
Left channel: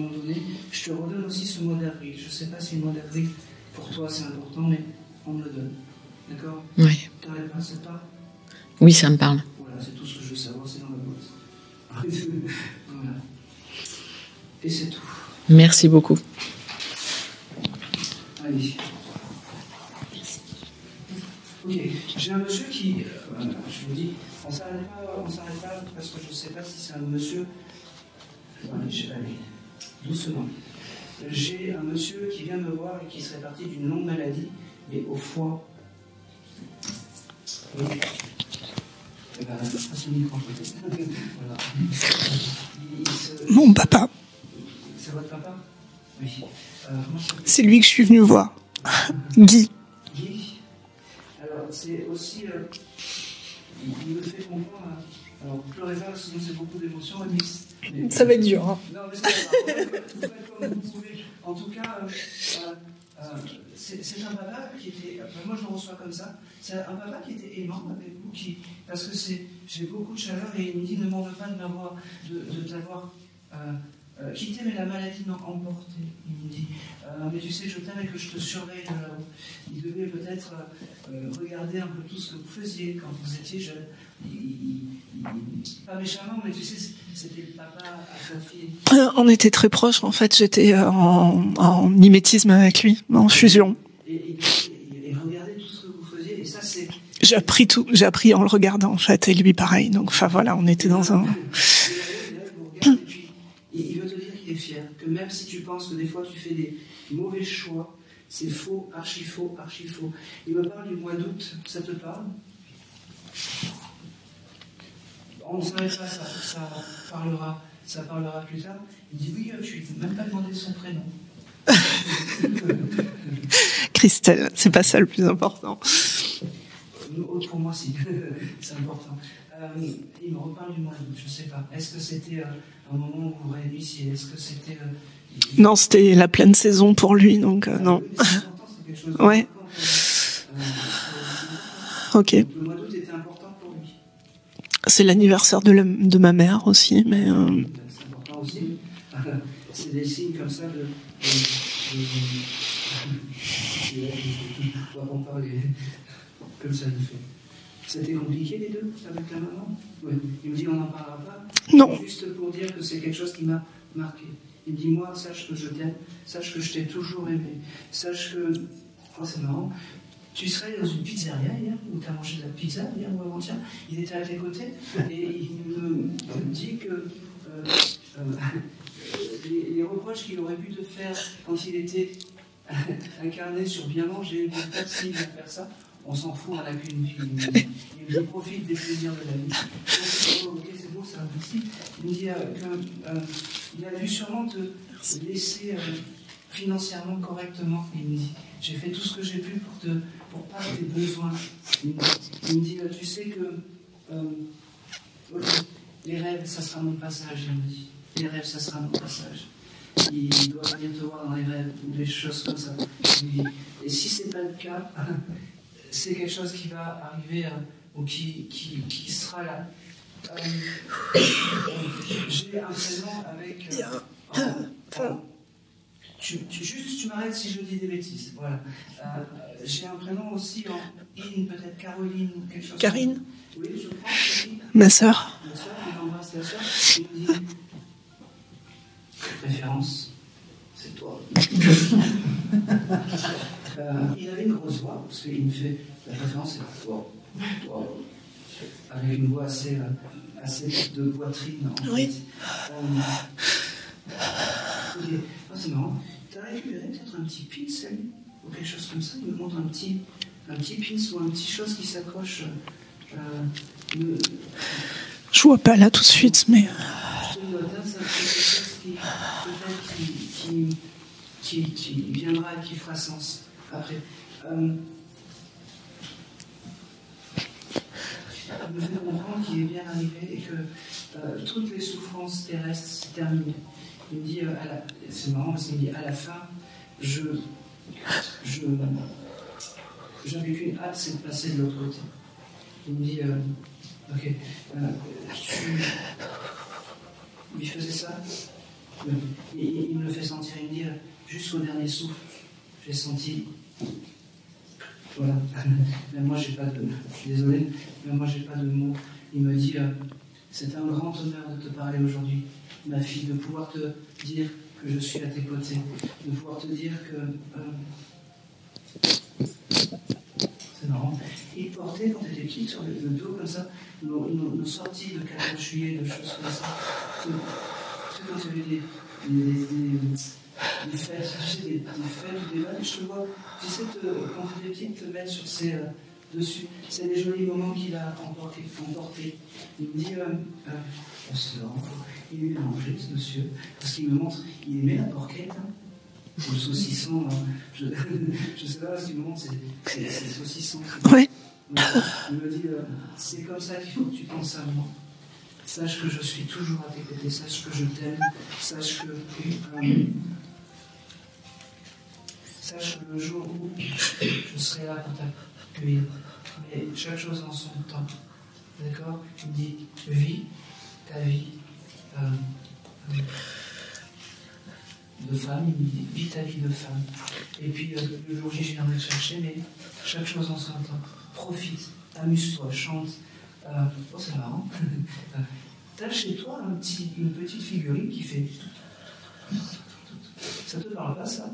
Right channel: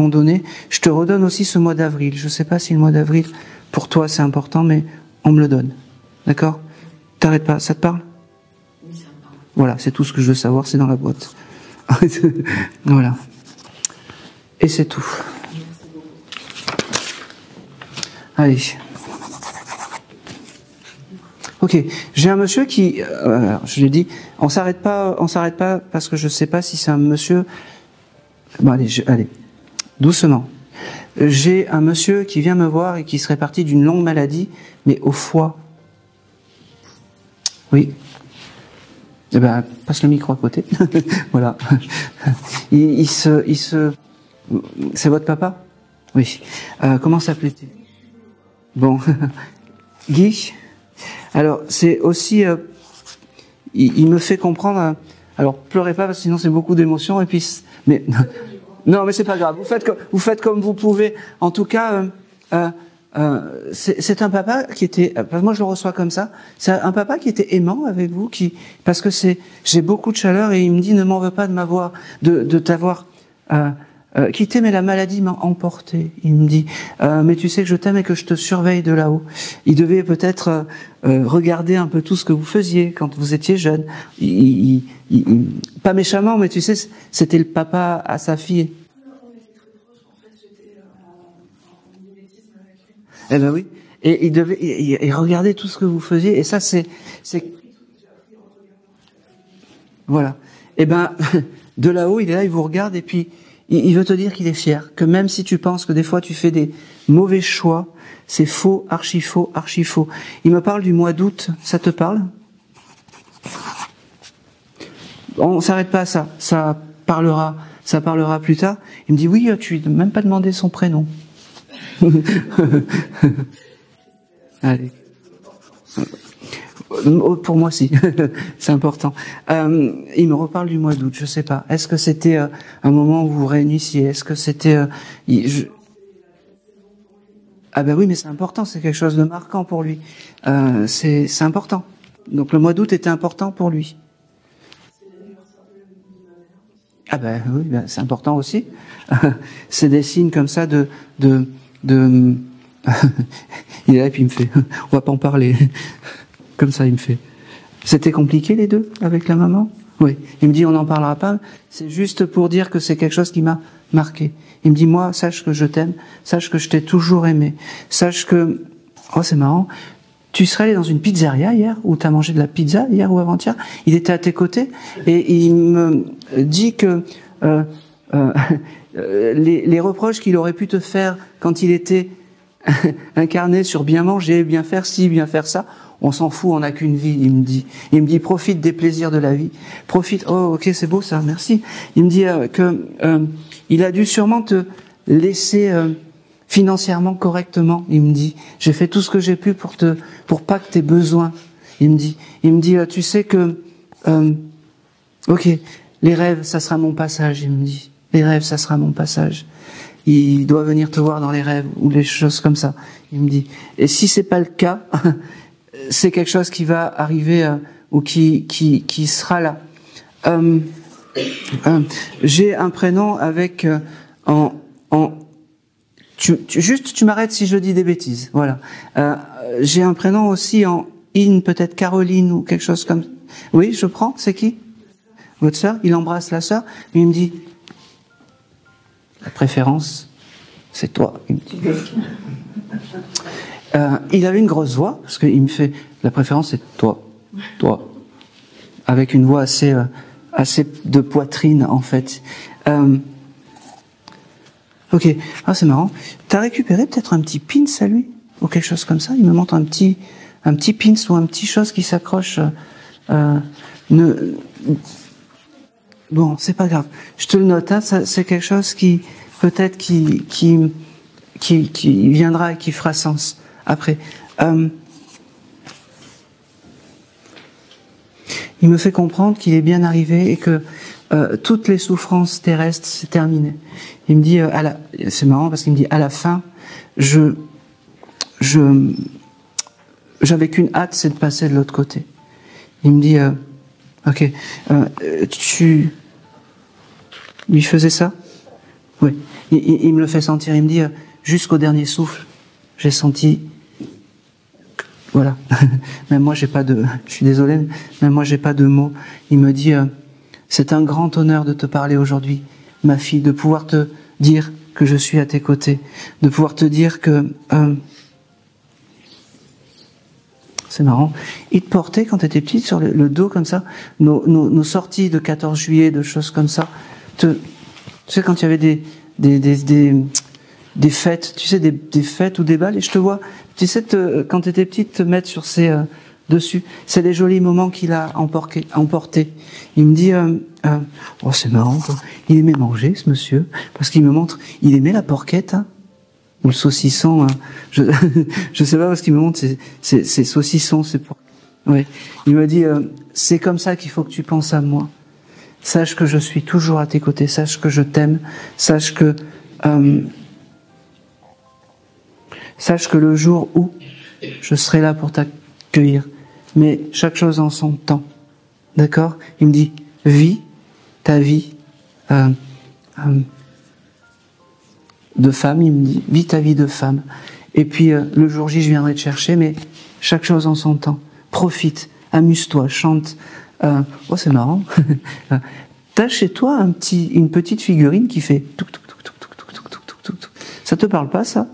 donné. Je te redonne aussi ce mois d'avril. Je ne sais pas si le mois d'avril, pour toi, c'est important, mais on me le donne. D'accord? Oui. T'arrêtes pas, ça te parle? Oui, ça me parle. Voilà, c'est tout ce que je veux savoir, c'est dans la boîte. Voilà. Et c'est tout. Merci beaucoup. Allez. Ok, j'ai un monsieur qui, je l'ai dit, on s'arrête pas parce que je sais pas si c'est un monsieur. Bon, allez, doucement. J'ai un monsieur qui vient me voir et qui serait parti d'une longue maladie, mais au foie. Oui. Eh ben, passe le micro à côté. Voilà. Mon papa. C'est votre papa? Oui. Comment s'appelle? C'est lui que je suis venue voir. Bon. Guy. Guy. Alors, c'est aussi... il me fait comprendre... alors, pleurez pas, parce que sinon c'est beaucoup d'émotions, et puis... Mais, ça va être dur. Hein. Non, mais c'est pas grave. Vous faites comme vous pouvez. En tout cas, c'est un papa qui était... moi, je le reçois comme ça. C'est un papa qui était aimant avec vous, parce que j'ai beaucoup de chaleur, et il me dit, ne m'en veux pas de t'avoir... quitté, mais la maladie m'a emporté. Il me dit, mais tu sais que je t'aime et que je te surveille de là-haut. Il devait peut-être regarder un peu tout ce que vous faisiez quand vous étiez jeune. Pas méchamment, mais tu sais, c'était le papa à sa fille. On était très proches, en fait. J'étais en mimétisme avec lui, en fusion. Et il regardait tout ce que vous faisiez, et ça, c'est... J'ai appris en le regardant, en fait, et lui pareil. Donc, voilà, on était dans un... De là-haut, il est là, il vous regarde, et puis il veut te dire qu'il est fier, que même si tu penses que des fois tu fais des mauvais choix, c'est faux, archi faux, archi faux. Il me parle du mois d'août, ça te parle? On s'arrête pas à ça, ça parlera plus tard. Il me dit oui, tu n'as même pas demandé son prénom. Christelle, c'est pas ça le plus important. Pour moi, si. C'est important. Il me reparle du mois d'août, je sais pas. Est-ce que c'était un moment où vous vous réunissiez? Est-ce que c'était... Non, c'était la pleine saison pour lui. Donc, ben oui, mais c'est important, c'est quelque chose de marquant pour lui. C'est important. Okay. Donc le mois d'août était important pour lui. C'est l'anniversaire de ma mère aussi. Mais oui, c'est important aussi. C'est des signes comme ça de Il est là, puis il me fait, on va pas en parler. Comme ça, il me fait. C'était compliqué, les deux, avec la maman? Oui. Il me dit, on n'en parlera pas. Non. C'est juste pour dire que c'est quelque chose qui m'a marqué. Il me dit, moi, sache que je t'aime, sache que je t'ai toujours aimé, sache que... Oh, c'est marrant. Tu serais allé dans une pizzeria hier, où tu as mangé de la pizza hier ou avant-hier. Il était à tes côtés et il me dit que les reproches qu'il aurait pu te faire quand il était incarné sur bien manger, bien faire ci, bien faire ça, on s'en fout, on n'a qu'une vie, il me dit. Il me dit, profite des plaisirs de la vie. Profite. Oh, ok, c'est beau ça, merci. Il me dit il a dû sûrement te laisser financièrement correctement. Il me dit, j'ai fait tout ce que j'ai pu pour pas que tu aies besoin. Il me dit, tu sais que, ok, les rêves, ça sera mon passage. Il me dit, les rêves, ça sera mon passage. Il doit venir te voir dans les rêves ou les choses comme ça. Il me dit, et si c'est pas le cas, c'est quelque chose qui va arriver ou qui sera là. J'ai un prénom avec tu m'arrêtes si je dis des bêtises. Voilà. J'ai un prénom aussi en in, peut-être Caroline ou quelque chose Karine. comme. Oui, je prends. C'est qui? Ma sœur. Votre sœur. Il embrasse la sœur. Et il me dit, la préférence, c'est toi. Il avait une grosse voix, parce qu'il me fait, la préférence c'est toi, avec une voix assez de poitrine en fait. Ok, c'est marrant. T'as récupéré peut-être un petit pins à lui, ou quelque chose comme ça? Il me montre un petit pins ou un petit chose qui s'accroche. Je vois pas là tout de suite. Bon, c'est pas grave. Je te le note, hein, c'est quelque chose qui peut-être qui viendra et qui fera sens après. Il me fait comprendre qu'il est bien arrivé et que toutes les souffrances terrestres, c'est terminé. Il me dit, c'est marrant parce qu'il me dit, à la fin, j'avais qu'une hâte, c'est de passer de l'autre côté. Il me dit, ok, tu lui faisais ça? Oui. Il me le fait sentir. Il me dit, jusqu'au dernier souffle, j'ai senti. Voilà. Même moi, j'ai pas de. Je suis désolé, même moi, j'ai pas de mots. Il me dit, c'est un grand honneur de te parler aujourd'hui, ma fille, de pouvoir te dire que je suis à tes côtés, de pouvoir te dire que. C'est marrant. Il te portait, quand tu étais petite, sur le dos comme ça, nos sorties de 14 juillet, de choses comme ça. Tu sais, quand il y avait des fêtes, tu sais, des fêtes ou des balles, et je te vois, tu sais, quand tu étais petite, te mettre sur ses dessus. C'est des jolis moments qu'il a emportés. Il me dit, oh c'est marrant, quoi. Il aimait manger, ce monsieur, parce qu'il me montre, il aimait la porquette, hein, ou le saucisson, hein. Je sais pas, parce qu'il me montre ces saucissons. Oui. Ouais. Il me dit, c'est comme ça qu'il faut que tu penses à moi. Sache que je suis toujours à tes côtés, sache que je t'aime, sache que le jour où je serai là pour t'accueillir, mais chaque chose en son temps, d'accord? Il me dit, vis ta vie de femme, il me dit, vis ta vie de femme, et puis le jour J je viendrai te chercher, mais chaque chose en son temps, profite, amuse-toi, chante. Oh c'est marrant. T'as chez toi une petite figurine qui fait touc, touc, touc, touc, touc, touc, touc, touc, touc, touc. Ça te parle pas, ça?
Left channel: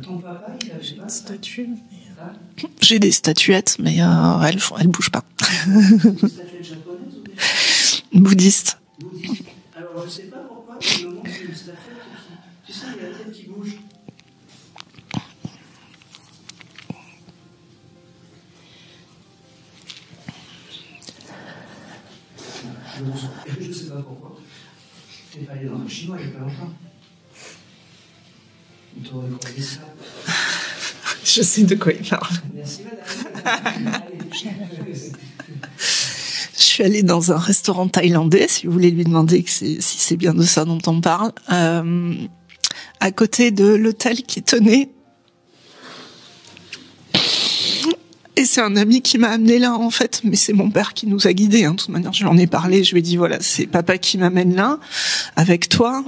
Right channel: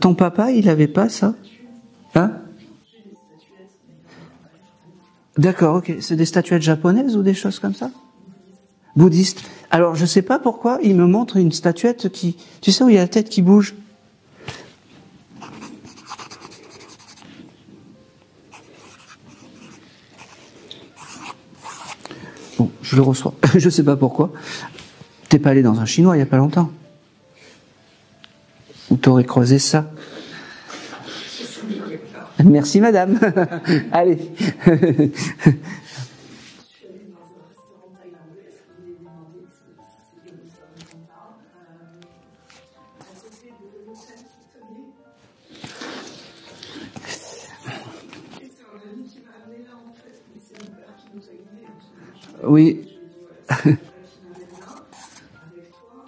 Ton papa, il avait pas ça? Hein? J'ai des statuettes, mais elles bougent pas. D'accord, okay. C'est des statuettes japonaises ou des choses comme ça? Bouddhistes. Bouddhistes. Alors, je sais pas pourquoi, il me montre une statuette qui... Tu sais où il y a la tête qui bouge? Bon, je le reçois. Je sais pas pourquoi. T'es pas allé dans un chinois il y a pas longtemps? Ou t'aurais croisé ça? Je sais de quoi il parle. Merci madame. Allez. Je suis allée dans un restaurant thaïlandais, si vous voulez lui demander si c'est bien de ça dont on parle, à côté de l'hôtel qui tenait. Et c'est un ami qui m'a amené là, en fait, mais c'est mon père qui nous a guidés. Hein. De toute manière, je lui en ai parlé, je lui ai dit, voilà, c'est papa qui m'amène là, avec toi.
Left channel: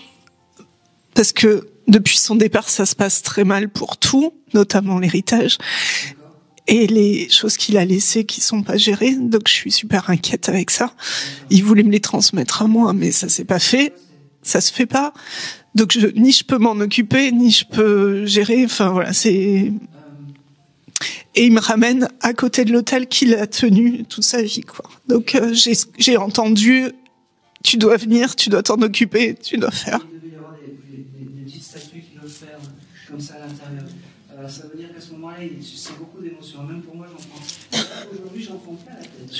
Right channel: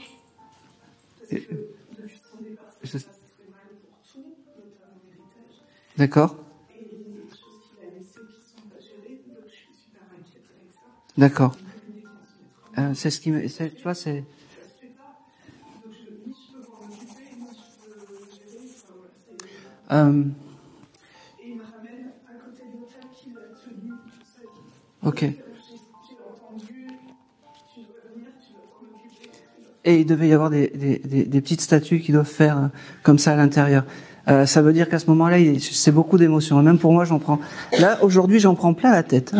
Parce que depuis son départ, ça se passe très mal pour tout, notamment l'héritage. D'accord. Et les choses qu'il a laissées qui sont pas gérées, donc je suis super inquiète avec ça. D'accord. Il voulait me les transmettre à moi, mais ça s'est pas fait. Ça se fait pas. Donc ni je peux m'en occuper, ni je peux gérer. Enfin voilà, c'est. Et il me ramène à côté de l'hôtel qu'il a tenu toute sa vie, quoi. Okay. Donc j'ai entendu. Tu dois venir, tu dois t'en occuper, tu dois faire. Et il devait y avoir des petites statues qui doivent faire comme ça à l'intérieur. Ça veut dire qu'à ce moment-là, c'est beaucoup d'émotions. Et même pour moi, j'en prends. Là, aujourd'hui, j'en prends plein la tête.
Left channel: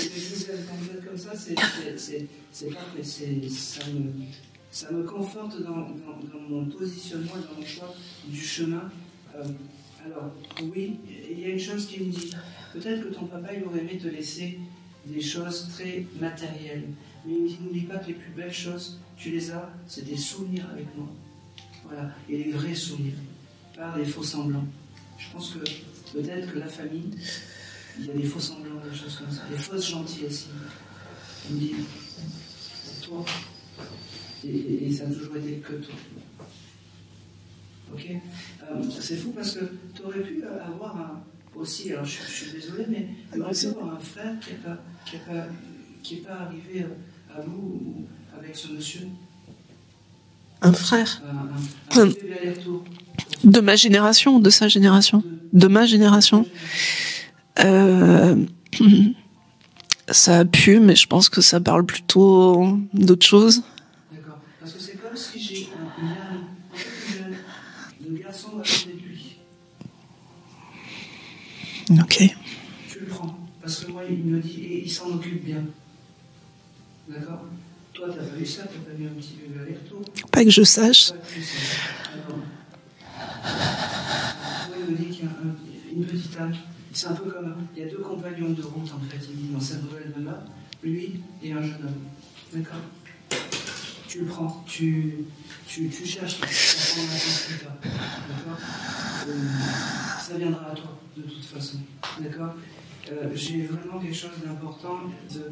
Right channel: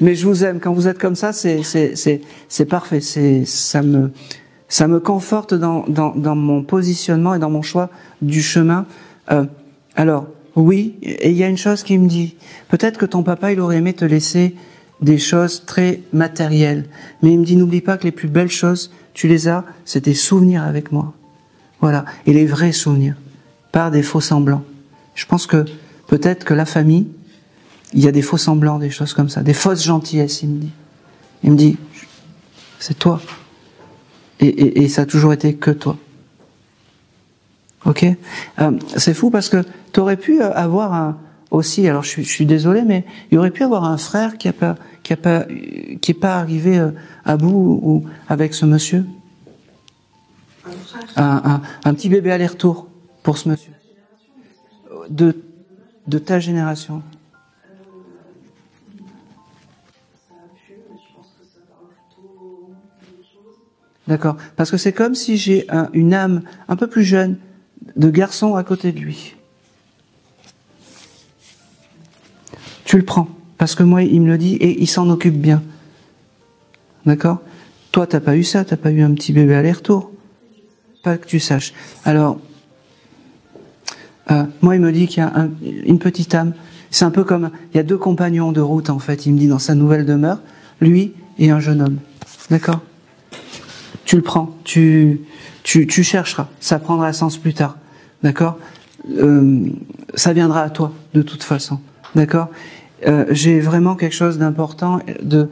mais je vous aime. Quand vous êtes comme ça, c'est parfait. Ça me conforte dans mon positionnement et dans mon choix du chemin. Alors, oui, et il y a une chose qui me dit, peut-être que ton papa, il aurait aimé te laisser des choses très matérielles. Mais il me dit, n'oublie pas que les plus belles choses, tu les as, c'est tes souvenirs avec moi. Voilà. Et les vrais souvenirs. Pas des faux semblants. Je pense que peut-être que la famille, il y a des faux semblants, des choses comme ça, des fausses gentillesses, il me dit, c'est toi. Et ça a toujours été que toi. Ok ? C'est fou parce que tu aurais pu avoir aussi, alors je suis désolé, mais il aurait pu avoir un frère qui est pas arrivé à bout ou avec ce monsieur. Un frère. Un petit bébé aller-retour. De ma génération ou de sa génération? De ma génération. De ta génération. Ça a pu, mais je pense que ça parle plutôt d'autre chose. D'accord. Parce que c'est comme si j'ai une âme un peu plus jeune de garçon à côté de lui. Ok. Tu le prends. Parce que moi, il me le dit et il s'en occupe bien. D'accord ? Toi, t'as pas eu ça, t'as pas eu un petit bébé aller-retour. Pas que je sache. Pas que tu saches. Alors, moi, il me dit qu'il y a une petite âme. C'est un peu comme, il y a 2 compagnons de route, en fait. Il me dit dans sa nouvelle demeure, lui et un jeune homme. D'accord ? Tu le prends, tu chercheras. Ça prendra sens plus tard. D'accord ? Ça viendra à toi, de toute façon. D'accord ? J'ai vraiment quelque chose d'important de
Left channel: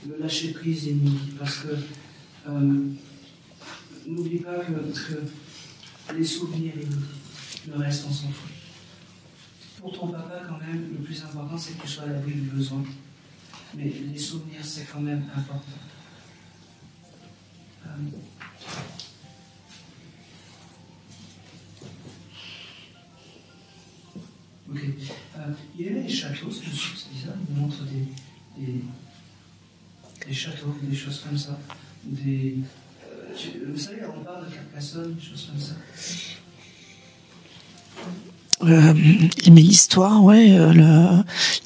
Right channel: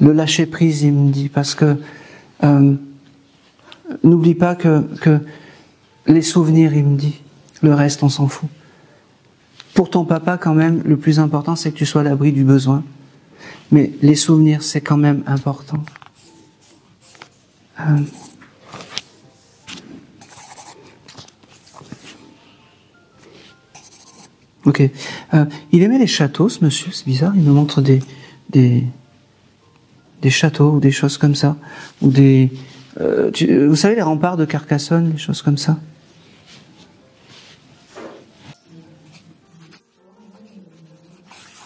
le lâcher prise, il me dit, parce que n'oublie pas que les souvenirs, il me dit, le reste, on s'en fout. Pour ton papa, quand même, le plus important, c'est que tu sois à l'abri du besoin. Mais les souvenirs, c'est quand même important. Ok. Il aimait les châteaux, ce monsieur, c'est bizarre, il me montre des châteaux ou des choses comme ça. Ou vous savez, les remparts de Carcassonne, des choses comme ça. Il met l'histoire, ouais,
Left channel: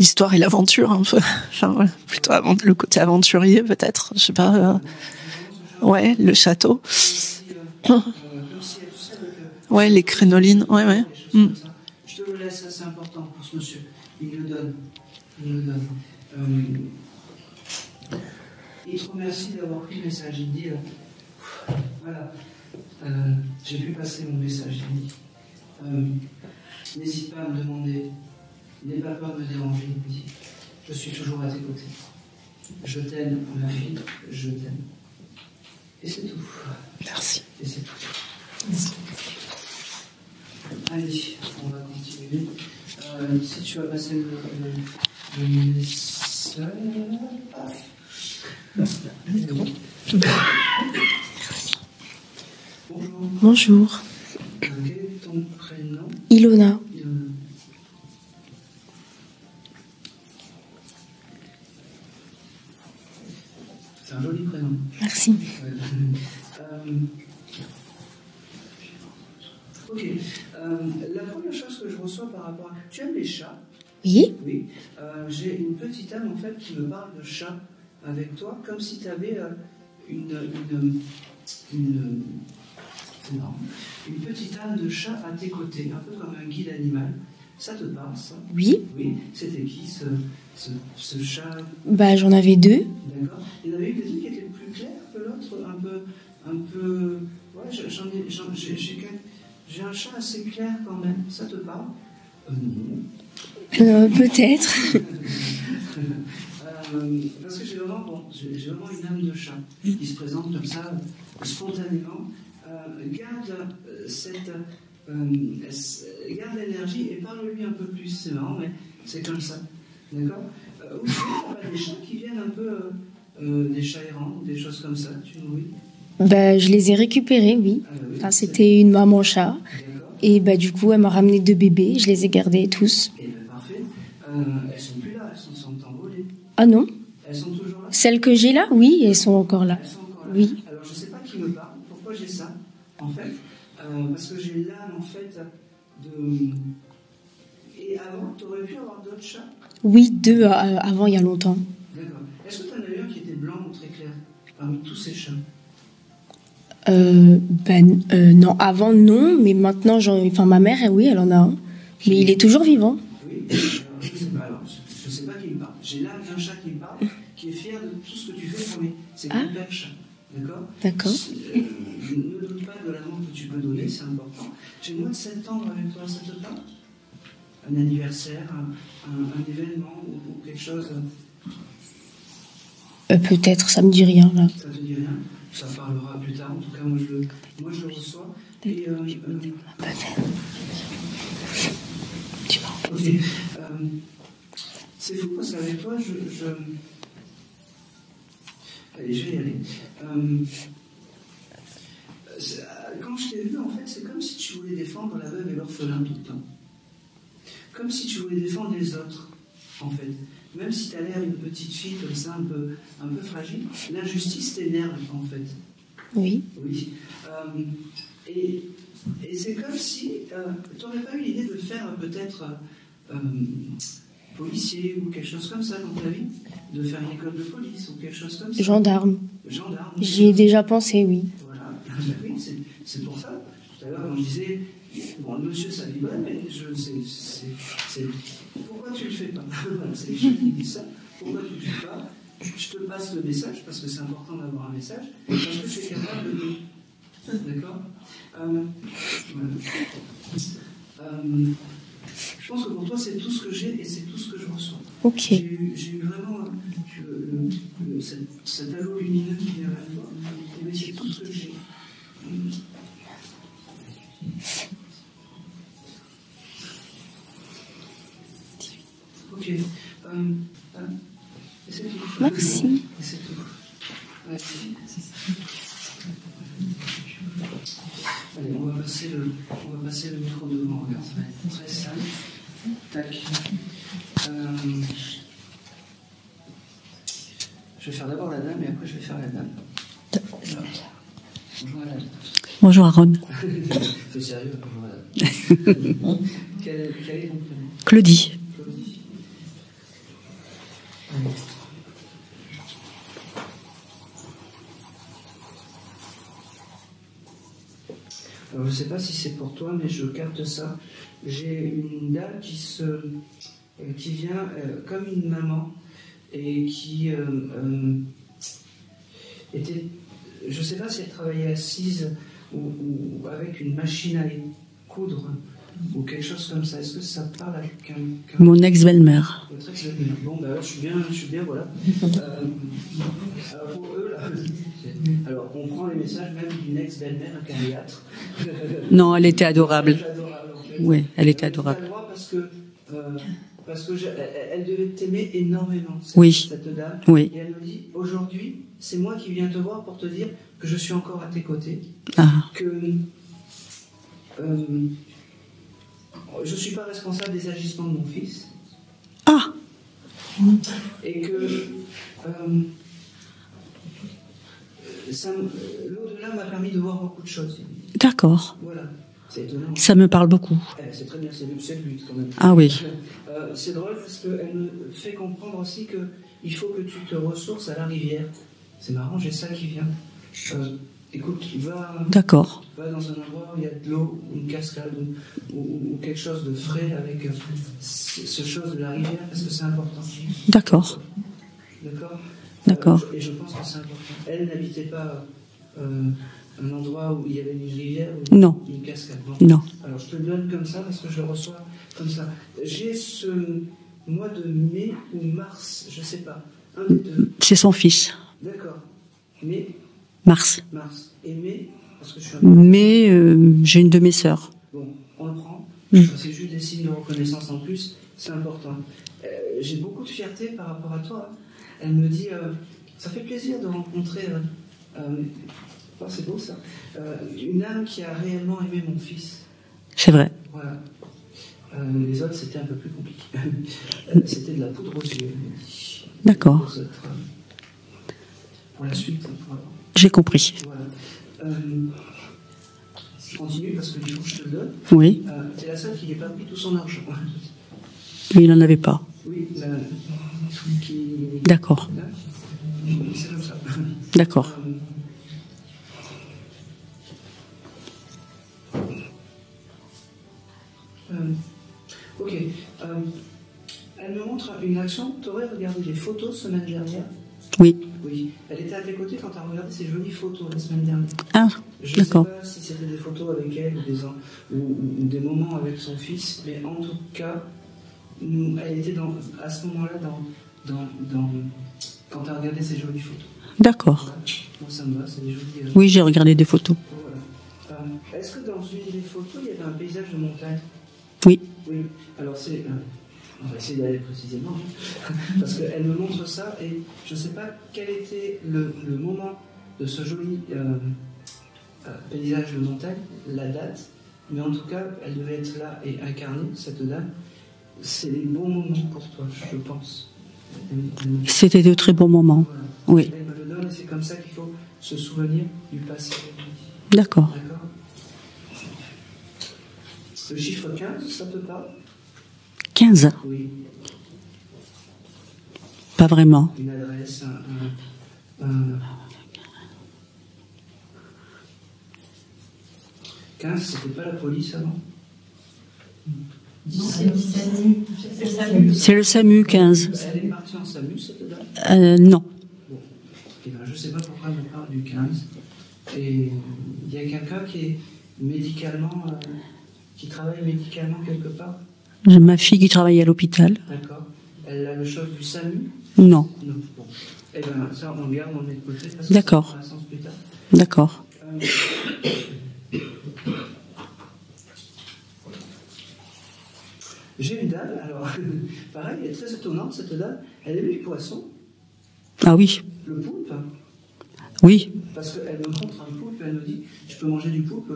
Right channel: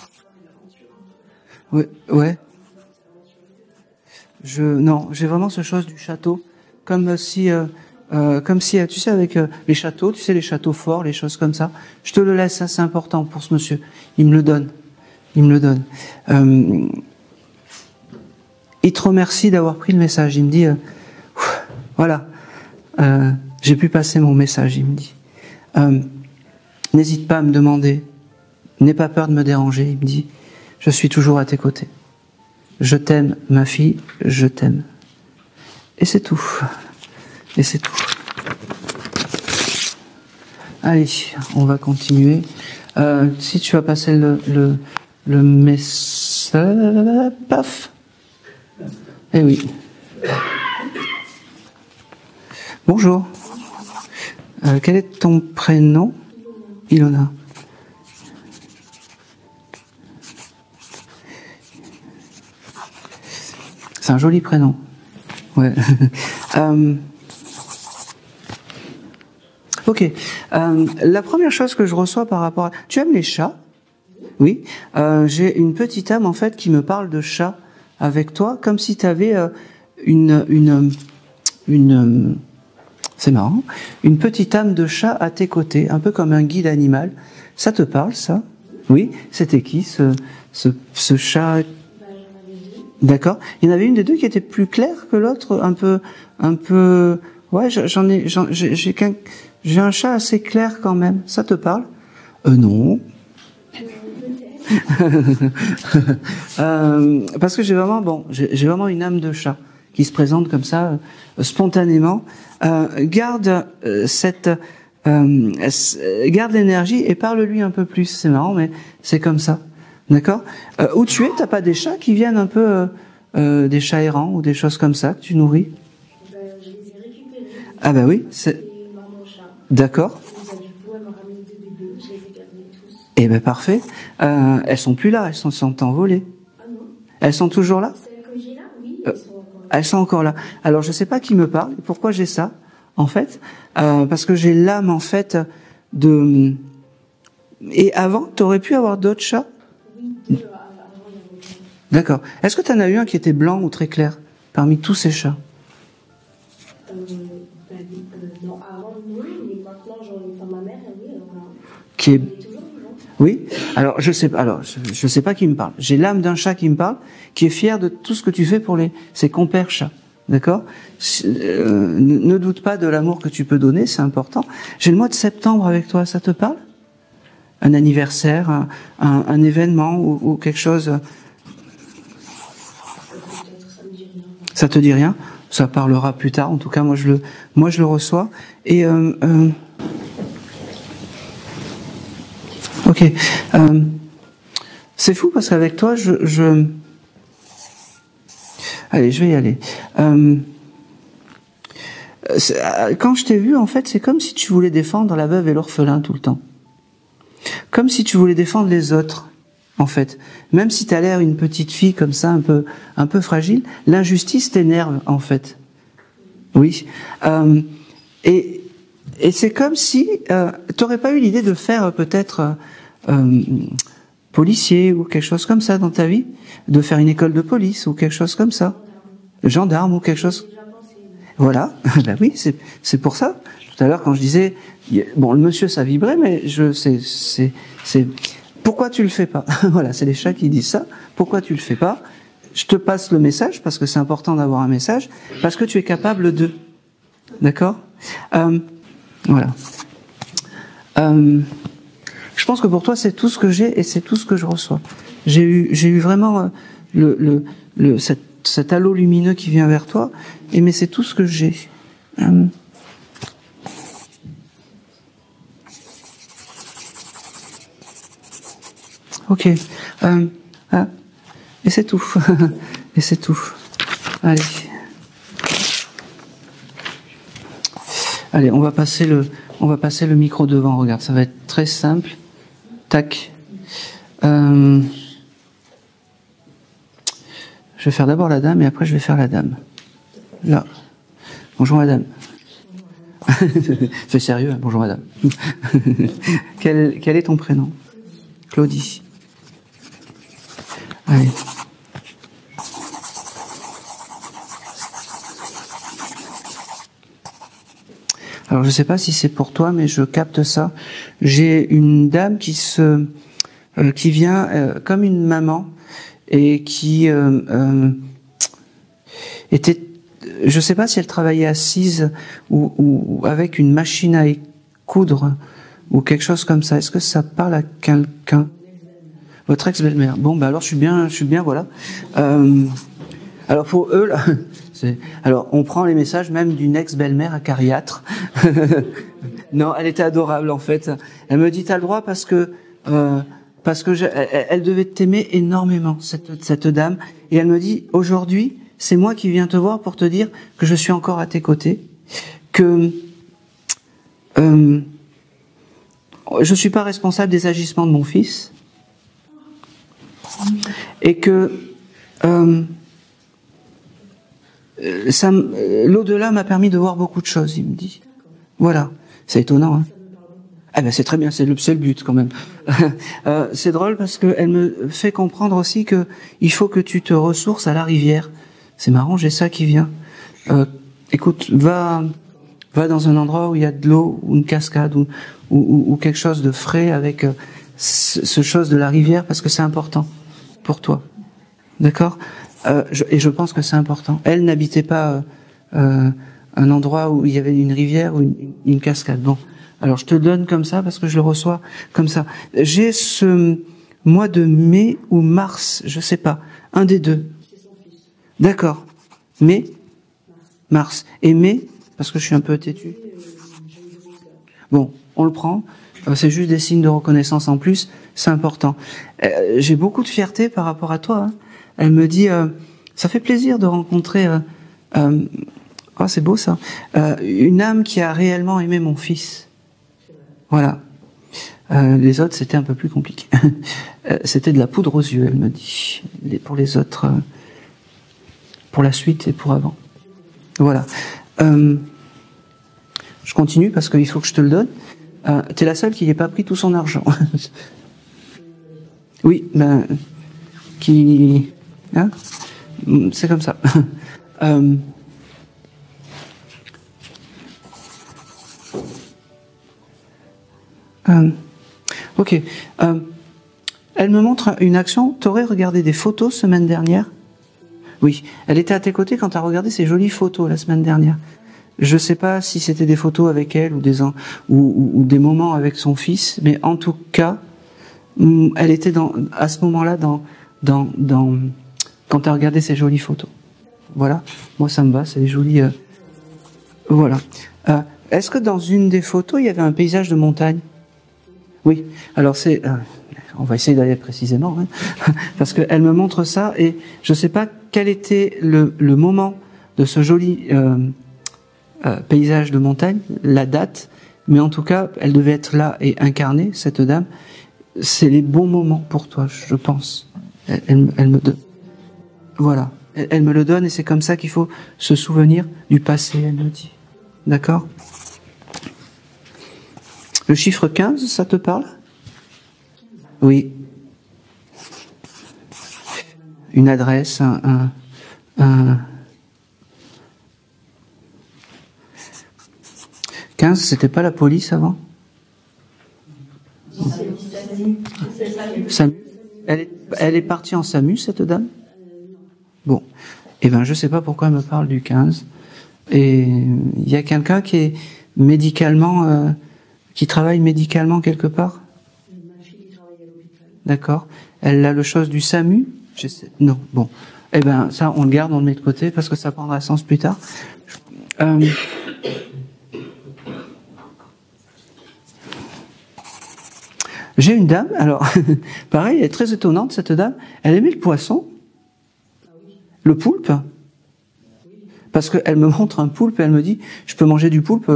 l'histoire et l'aventure un peu. Enfin, ouais, plutôt le côté aventurier peut-être, je sais pas. Non, j'ai vraiment ce chose. Ouais, le château. Comme si, tu sais, avec les châteaux, les crénolines, les châteaux forts, les choses comme ça. Je te le laisse, ça c'est important pour ce monsieur. Il me le donne. Il te remercie d'avoir pris le message. Il me dit, voilà, j'ai pu passer mon message. Il me dit. N'hésite pas à me demander, n'aie pas peur de me déranger, il me dit, je suis toujours à tes côtés. Je t'aime, ma fille, je t'aime. Et c'est tout. Merci. Et c'est tout. Allez, on va continuer. Si tu vas passer le message... Paf. Eh oui. Bonjour. Bonjour. Quel est ton prénom ? Ilona. Ilona. C'est un joli prénom. Merci. Ouais. Ok. La première chose que je reçois par rapport à... Tu aimes les chats ? Oui. Oui. J'ai une petite âme, en fait, qui me parle de chats avec toi, comme si tu avais une c'est marrant, une petite âme de chat à tes côtés, un peu comme un guide animal. Ça te parle, ça ? Oui. Oui. C'était qui, ce chat ? Bah, j'en avais 2. D'accord. Il y en avait une des 2 qui était plus claire que l'autre, un peu. Ouais, j'ai un chat assez clair quand même. Ça te parle ? Non. Peut-être. Parce que j'ai vraiment une âme de chat qui se présente comme ça, spontanément. Garde l'énergie et parle-lui un peu plus. C'est marrant, mais c'est comme ça. D'accord? Où tu es, t'as pas des chats qui viennent un peu, des chats errants ou des choses comme ça que tu nourris? Je les ai récupérés, oui. Ah bah oui. Enfin, c'était une maman chat. D'accord. Et du coup, elle m'a ramené 2 bébés. Je les ai gardés tous. Eh ben parfait. Elles sont plus là, elles sont envolées. Ah non? Elles sont toujours là? Celles que j'ai là, oui, elles sont encore là. Elles sont encore là. Oui. Alors je sais pas qui me parle. Pourquoi j'ai ça, en fait? Parce que j'ai l'âme, en fait, de... Et avant, t'aurais pu avoir d'autres chats? Oui, 2 avant, il y a longtemps. D'accord. Est-ce que tu en as eu un qui était blanc ou très clair parmi tous ces chats? Non, avant non, mais maintenant, ma mère, oui, elle en a un. Et il est toujours vivant. Oui. Alors je sais pas qui me parle. J'ai l'âme d'un chat qui me parle, qui est fier de tout ce que tu fais pour ses compères chats. D'accord. Ne doute pas de l'amour que tu peux donner, c'est important. J'ai le mois de septembre avec toi, ça te parle? Un anniversaire, un événement ou quelque chose? Peut-être, ça me dit rien. Là. Ça te dit rien? Ça parlera plus tard. En tout cas, moi je le reçois. Et ok. C'est fou parce qu'avec toi, allez, je vais y aller. Quand je t'ai vu, en fait, c'est comme si tu voulais défendre la veuve et l'orphelin tout le temps. Comme si tu voulais défendre les autres, en fait. Même si tu as l'air une petite fille comme ça, un peu fragile, l'injustice t'énerve, en fait. Oui. Oui. Et c'est comme si tu n'aurais pas eu l'idée de faire peut-être policier ou quelque chose comme ça dans ta vie, de faire une école de police ou quelque chose comme ça. Gendarme ou quelque chose. J'y ai déjà pensé, oui. Voilà. Ben oui, c'est pour ça. Tout à l'heure, quand je disais, bon, le monsieur, ça vibrait, mais c'est pourquoi tu le fais pas? Voilà, c'est les chats qui disent ça. Pourquoi tu le fais pas? Je te passe le message parce que c'est important d'avoir un message, parce que tu es capable de. D'accord? Voilà. Je pense que pour toi, c'est tout ce que j'ai et c'est tout ce que je reçois. Okay. J'ai eu vraiment cet halo lumineux qui vient vers toi, mais c'est tout ce que j'ai. Ok. Et c'est tout. Et c'est tout. Allez. Allez, on va passer le micro devant. Regarde, ça va être très simple. Tac. Je vais faire d'abord la dame et après je vais faire la dame. Là. Bonjour madame. Bonjour Aaron. Fais sérieux, hein. Bonjour madame. Quel est ton prénom? Claudie. Claudie. Allez. Alors je ne sais pas si c'est pour toi, mais je capte ça. J'ai une dame qui vient comme une maman et qui était, je ne sais pas si elle travaillait assise ou avec une machine à coudre ou quelque chose comme ça. Est-ce que ça parle à quelqu'un? Mon ex-belle-mère. Votre ex-belle-mère. Bon, bah alors je suis bien, voilà. Alors pour eux là. Alors, on prend les messages même d'une ex-belle-mère acariâtre. Non, elle était adorable. Non, elle était adorable, en fait. Oui, elle me dit, t'as le droit parce que elle devait t'aimer énormément, cette dame. Oui. Et elle me dit, aujourd'hui, c'est moi qui viens te voir pour te dire que je suis encore à tes côtés, que je suis pas responsable des agissements de mon fils. Ah. Et que l'au-delà m'a permis de voir beaucoup de choses, il me dit. D'accord. Voilà. C'est étonnant. Hein. Ça me parle beaucoup. Ah ben c'est très bien, c'est le but quand même. Ah oui. C'est drôle parce qu'elle me fait comprendre aussi que il faut que tu te ressources à la rivière. C'est marrant, j'ai ça qui vient. Écoute, va dans un endroit où il y a de l'eau, ou une cascade, ou quelque chose de frais avec ce chose de la rivière, parce que c'est important. D'accord. Pour toi. D'accord. Et je pense que c'est important. Elle n'habitait pas un endroit où il y avait une rivière ou une cascade. Bon. Non. Alors je te le donne comme ça parce que je le reçois comme ça. J'ai ce mois de mai ou mars, je sais pas, un des deux. C'est son fils. D'accord. Mai. Mars. Mars. Et mai, parce que je suis un peu... Mais j'ai une de mes sœurs. Bon, on le prend. C'est juste des signes de reconnaissance en plus. C'est important. J'ai beaucoup de fierté par rapport à toi. Hein. Elle me dit, ça fait plaisir de rencontrer... oh, c'est beau ça. Une âme qui a réellement aimé mon fils. C'est vrai. Voilà. Les autres, c'était un peu plus compliqué. C'était de la poudre aux yeux, elle me dit. D'accord. Les autres, pour la suite et pour avant. J'ai compris. Voilà. Je continue parce qu'il faut que je te le donne. Oui. T'es la seule qui n'ait pas pris tout son argent. Mais il n'en avait pas. Oui, ben... qui... D'accord. Hein, c'est comme ça. D'accord. Ok. Elle me montre une action. T'aurais regardé des photos semaine dernière? Oui. Oui. Elle était à tes côtés quand tu as regardé ces jolies photos la semaine dernière. Ah, je ne sais pas si c'était des photos avec elle ou des moments avec son fils, mais en tout cas, elle était à ce moment-là quand tu as regardé ces jolies photos. D'accord. Voilà. Moi, ça me va, c'est des jolies... Oui, j'ai regardé des photos. Voilà. Est-ce que dans une des photos, il y avait un paysage de montagne? Oui. Oui. Alors, c'est... on va essayer d'aller précisément, hein, parce qu'elle me montre ça, et je ne sais pas quel était le moment de ce joli paysage de montagne, la date, mais en tout cas, elle devait être là et incarnée, cette dame. C'est les bons moments pour toi, je pense. C'était de très bons moments. Voilà. Oui. Elle me le donne, et c'est comme ça qu'il faut se souvenir du passé, elle me dit. D'accord. D'accord. Le chiffre 15, ça te parle? 15? Oui. Pas vraiment. Une adresse, un... 15, c'était pas la police avant? C'est le SAMU, 15. Elle est partie en SAMU, cette dame? Non. Bon. Eh bien, je ne sais pas pourquoi elle me parle du 15. Et il y a quelqu'un qui est médicalement... qui travaille médicalement quelque part? J'ai ma fille qui travaille à l'hôpital. D'accord. Elle a le chose du SAMU? Non. Non. Bon. Eh bien, ça, on le garde, on le met de côté, parce que ça prendra sens plus tard. D'accord. J'ai une dame, alors, pareil, elle est très étonnante, cette dame. Elle aimait le poisson. Ah oui. Le poulpe. Oui. Parce qu'elle me montre un poulpe et elle me dit, je peux manger du poulpe.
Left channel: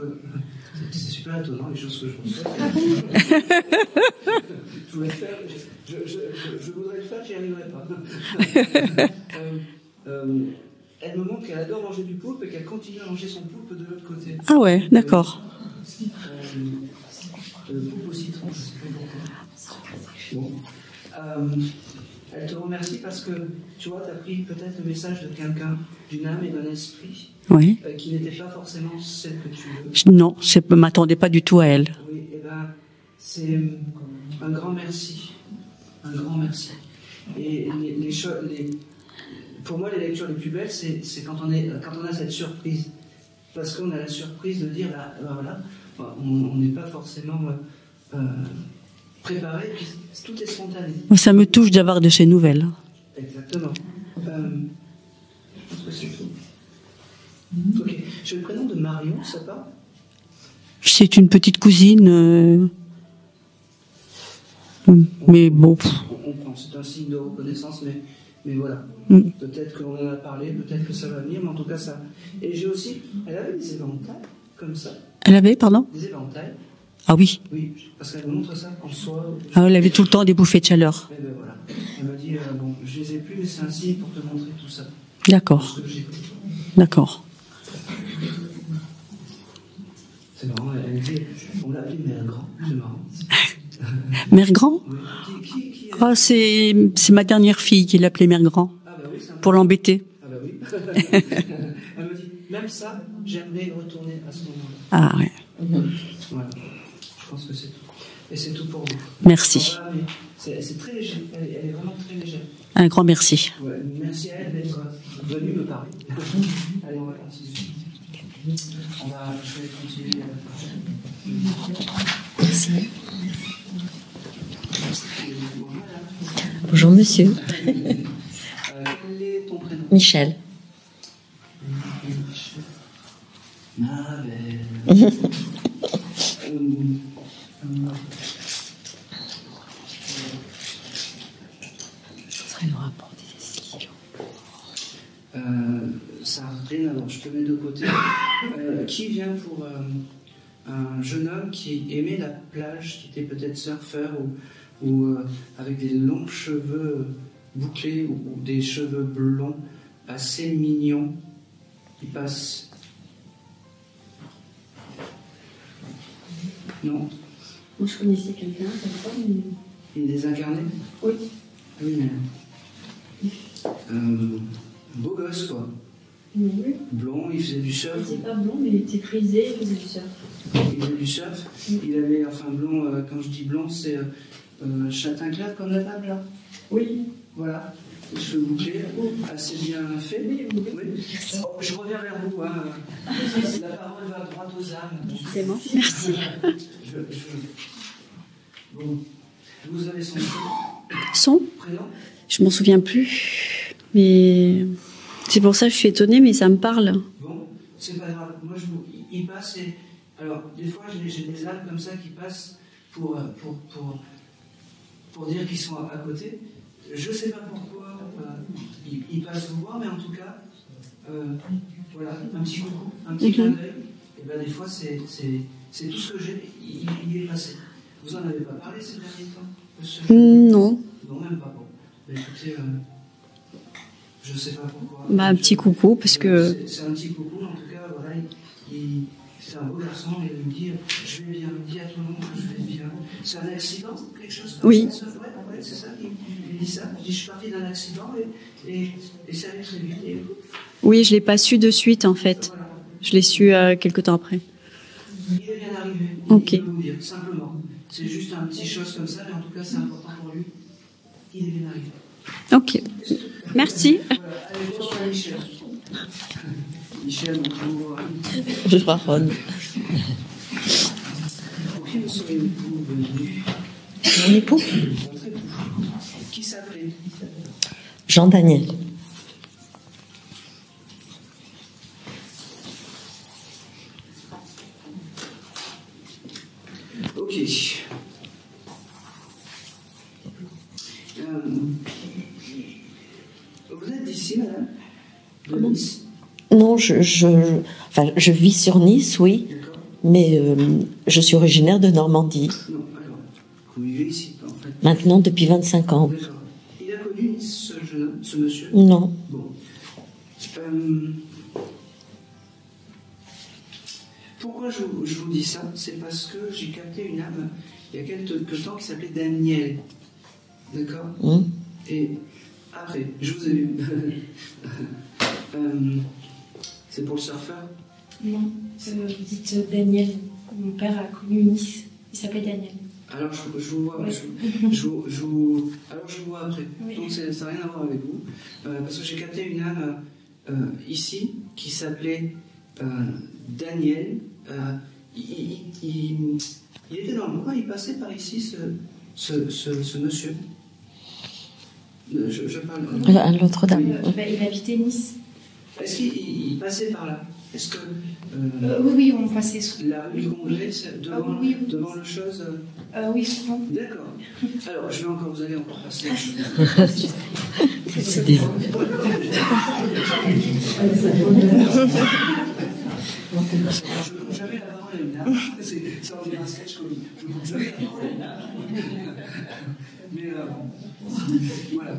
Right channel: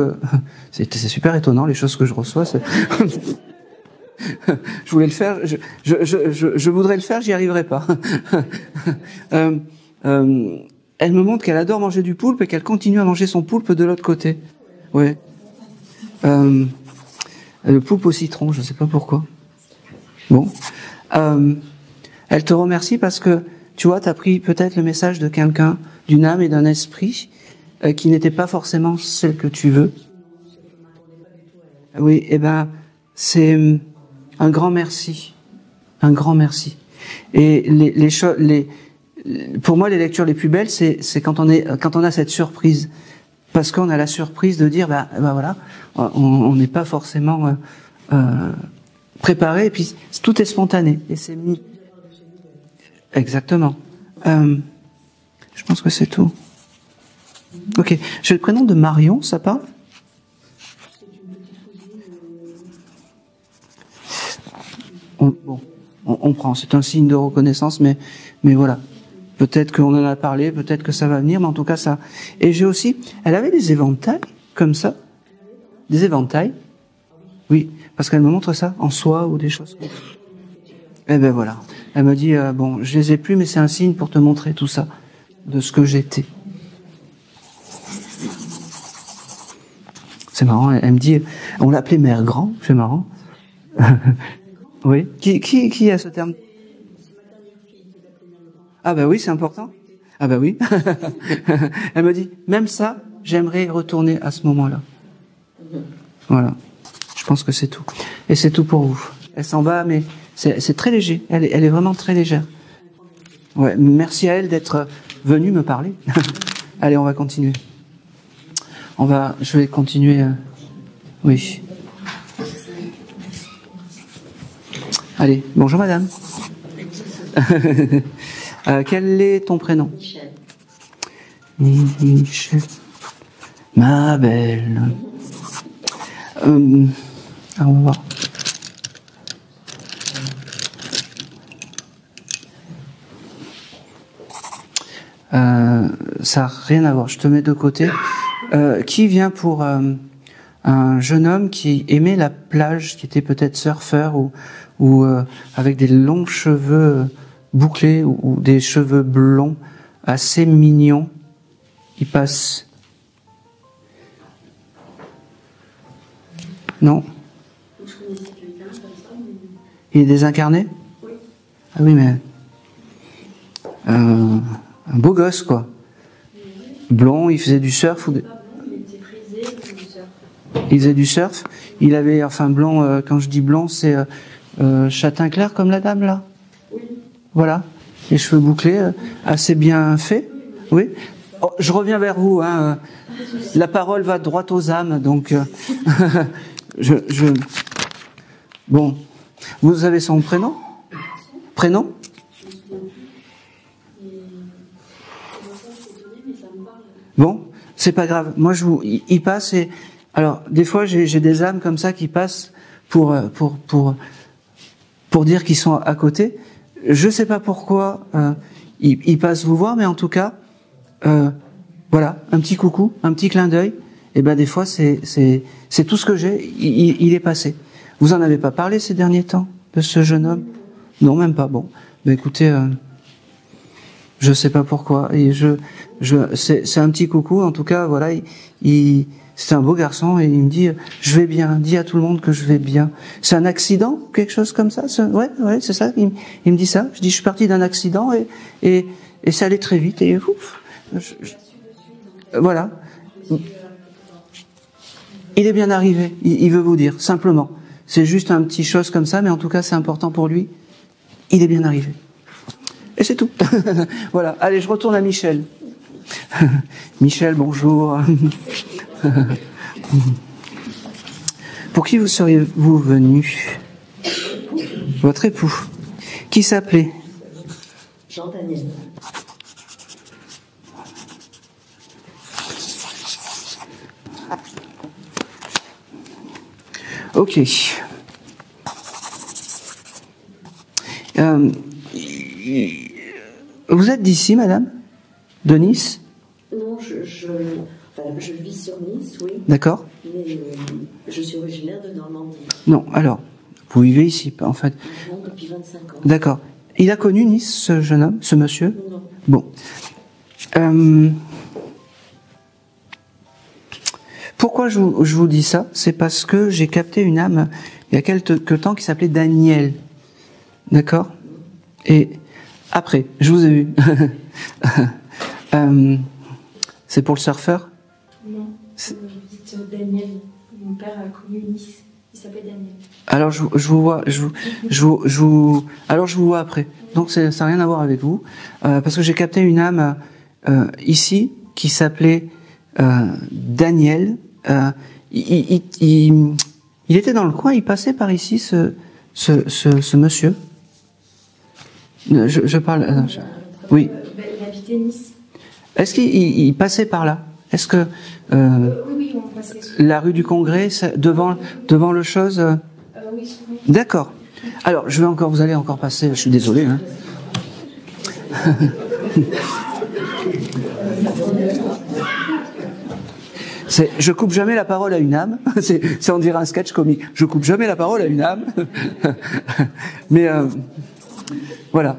C'est super étonnant, les choses que je reçois. Je voulais le faire, je voudrais le faire, j'y arriverai pas. Elle me montre qu'elle adore manger du poulpe et qu'elle continue à manger son poulpe de l'autre côté. Ah ouais, d'accord. Ouais. Le poulpe au citron, je ne sais pas pourquoi. Bon. Elle te remercie parce que, tu vois, tu as pris peut-être le message de quelqu'un, d'une âme et d'un esprit, oui. Qui n'était pas forcément celle que tu veux. Non, je ne m'attendais pas du tout à elle. Oui, eh ben, c'est un grand merci. Un grand merci. Et pour moi, les lectures les plus belles, c'est quand on a cette surprise. Parce qu'on a la surprise de dire, voilà, on n'est pas forcément préparé, et puis tout est spontané. Mais ça me touche d'avoir de ces nouvelles. Exactement. Je pense que c'est tout. Ok. J'ai le prénom de Marion, ça parle? C'est une petite cousine. Mais bon. On prend, c'est un signe de reconnaissance, mais voilà. Peut-être qu'on en a parlé, peut-être que ça va venir, mais en tout cas ça. Et j'ai aussi, elle avait des éventails comme ça. Elle avait, pardon? Des éventails. Ah oui. Oui, parce qu'elle me montre ça en soie ou des choses. Ah, elle avait tout le temps des bouffées de chaleur. Eh ben voilà. Elle me dit bon, je les ai plus, mais c'est un signe pour te montrer tout ça. D'accord. De ce que j'étais. D'accord. C'est marrant. Elle me dit, on l'appelait Mère Grand. C'est marrant. Mère Grand? Oui. Qui a ce terme? C'est ma dernière fille qui l'appelait Mère Grand. Ah bah oui, c'est important. Pour l'embêter. Ah bah oui. Elle me dit, même ça, j'aimerais y retourner à ce moment-là. Ah ouais. Voilà. Je pense que c'est tout. Et c'est tout pour vous. Merci. Elle s'en va, mais c'est très léger. Elle est vraiment très légère. Un grand merci. Ouais, merci à elle d'être venue me parler. Allez, on va continuer. je vais continuer. Oui. Merci. Allez, bonjour madame. Bonjour monsieur. Quel est ton prénom? Michel. Michel. Ma belle. On va. Ça n'a rien à voir, je te mets de côté. Qui vient pour un jeune homme qui aimait la plage, qui était peut-être surfeur ou avec des longs cheveux bouclés ou des cheveux blonds assez mignons. Il passe. Non? Moi, je connaissais quelqu'un comme ça. Mais... Il est désincarné? Oui. Ah oui, mais. Un beau gosse, quoi. Oui. Blond, il faisait du surf. Il n'était pas blond, mais il était frisé, il faisait du surf. Il faisait du surf. Il avait, enfin, blond, quand je dis blond, c'est châtain clair comme la dame, là? Oui. Voilà. Les cheveux bouclés, assez bien faits. Oui. Oh, je reviens vers vous. Hein. La parole va droit aux âmes, donc. Bon. Vous avez son prénom? Son prénom? Je m'en souviens plus. Mais c'est pour ça que je suis étonnée, mais ça me parle. Bon, c'est pas grave. Moi, il passe et alors des fois j'ai des âmes comme ça qui passent pour dire qu'ils sont à côté. Je sais pas pourquoi ils passent vous voir, mais en tout cas, voilà, un petit coucou, un petit clin d'œil. Et ben des fois c'est tout ce que j'ai. Il est passé. Vous en avez pas parlé ces derniers temps de ce jeune homme? Non. Non, même pas. Bon, ben écoutez. Je sais pas pourquoi. Un petit coucou. C'est un petit coucou. En tout cas, voilà, c'est un beau garçon et il me dit je vais bien. Dis à tout le monde que je vais bien. C'est un accident, quelque chose comme ça. Ouais, c'est ça. Il me dit ça. Je dis je suis parti d'un accident et ça allait très vite et ouf. Oui, je l'ai pas su de suite en fait. Voilà. Je l'ai su quelque temps après. Il est bien arrivé. Il veut vous dire simplement. C'est juste un petit chose comme ça, mais en tout cas c'est important pour lui. Il est bien arrivé. Ok. Et c'est tout. Merci. Voilà. Allez, je retourne à Michel. Michel, bonjour. Bonjour. Pour qui vous seriez-vous venu? Mon époux. Votre époux. Qui s'appelait? Jean-Daniel. Ok. Vous êtes d'ici, madame? De Nice? Non, je vis sur Nice, oui. D'accord. Mais je suis originaire de Normandie. Non, alors, vous vivez ici, en fait? Maintenant, depuis 25 ans. D'accord. Il a connu Nice, ce jeune homme, ce monsieur? Non. Bon. Pourquoi je vous dis ça? C'est parce que j'ai capté une âme il y a quelque temps qui s'appelait Daniel. D'accord? Et après, je vous ai vu. C'est pour le surfeur? Non, dites Daniel. Mon père a connu Nice. Il s'appelait Daniel. Alors je vous vois, alors je vous vois après. Oui. Donc ça n'a rien à voir avec vous, parce que j'ai capté une âme ici qui s'appelait Daniel. Il était dans le coin, il passait par ici, ce monsieur. Je parle. À l'autre dame. Oui. Il habitait Nice. Est-ce qu'il passait par là? Est-ce que oui, on passait. La rue du Congrès, devant le chose. Oui, souvent. D'accord. Alors, vous allez encore passer. Je suis désolé. Hein. Je coupe jamais la parole à une âme. C'est on dirait un sketch comique. Je coupe jamais la parole à une âme. Mais voilà.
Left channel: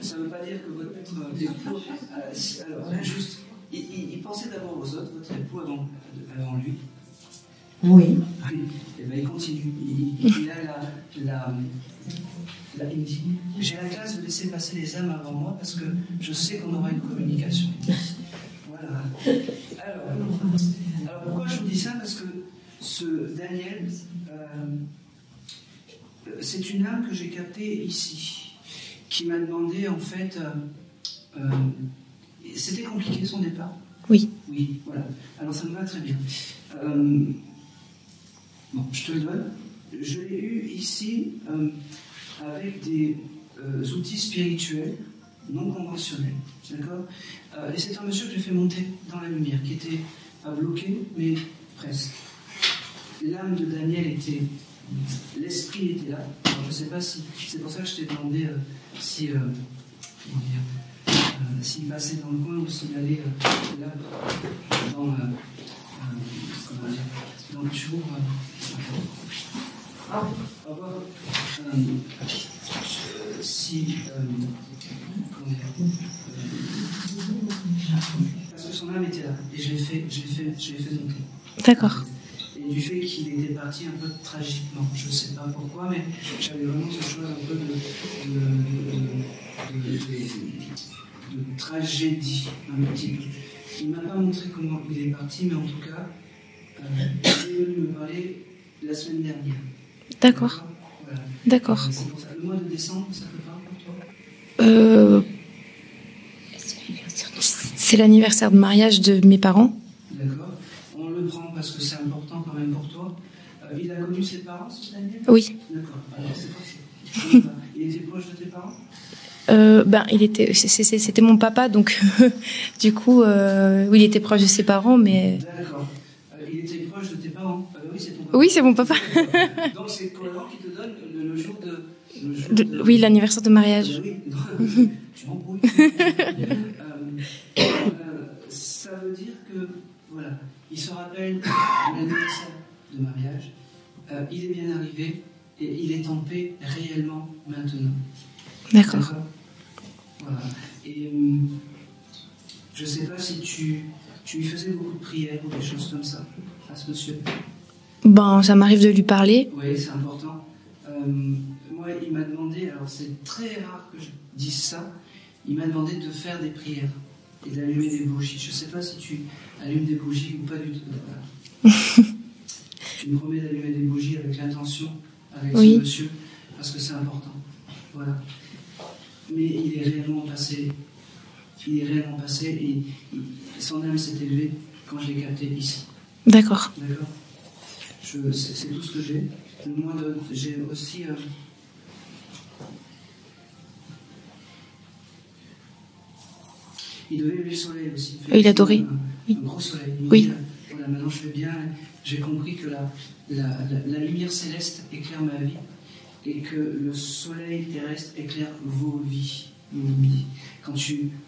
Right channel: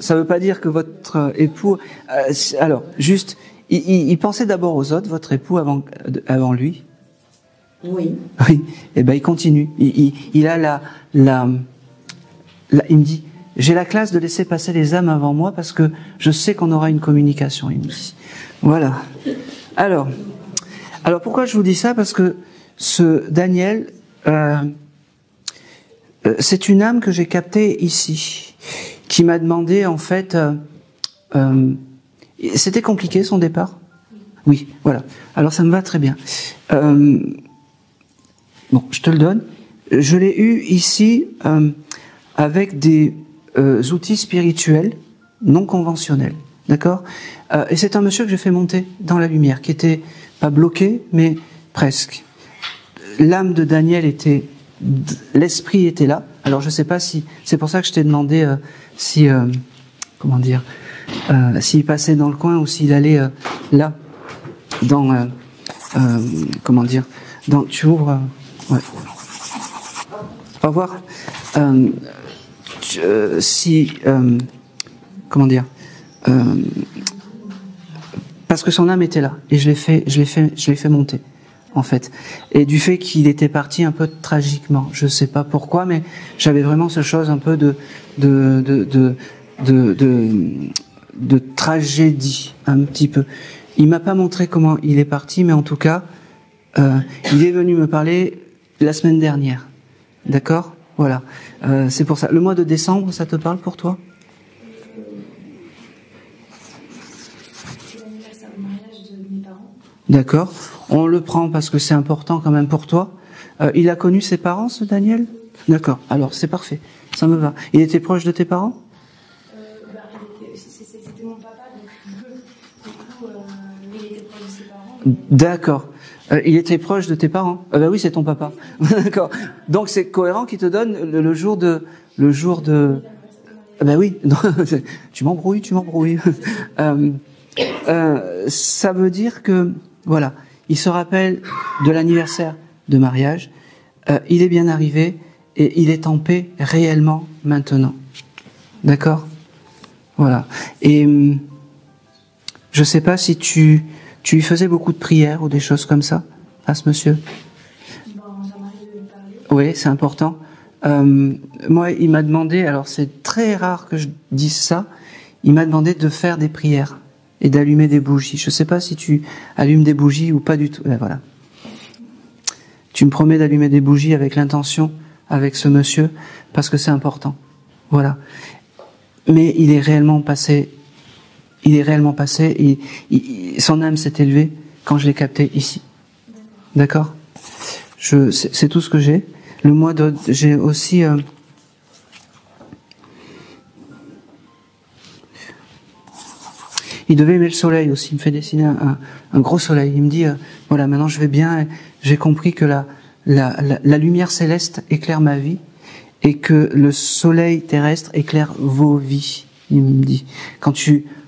Ça ne veut pas dire que votre époux. Alors, juste, il pensait d'abord aux autres, votre époux, avant lui. Oui. Oui. Et ben, il continue. Il a il me dit, j'ai la classe de laisser passer les âmes avant moi parce que je sais qu'on aura une communication. Voilà. Alors, pourquoi je vous dis ça? Parce que ce Daniel, c'est une âme que j'ai captée ici, qui m'a demandé, en fait, c'était compliqué son départ. Oui. Oui, voilà. Alors ça me va très bien. Bon, je te le donne. Je l'ai eu ici avec des outils spirituels non conventionnels. D'accord? Et c'est un monsieur que j'ai fait monter dans la lumière, qui était pas bloqué, mais presque. L'âme de Daniel était... L'esprit était là. Alors je sais pas si... C'est pour ça que je t'ai demandé si... comment dire, s'il passait dans le coin ou s'il allait là, dans, comment dire, dans, tu ouvres, ouais. Au revoir. Si, comment dire, parce que son âme était là et je l'ai fait monter. En fait. Et du fait qu'il était parti un peu tragiquement, je sais pas pourquoi, mais j'avais vraiment ce chose un peu de tragédie, un petit peu. Il m'a pas montré comment il est parti, mais en tout cas, il est venu me parler la semaine dernière. D'accord. Voilà. C'est pour ça. Le mois de décembre, ça te parle pour toi? C'est l'anniversaire de mariage de mes parents. D'accord. On le prend parce que c'est important quand même pour toi. Il a connu ses parents, ce Daniel? Oui. D'accord. Alors, c'est parfait. Ça me va. Il était proche de tes parents? C'était mon papa, donc du coup, oui, il était proche de ses parents, mais... D'accord. Il était proche de tes parents? Bah oui, c'est ton papa. Oui, c'est mon papa. D'accord. Donc c'est cohérent qu'il te donne le jour de... Oui, l'anniversaire de mariage. Bah oui. Tu m'embrouilles. Ça veut dire que, voilà, il se rappelle de l'anniversaire de mariage, il est bien arrivé et il est en paix réellement maintenant. D'accord. Voilà. Et je ne sais pas si tu lui faisais beaucoup de prières ou des choses comme ça à ce monsieur? Ben, ça m'arrive de lui parler. Oui, c'est important. Moi, il m'a demandé, alors c'est très rare que je dise ça, il m'a demandé de faire des prières et d'allumer des bougies. Je ne sais pas si tu allumes des bougies ou pas du tout. Là, voilà. Tu me promets d'allumer des bougies avec l'intention, avec ce monsieur, parce que c'est important. Voilà. Mais il est réellement passé. Son âme s'est élevée quand je l'ai capté ici. D'accord. D'accord. C'est tout ce que j'ai. Le mois de... J'ai aussi... Il devait aimer le soleil aussi. Il me fait dessiner un gros soleil. Il me dit, voilà, maintenant je vais bien. J'ai compris que la lumière céleste éclaire ma vie et que le soleil terrestre éclaire vos vies. Il me dit.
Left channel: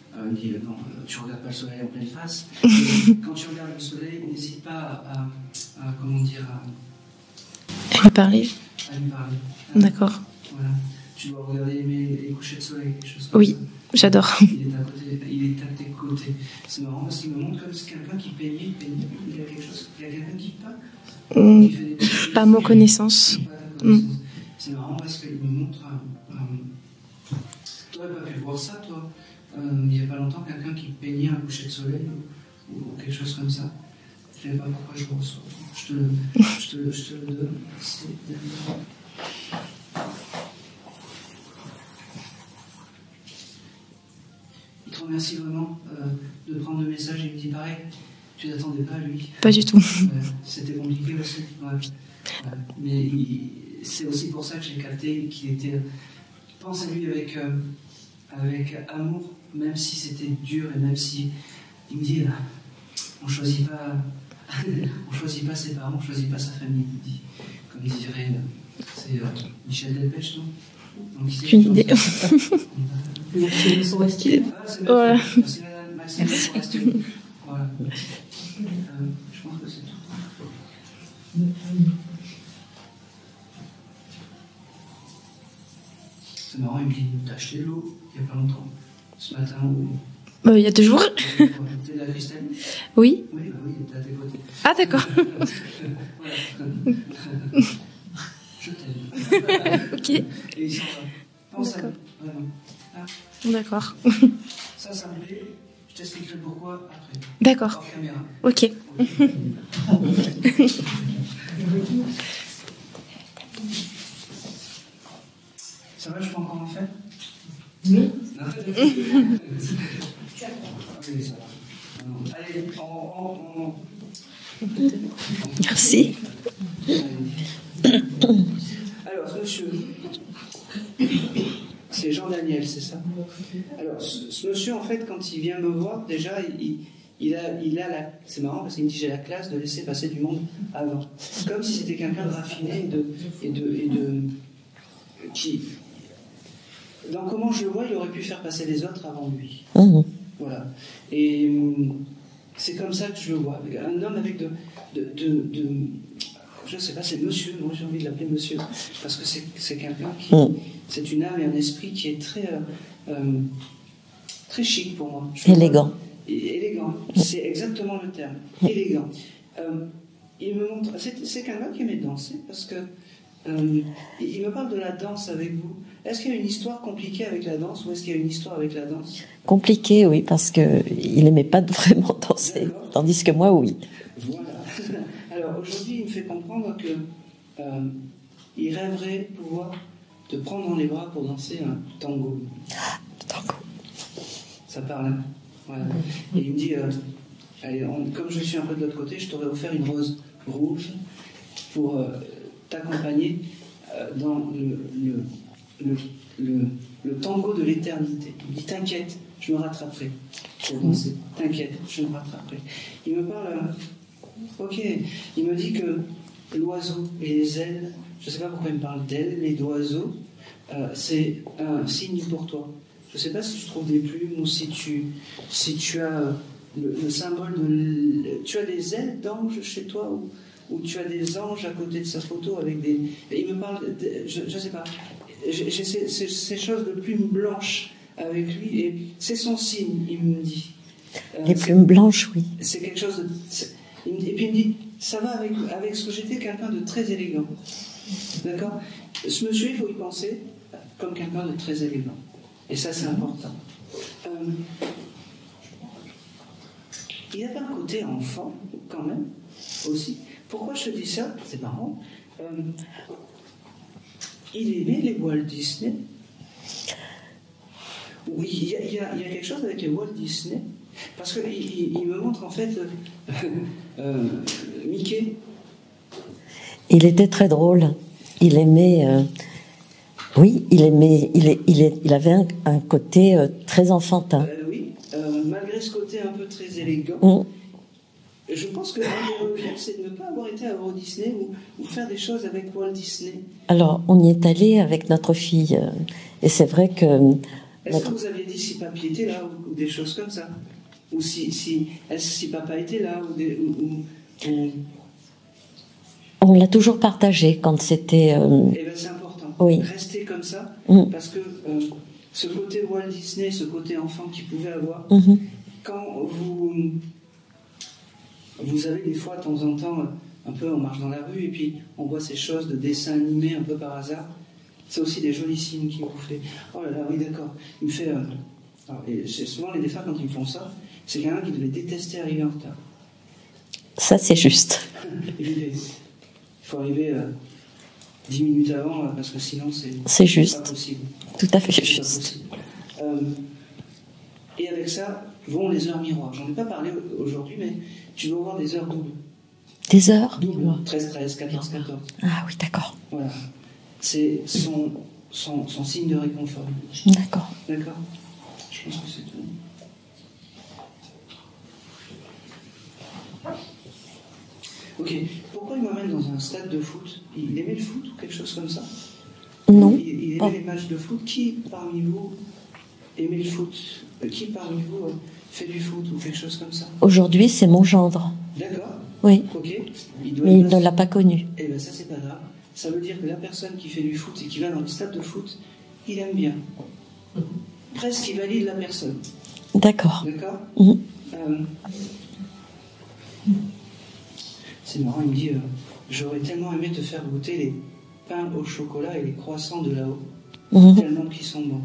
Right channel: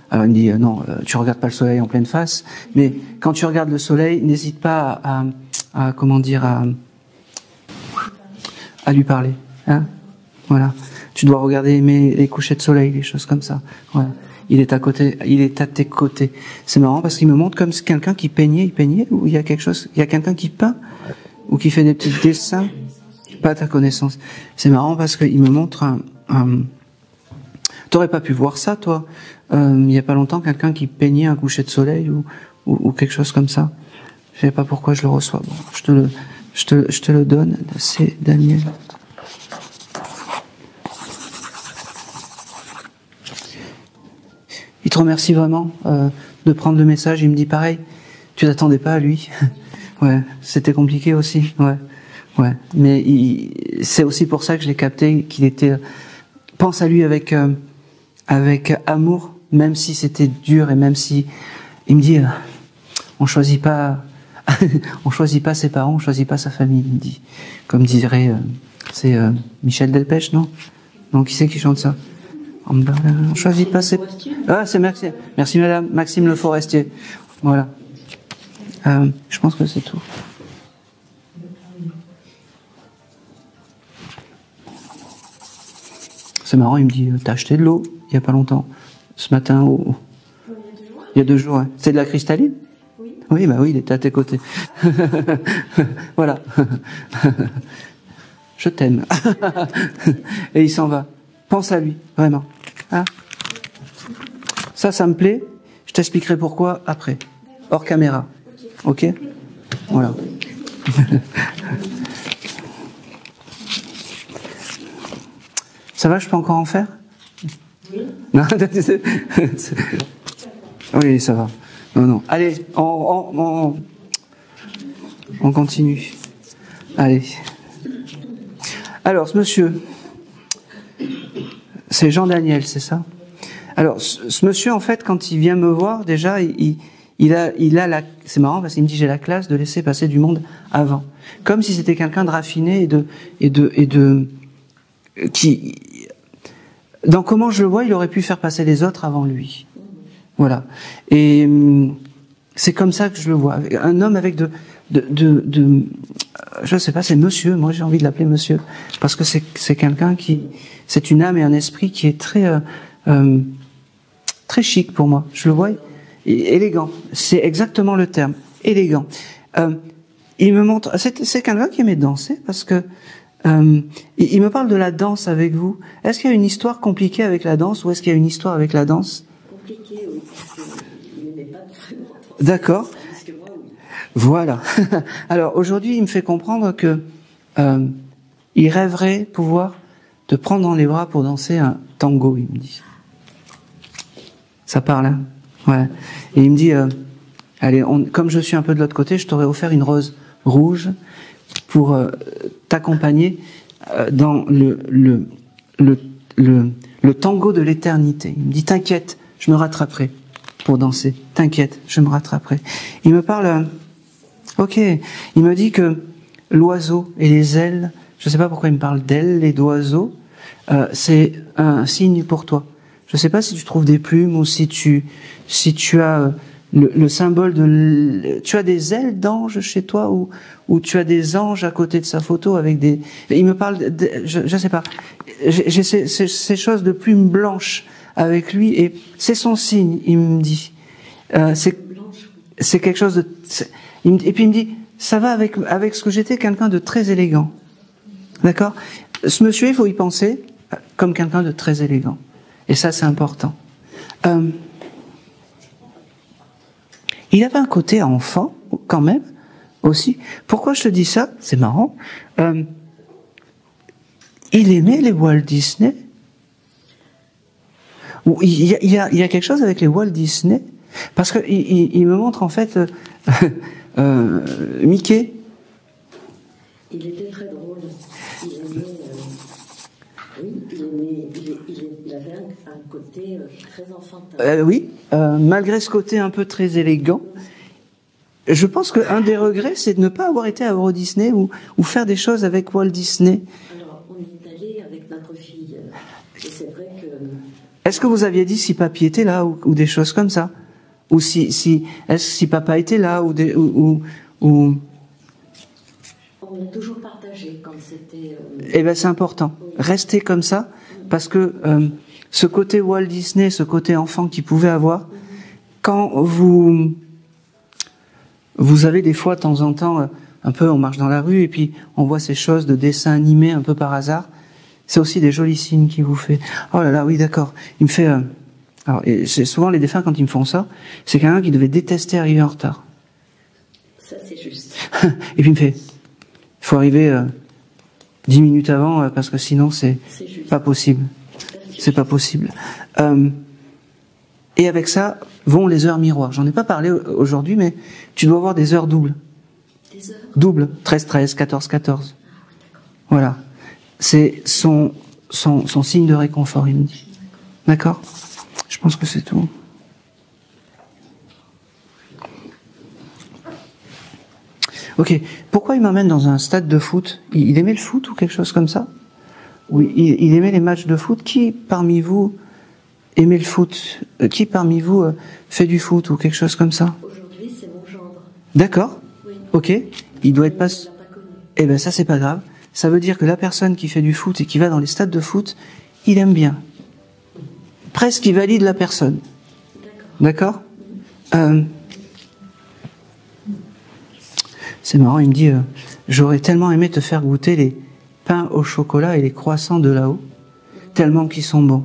Alors il me dit, non, tu regardes pas le soleil en pleine face, mais quand tu regardes le soleil, n'hésite pas à comment dire, à lui parler. À lui parler. Hein. D'accord. Voilà. Tu dois regarder les couchers de soleil, des choses comme ça. Voilà. J'adore. Il est à tes côtés. C'est marrant parce qu'il me montre comme quelqu'un qui peignait, ou il y a quelqu'un qui peint ou qui fait des petits dessins. Pas ma connaissance. Pas ta connaissance. C'est marrant parce qu'il me montre T'aurais pas pu voir ça, toi, il y a pas longtemps, quelqu'un qui peignait un coucher de soleil ou quelque chose comme ça. Je sais pas pourquoi je le reçois. Bon, je te le donne. C'est Daniel. Il te remercie vraiment de prendre le message. Il me dit pareil. Tu t'attendais pas à lui? Pas du tout. Ouais, c'était compliqué aussi. Ouais. Mais c'est aussi pour ça que je l'ai capté qu'il était. Pense à lui avec amour, même si c'était dur et même si il me dit, on choisit pas ses parents, on choisit pas sa famille. Il me dit, comme dirait, c'est Michel Delpech, non? Donc qui c'est qui chante ça? On choisit pas ses... Ah, c'est merci. Ouais. Merci madame. Maxime Le Forestier. Voilà. Je pense que c'est tout. C'est marrant, il me dit, t'as acheté de l'eau il y a pas longtemps, ce matin il y a 2 jours. Il y a 2 jours, ouais. C'est de la cristalline? Oui. Oui, bah oui, il était à tes côtés. Ah d'accord. Voilà. Je t'aime. Okay. Et il s'en va. Pense à lui, vraiment. Hein? D'accord. Ça me plaît. Je t'expliquerai pourquoi après. D'accord. Hors caméra. Ok. Voilà. Ça va, je peux encore en faire? Oui. Non, oui, ça va. Non. Allez, on continue. Merci. Allez. Alors, ce monsieur, c'est Jean-Daniel, c'est ça? Alors, ce monsieur, en fait, quand il vient me voir, déjà, il a la... C'est marrant parce qu'il me dit, j'ai la classe de laisser passer du monde avant. Comme si c'était quelqu'un de raffiné qui... Dans comment je le vois, il aurait pu faire passer les autres avant lui. Mmh. Voilà. Et c'est comme ça que je le vois. Un homme avec je sais pas, c'est monsieur, moi j'ai envie de l'appeler monsieur, parce que c'est quelqu'un qui... C'est une âme et un esprit qui est très chic pour moi. Je élégant. Élégant, c'est exactement le terme. Élégant. Il me montre... C'est quelqu'un qui aimait danser, parce que il me parle de la danse avec vous. Est-ce qu'il y a une histoire compliquée avec la danse, ou est-ce qu'il y a une histoire avec la danse? Compliqué, oui, parce que il n'aimait pas vraiment danser. D'accord. Tandis que moi, oui. Voilà. Alors aujourd'hui, il me fait comprendre que il rêverait pouvoir te prendre dans les bras pour danser un tango, il me dit. Tango. Ça parle, hein? Ouais. Et il me dit, allez, comme je suis un peu de l'autre côté, je t'aurais offert une rose rouge pour t'accompagner dans le tango de l'éternité. Il me dit, t'inquiète, je me rattraperai pour danser. T'inquiète, je me rattraperai. Il me parle... Ok, il me dit que l'oiseau et les ailes, je ne sais pas pourquoi il me parle d'ailes et d'oiseaux, c'est un signe pour toi. Je ne sais pas si tu trouves des plumes ou si tu as le symbole de... Tu as des ailes d'ange chez toi ou tu as des anges à côté de sa photo avec des... Il me parle... je ne sais pas. J'ai ces choses de plumes blanches avec lui, et c'est son signe, il me dit. C'est une blanche, oui. C'est quelque chose de... Et puis il me dit, ça va avec ce que j'étais, quelqu'un de très élégant. D'accord? Ce monsieur, il faut y penser comme quelqu'un de très élégant. Et ça, c'est important. Il avait un côté enfant, quand même, aussi. Pourquoi je te dis ça? C'est marrant. Il aimait les Walt Disney. Il y a quelque chose avec les Walt Disney, parce que il me montre en fait Mickey. Il était très drôle. Il aimait. Oui, il aimait. Il avait un côté très enfantin. Oui, malgré ce côté un peu très élégant. Je pense qu'un des regrets, c'est de ne pas avoir été à Euro Disney ou faire des choses avec Walt Disney. Alors, on y est allé avec notre fille, et c'est vrai que... Est-ce que vous aviez dit si papy était là ou des choses comme ça? Ou si papa était là ou On l'a toujours partagé quand c'était... Eh bien, c'est important. Oui. Restez comme ça, parce que ce côté Walt Disney, ce côté enfant qu'il pouvait avoir, quand vous avez des fois, de temps en temps, un peu, on marche dans la rue et puis on voit ces choses de dessins animés un peu par hasard, c'est aussi des jolis signes qu'il vous fait. Oh là là, oui, d'accord. Il me fait... alors, c'est souvent les défunts, quand ils me font ça, c'est quelqu'un qui devait détester arriver en retard. Ça, c'est juste. Et puis il me fait... Il faut arriver 10 minutes avant, parce que sinon, c'est juste. Pas possible. Tout à fait juste. C'est pas possible. Et avec ça vont les heures miroirs. J'en ai pas parlé aujourd'hui, mais tu dois avoir des heures doubles. Des heures doubles. 13-13, 14-14. Ah oui, d'accord. Voilà. C'est son signe de réconfort, il me dit. D'accord. D'accord. Je pense que c'est tout. Ok. Pourquoi il m'amène dans un stade de foot? Il aimait le foot ou quelque chose comme ça? Non. Il aimait les matchs de foot. Qui parmi vous aimait le foot? Qui parmi vous fait du foot ou quelque chose comme ça? Aujourd'hui, c'est mon gendre. D'accord. Oui. Ok. Il doit être il ne l'a pas connu. Eh ben ça, c'est pas grave. Ça veut dire que la personne qui fait du foot et qui va dans les stades de foot, il aime bien. Presque, il valide la personne. D'accord. D'accord. C'est marrant, il me dit, j'aurais tellement aimé te faire goûter les pains au chocolat et les croissants de là-haut, tellement qu'ils sont bons.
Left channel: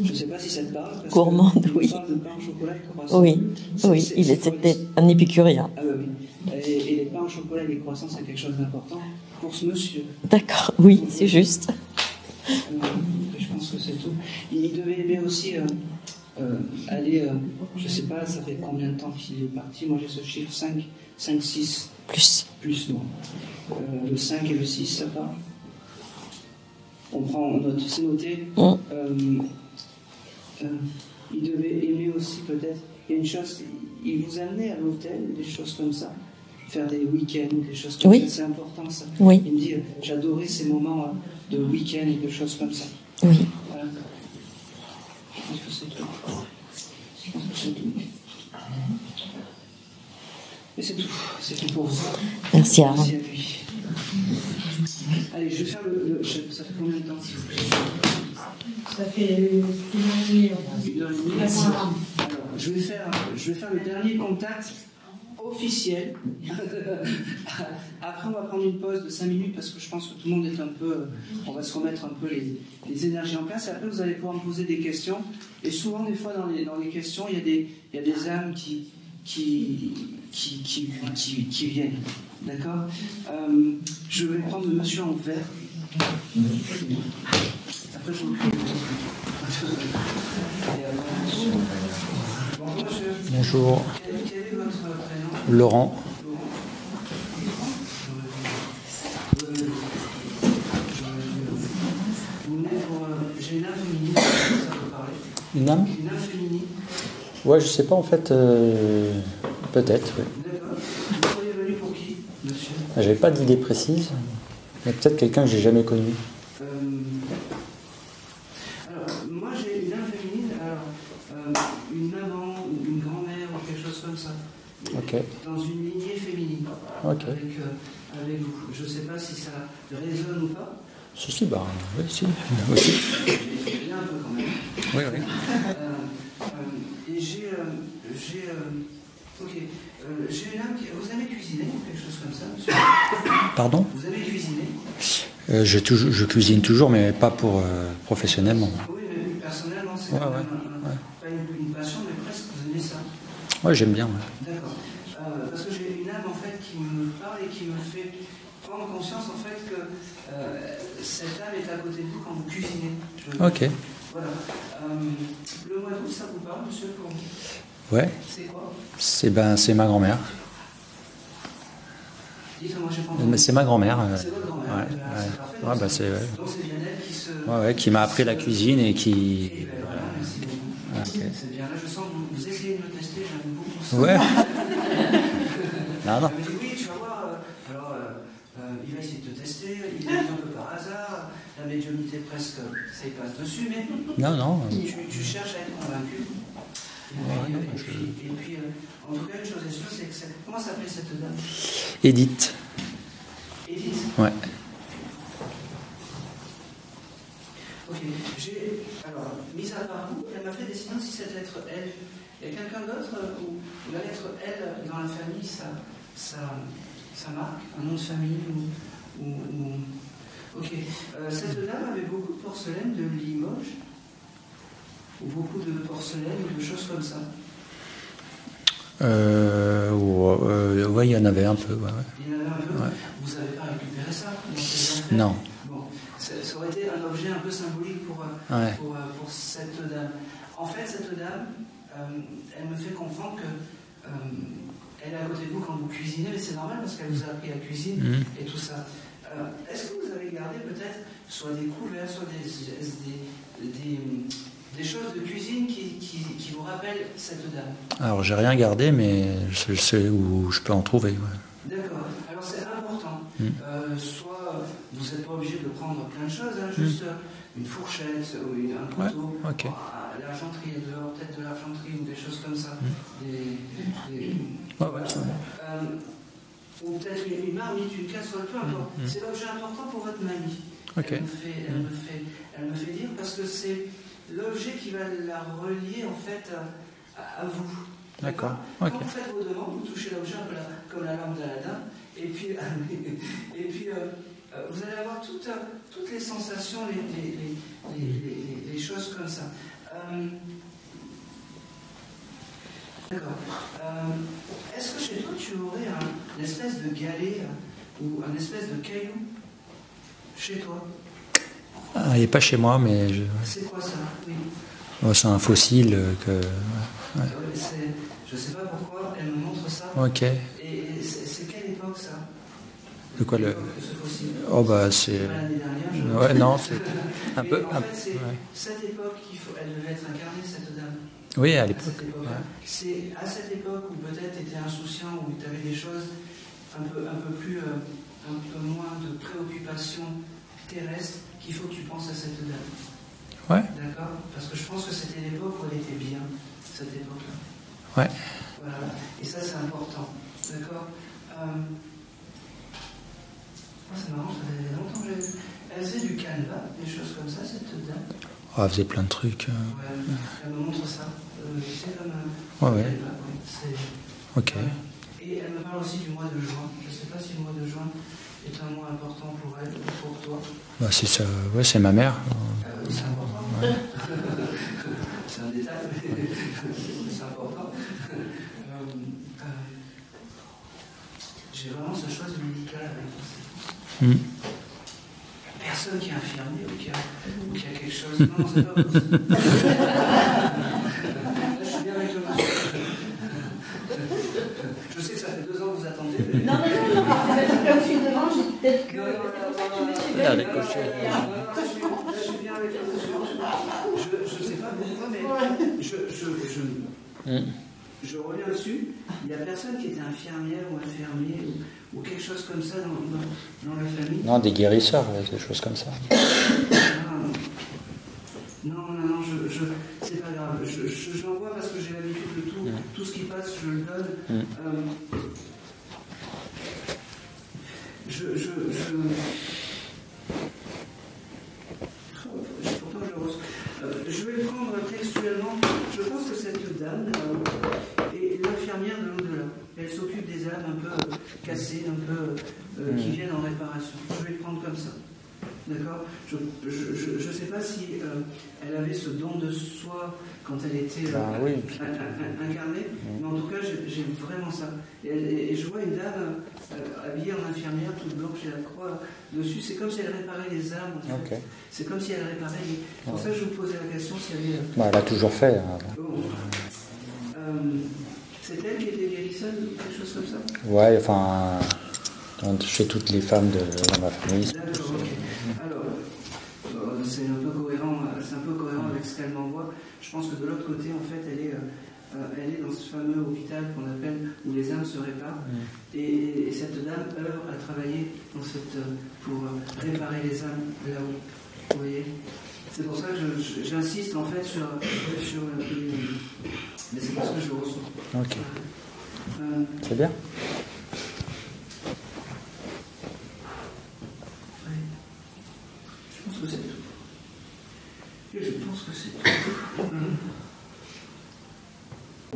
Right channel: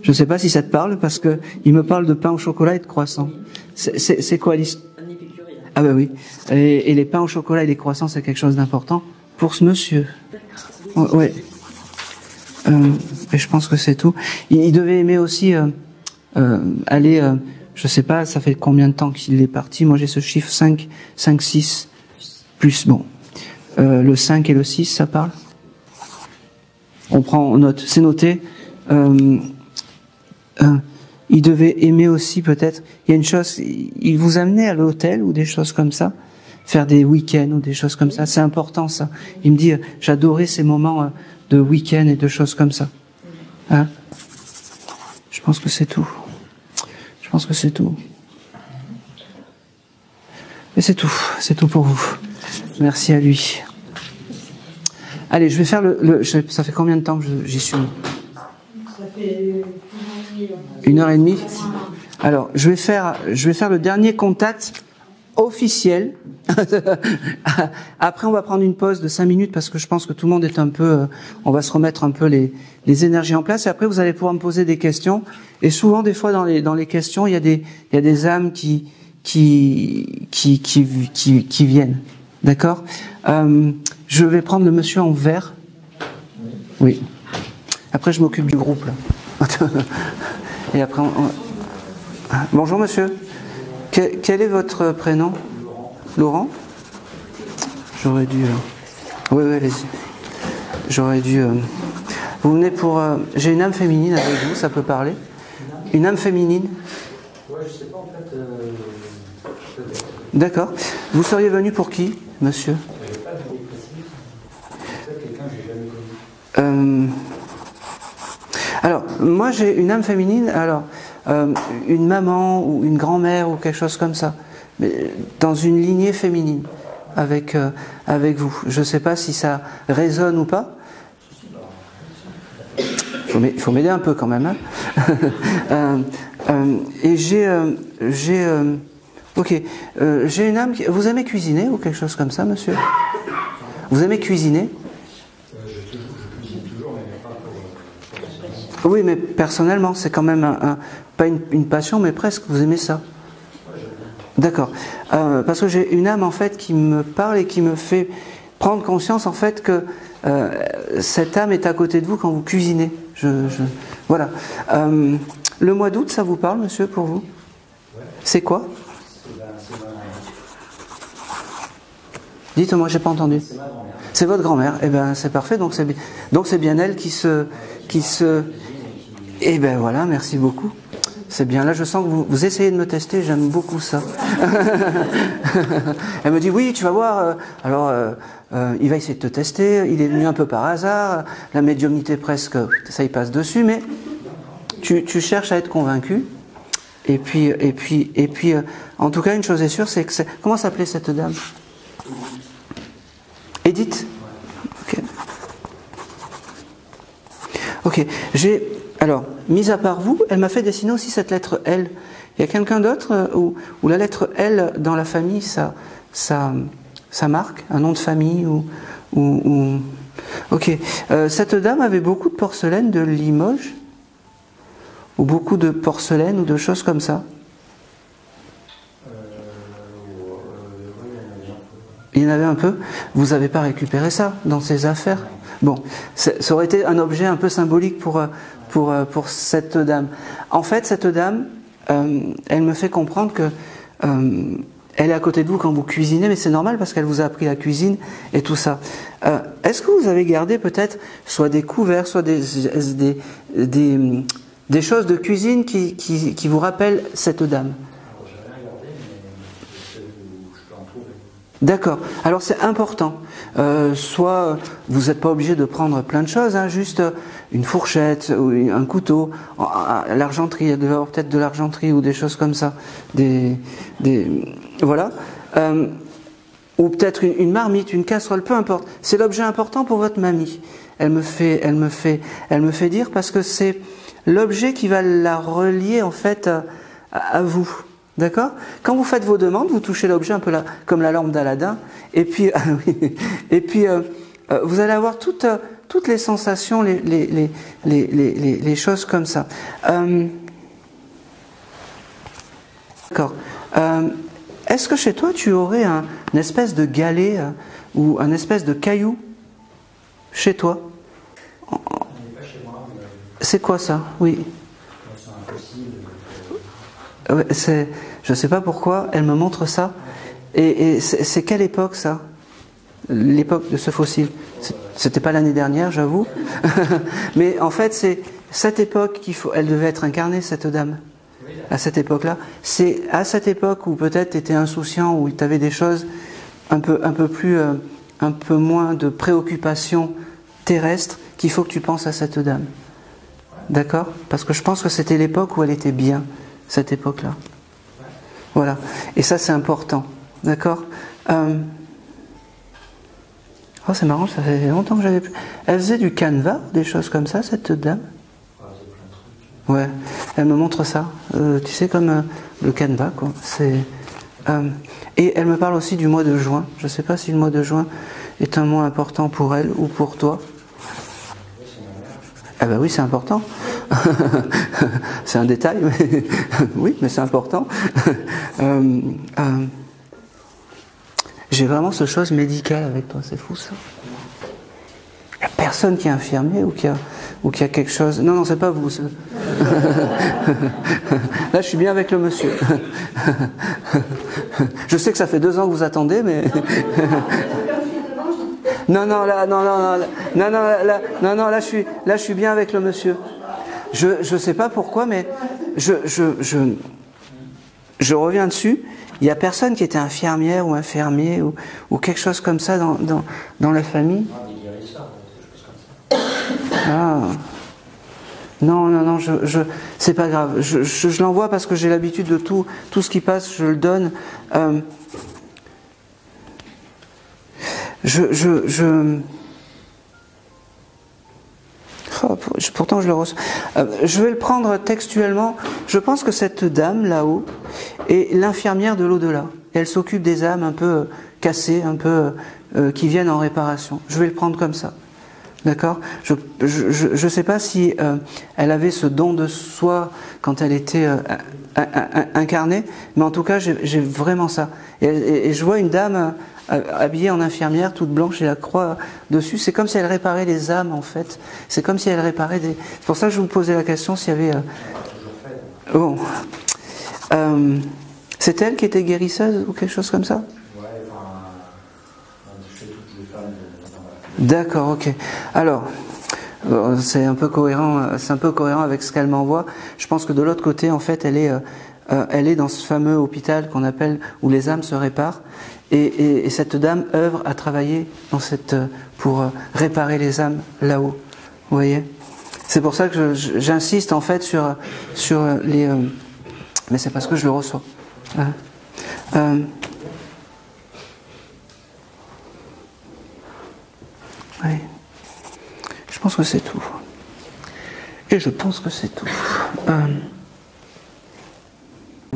Je ne sais pas si ça te parle, parce qu'il me parle de pain au chocolat et de croissants. Oui. C'est quoi un épicurien. Ah ben oui. Et les pains au chocolat et les croissants, c'est quelque chose d'important pour ce monsieur. D'accord, oui, c'est juste. Et je pense que c'est tout. Il devait aimer aussi aller, je sais pas, ça fait combien de temps qu'il est parti? Moi j'ai ce chiffre 5, 6. Plus, bon. Le 5 et le 6, ça parle? On prend note, c'est noté. Il devait aimer aussi peut-être, il y a une chose, il vous amenait à l'hôtel ou des choses comme ça? Faire des week-ends ou des choses comme ça, c'est important ça. Oui. Il me dit, j'adorais ces moments de week-end et de choses comme ça. Oui. Hein? Je pense que c'est tout. Je pense que c'est tout. Et c'est tout pour vous. Merci à lui. Allez, je vais faire ça fait combien de temps que j'y suis? Ça fait 1h30. Alors, je vais faire le dernier contact officiel. Après, on va prendre une pause de 5 minutes parce que je pense que tout le monde est un peu... on va se remettre un peu les énergies en place. Et après, vous allez pouvoir me poser des questions. Et souvent, des fois, dans les questions, il y a des âmes qui viennent. D'accord? Je vais prendre le monsieur en vert. Oui. Après, je m'occupe du groupe. Et après, Bonjour monsieur. Bonjour. Quel est votre prénom? Laurent. Laurent? J'aurais dû... Oui, allez-y. J'aurais dû... Vous venez pour... J'ai une âme féminine avec vous, ça peut parler? Une âme? Une âme féminine? Ouais, je sais pas en fait. Peut-être. Oui. D'accord. Vous seriez venu pour qui, monsieur? J'avais pas d'idée précise. Mais peut-être quelqu'un que j'ai jamais connu. Alors, moi j'ai une âme féminine, alors une maman ou une grand-mère ou quelque chose comme ça, mais dans une lignée féminine, avec vous. Je ne sais pas si ça résonne ou pas. Si, bah, oui, si. Il faut m'aider un peu quand même. Hein. Et j'ai une âme qui... Vous aimez cuisiner ou quelque chose comme ça, monsieur? Pardon? Vous aimez cuisiner? Je cuisine toujours, mais pas pour professionnellement. Oui, mais personnellement, c'est quand même pas une passion, mais presque. Vous aimez ça? Oui, j'aime bien. Ouais. D'accord. Parce que j'ai une âme en fait qui me parle et qui me fait prendre conscience en fait que cette âme est à côté de vous quand vous cuisinez. Voilà. Le mois d'août, ça vous parle, monsieur, pour vous? Ouais. C'est quoi? C'est ma grand-mère. Dites-moi, j'ai pas entendu. C'est ma grand-mère. C'est votre grand-mère. Eh ben, c'est parfait. Donc c'est bien elle qui m'a appris la cuisine et qui. Eh ben voilà, merci beaucoup. Okay. C'est bien. Là, je sens que vous essayez de me tester. J'aime beaucoup ça. Ouais. Elle me dit oui, tu vas voir. Alors, il va essayer de te tester. Il est venu un peu par hasard. La médiumnité presque, ça y passe dessus, mais. Non. Tu cherches à être convaincu. Et puis, en tout cas, une chose est sûre, c'est que comment s'appelait cette dame? Edith. Edith? Ouais. Ok. Alors, mis à part vous, elle m'a fait dessiner aussi cette lettre L. Il y a quelqu'un d'autre où la lettre L dans la famille, ça marque un nom de famille ou... Ok. Cette dame avait beaucoup de porcelaine de Limoges? Ou beaucoup de porcelaine ou de choses comme ça? Ouais, il y en avait un peu. Ouais. Il y en avait un peu. Ouais. Vous n'avez pas récupéré ça dans ces affaires? Non. Bon, ça aurait été un objet un peu symbolique pour cette dame. En fait, cette dame, elle me fait comprendre que elle est à côté de vous quand vous cuisinez, mais c'est normal parce qu'elle vous a appris la cuisine et tout ça. Est-ce que vous avez gardé peut-être soit des couverts, soit des choses de cuisine qui vous rappellent cette dame? Alors, j'ai rien gardé, mais je sais où je peux en trouver. Ouais. D'accord. Alors, c'est important. Soit vous n'êtes pas obligé de prendre plein de choses, hein, juste une fourchette ou un couteau, l'argenterie, il y a peut-être de l'argenterie ou des choses comme ça. Voilà. Ou peut-être une marmite, une casserole, peu importe. C'est l'objet important pour votre mamie. Elle me fait dire parce que c'est l'objet qui va la relier en fait à vous. D'accord? Quand vous faites vos demandes, vous touchez l'objet un peu comme la lampe d'Aladin, et puis, vous allez avoir toutes les sensations, les choses comme ça. D'accord. Est-ce que chez toi tu aurais une espèce de galet ou un espèce de caillou chez toi? Il n'est pas chez moi, mais... C'est quoi ça? Oui. Oh, c'est un fossile que... Ouais, je sais pas pourquoi, elle me montre ça. Ok. Et c'est quelle époque ça? L'époque de ce fossile. Oh, bah, c'était pas l'année dernière, j'avoue. Ouais, non. Mais en fait, c'est cette époque elle devait être incarnée, cette dame. Oui, à cette époque-là. C'est à cette époque où peut-être tu étais insouciant, où tu avais des choses un peu moins de préoccupations terrestres, qu'il faut que tu penses à cette dame. Ouais. D'accord? Parce que je pense que c'était l'époque où elle était bien, cette époque-là. Ouais. Voilà. Et ça, c'est important. D'accord? Oh, c'est marrant, ça fait longtemps que j'avais plus. Elle faisait du canevas, des choses comme ça, cette dame? Oh, elle faisait plein de trucs. Ouais, elle me montre ça. Tu sais, comme le canevas, quoi. C'est. Okay. Et elle me parle aussi du mois de juin. Je ne sais pas si le mois de juin est un mois important pour elle ou pour toi. Ouais, c'est ma mère. Ah bah oui, c'est important. C'est un détail, mais oui, mais c'est important. J'ai vraiment ce chose médicale avec toi, c'est fou ça. Il n'y a personne qui est infirmier ou qui a quelque chose. Non, c'est pas vous. Là, je suis bien avec le monsieur. Je sais que ça fait 2 ans que vous attendez, mais. Non, là, je suis bien avec le monsieur. Je sais pas pourquoi, mais je reviens dessus. Il n'y a personne qui était infirmière ou infirmier ou quelque chose comme ça dans la famille. Non, des guérisseurs, des choses comme ça. Ah. Non, c'est pas grave. Je l'envoie parce que j'ai l'habitude de tout ce qui passe, je le donne. Pourtant je le reçois. Je vais le prendre textuellement. Je pense que cette dame là-haut est l'infirmière de l'au-delà. Elle s'occupe des âmes un peu cassées, un peu qui viennent en réparation. Je vais le prendre comme ça. D'accord? Je ne sais pas si elle avait ce don de soi quand elle était incarnée, mais en tout cas j'ai vraiment ça. Et je vois une dame habillée en infirmière, toute blanche et la croix dessus. C'est comme si elle réparait les âmes en fait. Okay. C'est comme si elle réparait des... C'est pour ça que je vous posais la question s'il y avait... Elle a toujours fait. Bon. C'est elle qui était guérisseuse ou quelque chose comme ça? Ouais, enfin... chez toutes les femmes de ma famille. D'accord, ok. Alors, c'est un peu cohérent avec ce qu'elle m'envoie. Je pense que de l'autre côté, en fait, elle est dans ce fameux hôpital qu'on appelle où les âmes se réparent. Et cette dame œuvre à travailler pour réparer les âmes là-haut. Vous voyez? C'est pour ça que j'insiste en fait sur les. Mais c'est parce que je le reçois. Okay. C'est bien. Oui. Je pense que c'est tout. Et je pense que c'est tout.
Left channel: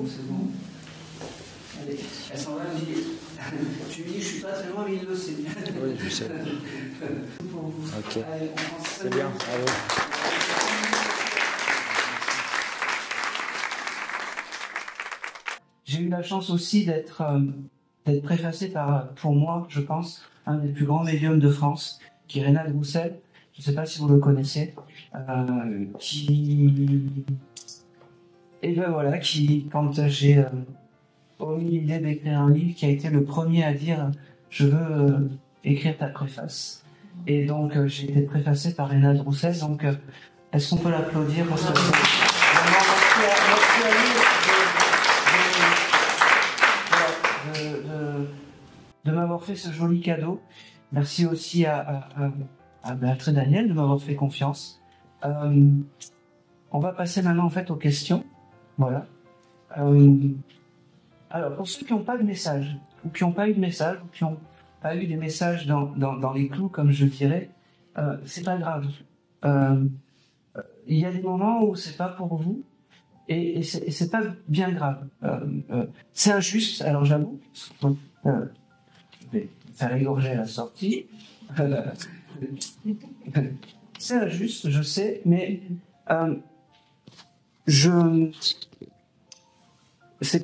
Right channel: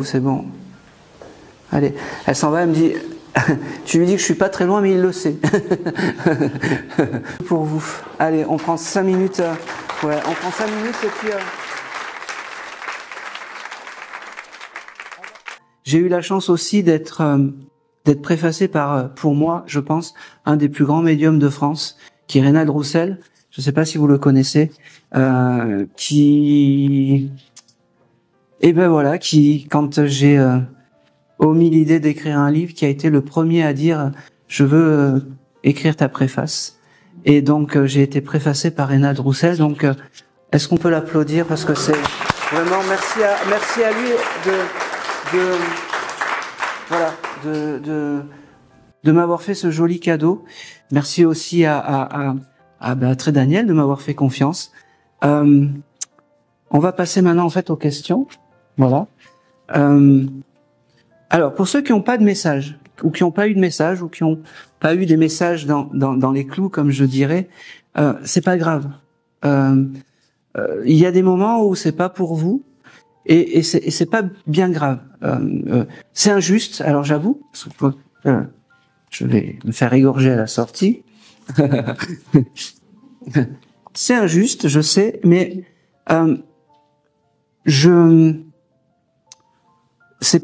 C'est bon. Allez, elle s'en va, elle me dit, tu lui dis que je suis pas très loin, mais il le sait. Pour vous. Okay. Allez, on prend 5 minutes. Ouais, on prend 5 minutes et puis... J'ai eu la chance aussi d'être préfacé par, pour moi, je pense, un des plus grands médiums de France, qui est Reynald Roussel. Je ne sais pas si vous le connaissez, qui, quand j'ai omis l'idée d'écrire un livre, qui a été le premier à dire je veux écrire ta préface. Et donc j'ai été préfacé par Reynald Roussel. Donc est-ce qu'on peut l'applaudir parce que c'est vraiment merci à lui de m'avoir fait ce joli cadeau. Merci aussi à Très Daniel de m'avoir fait confiance. On va passer maintenant en fait aux questions. Voilà. Alors pour ceux qui n'ont pas de message ou qui n'ont pas eu de message ou qui n'ont pas eu des messages dans les clous comme je dirais, c'est pas grave. Il y a des moments où c'est pas pour vous et c'est pas bien grave. C'est injuste. Alors j'avoue. Je vais me faire égorger à la sortie. C'est injuste, je sais, mais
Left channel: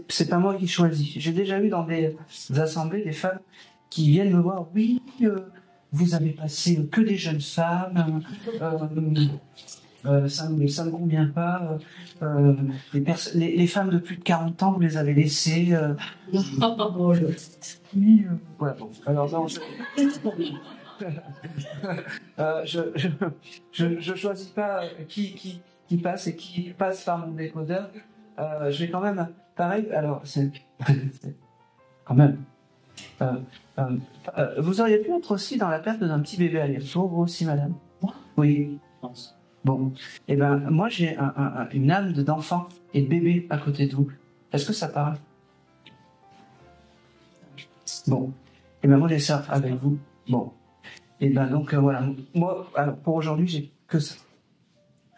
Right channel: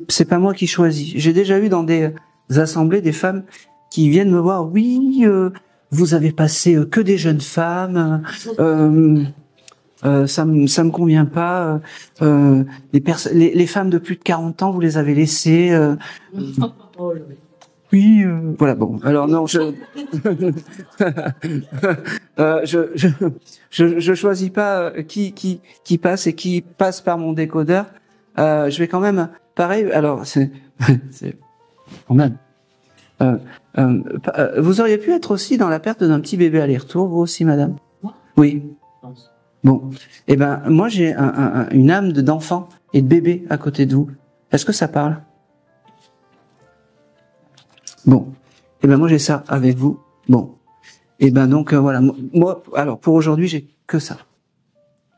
c'est pas moi qui choisis. J'ai déjà eu dans des assemblées des femmes qui viennent me voir. Oui, vous avez passé que des jeunes femmes. ça me convient pas. Les femmes de plus de 40 ans, vous les avez laissées. Oui, voilà, bon. Alors non, je choisis pas qui passe et qui passe par mon décodeur. Je vais quand même, pareil. Alors c'est quand même. Vous auriez pu être aussi dans la perte d'un petit bébé aller-retour, vous aussi, madame? Moi? Oui. Bon. Eh ben, moi, j'ai une âme d'enfant et de bébé à côté de vous. Est-ce que ça parle? Bon. Eh ben, moi, j'ai ça avec vous. Bon. Eh ben, donc, voilà. Moi, alors, pour aujourd'hui, j'ai que ça.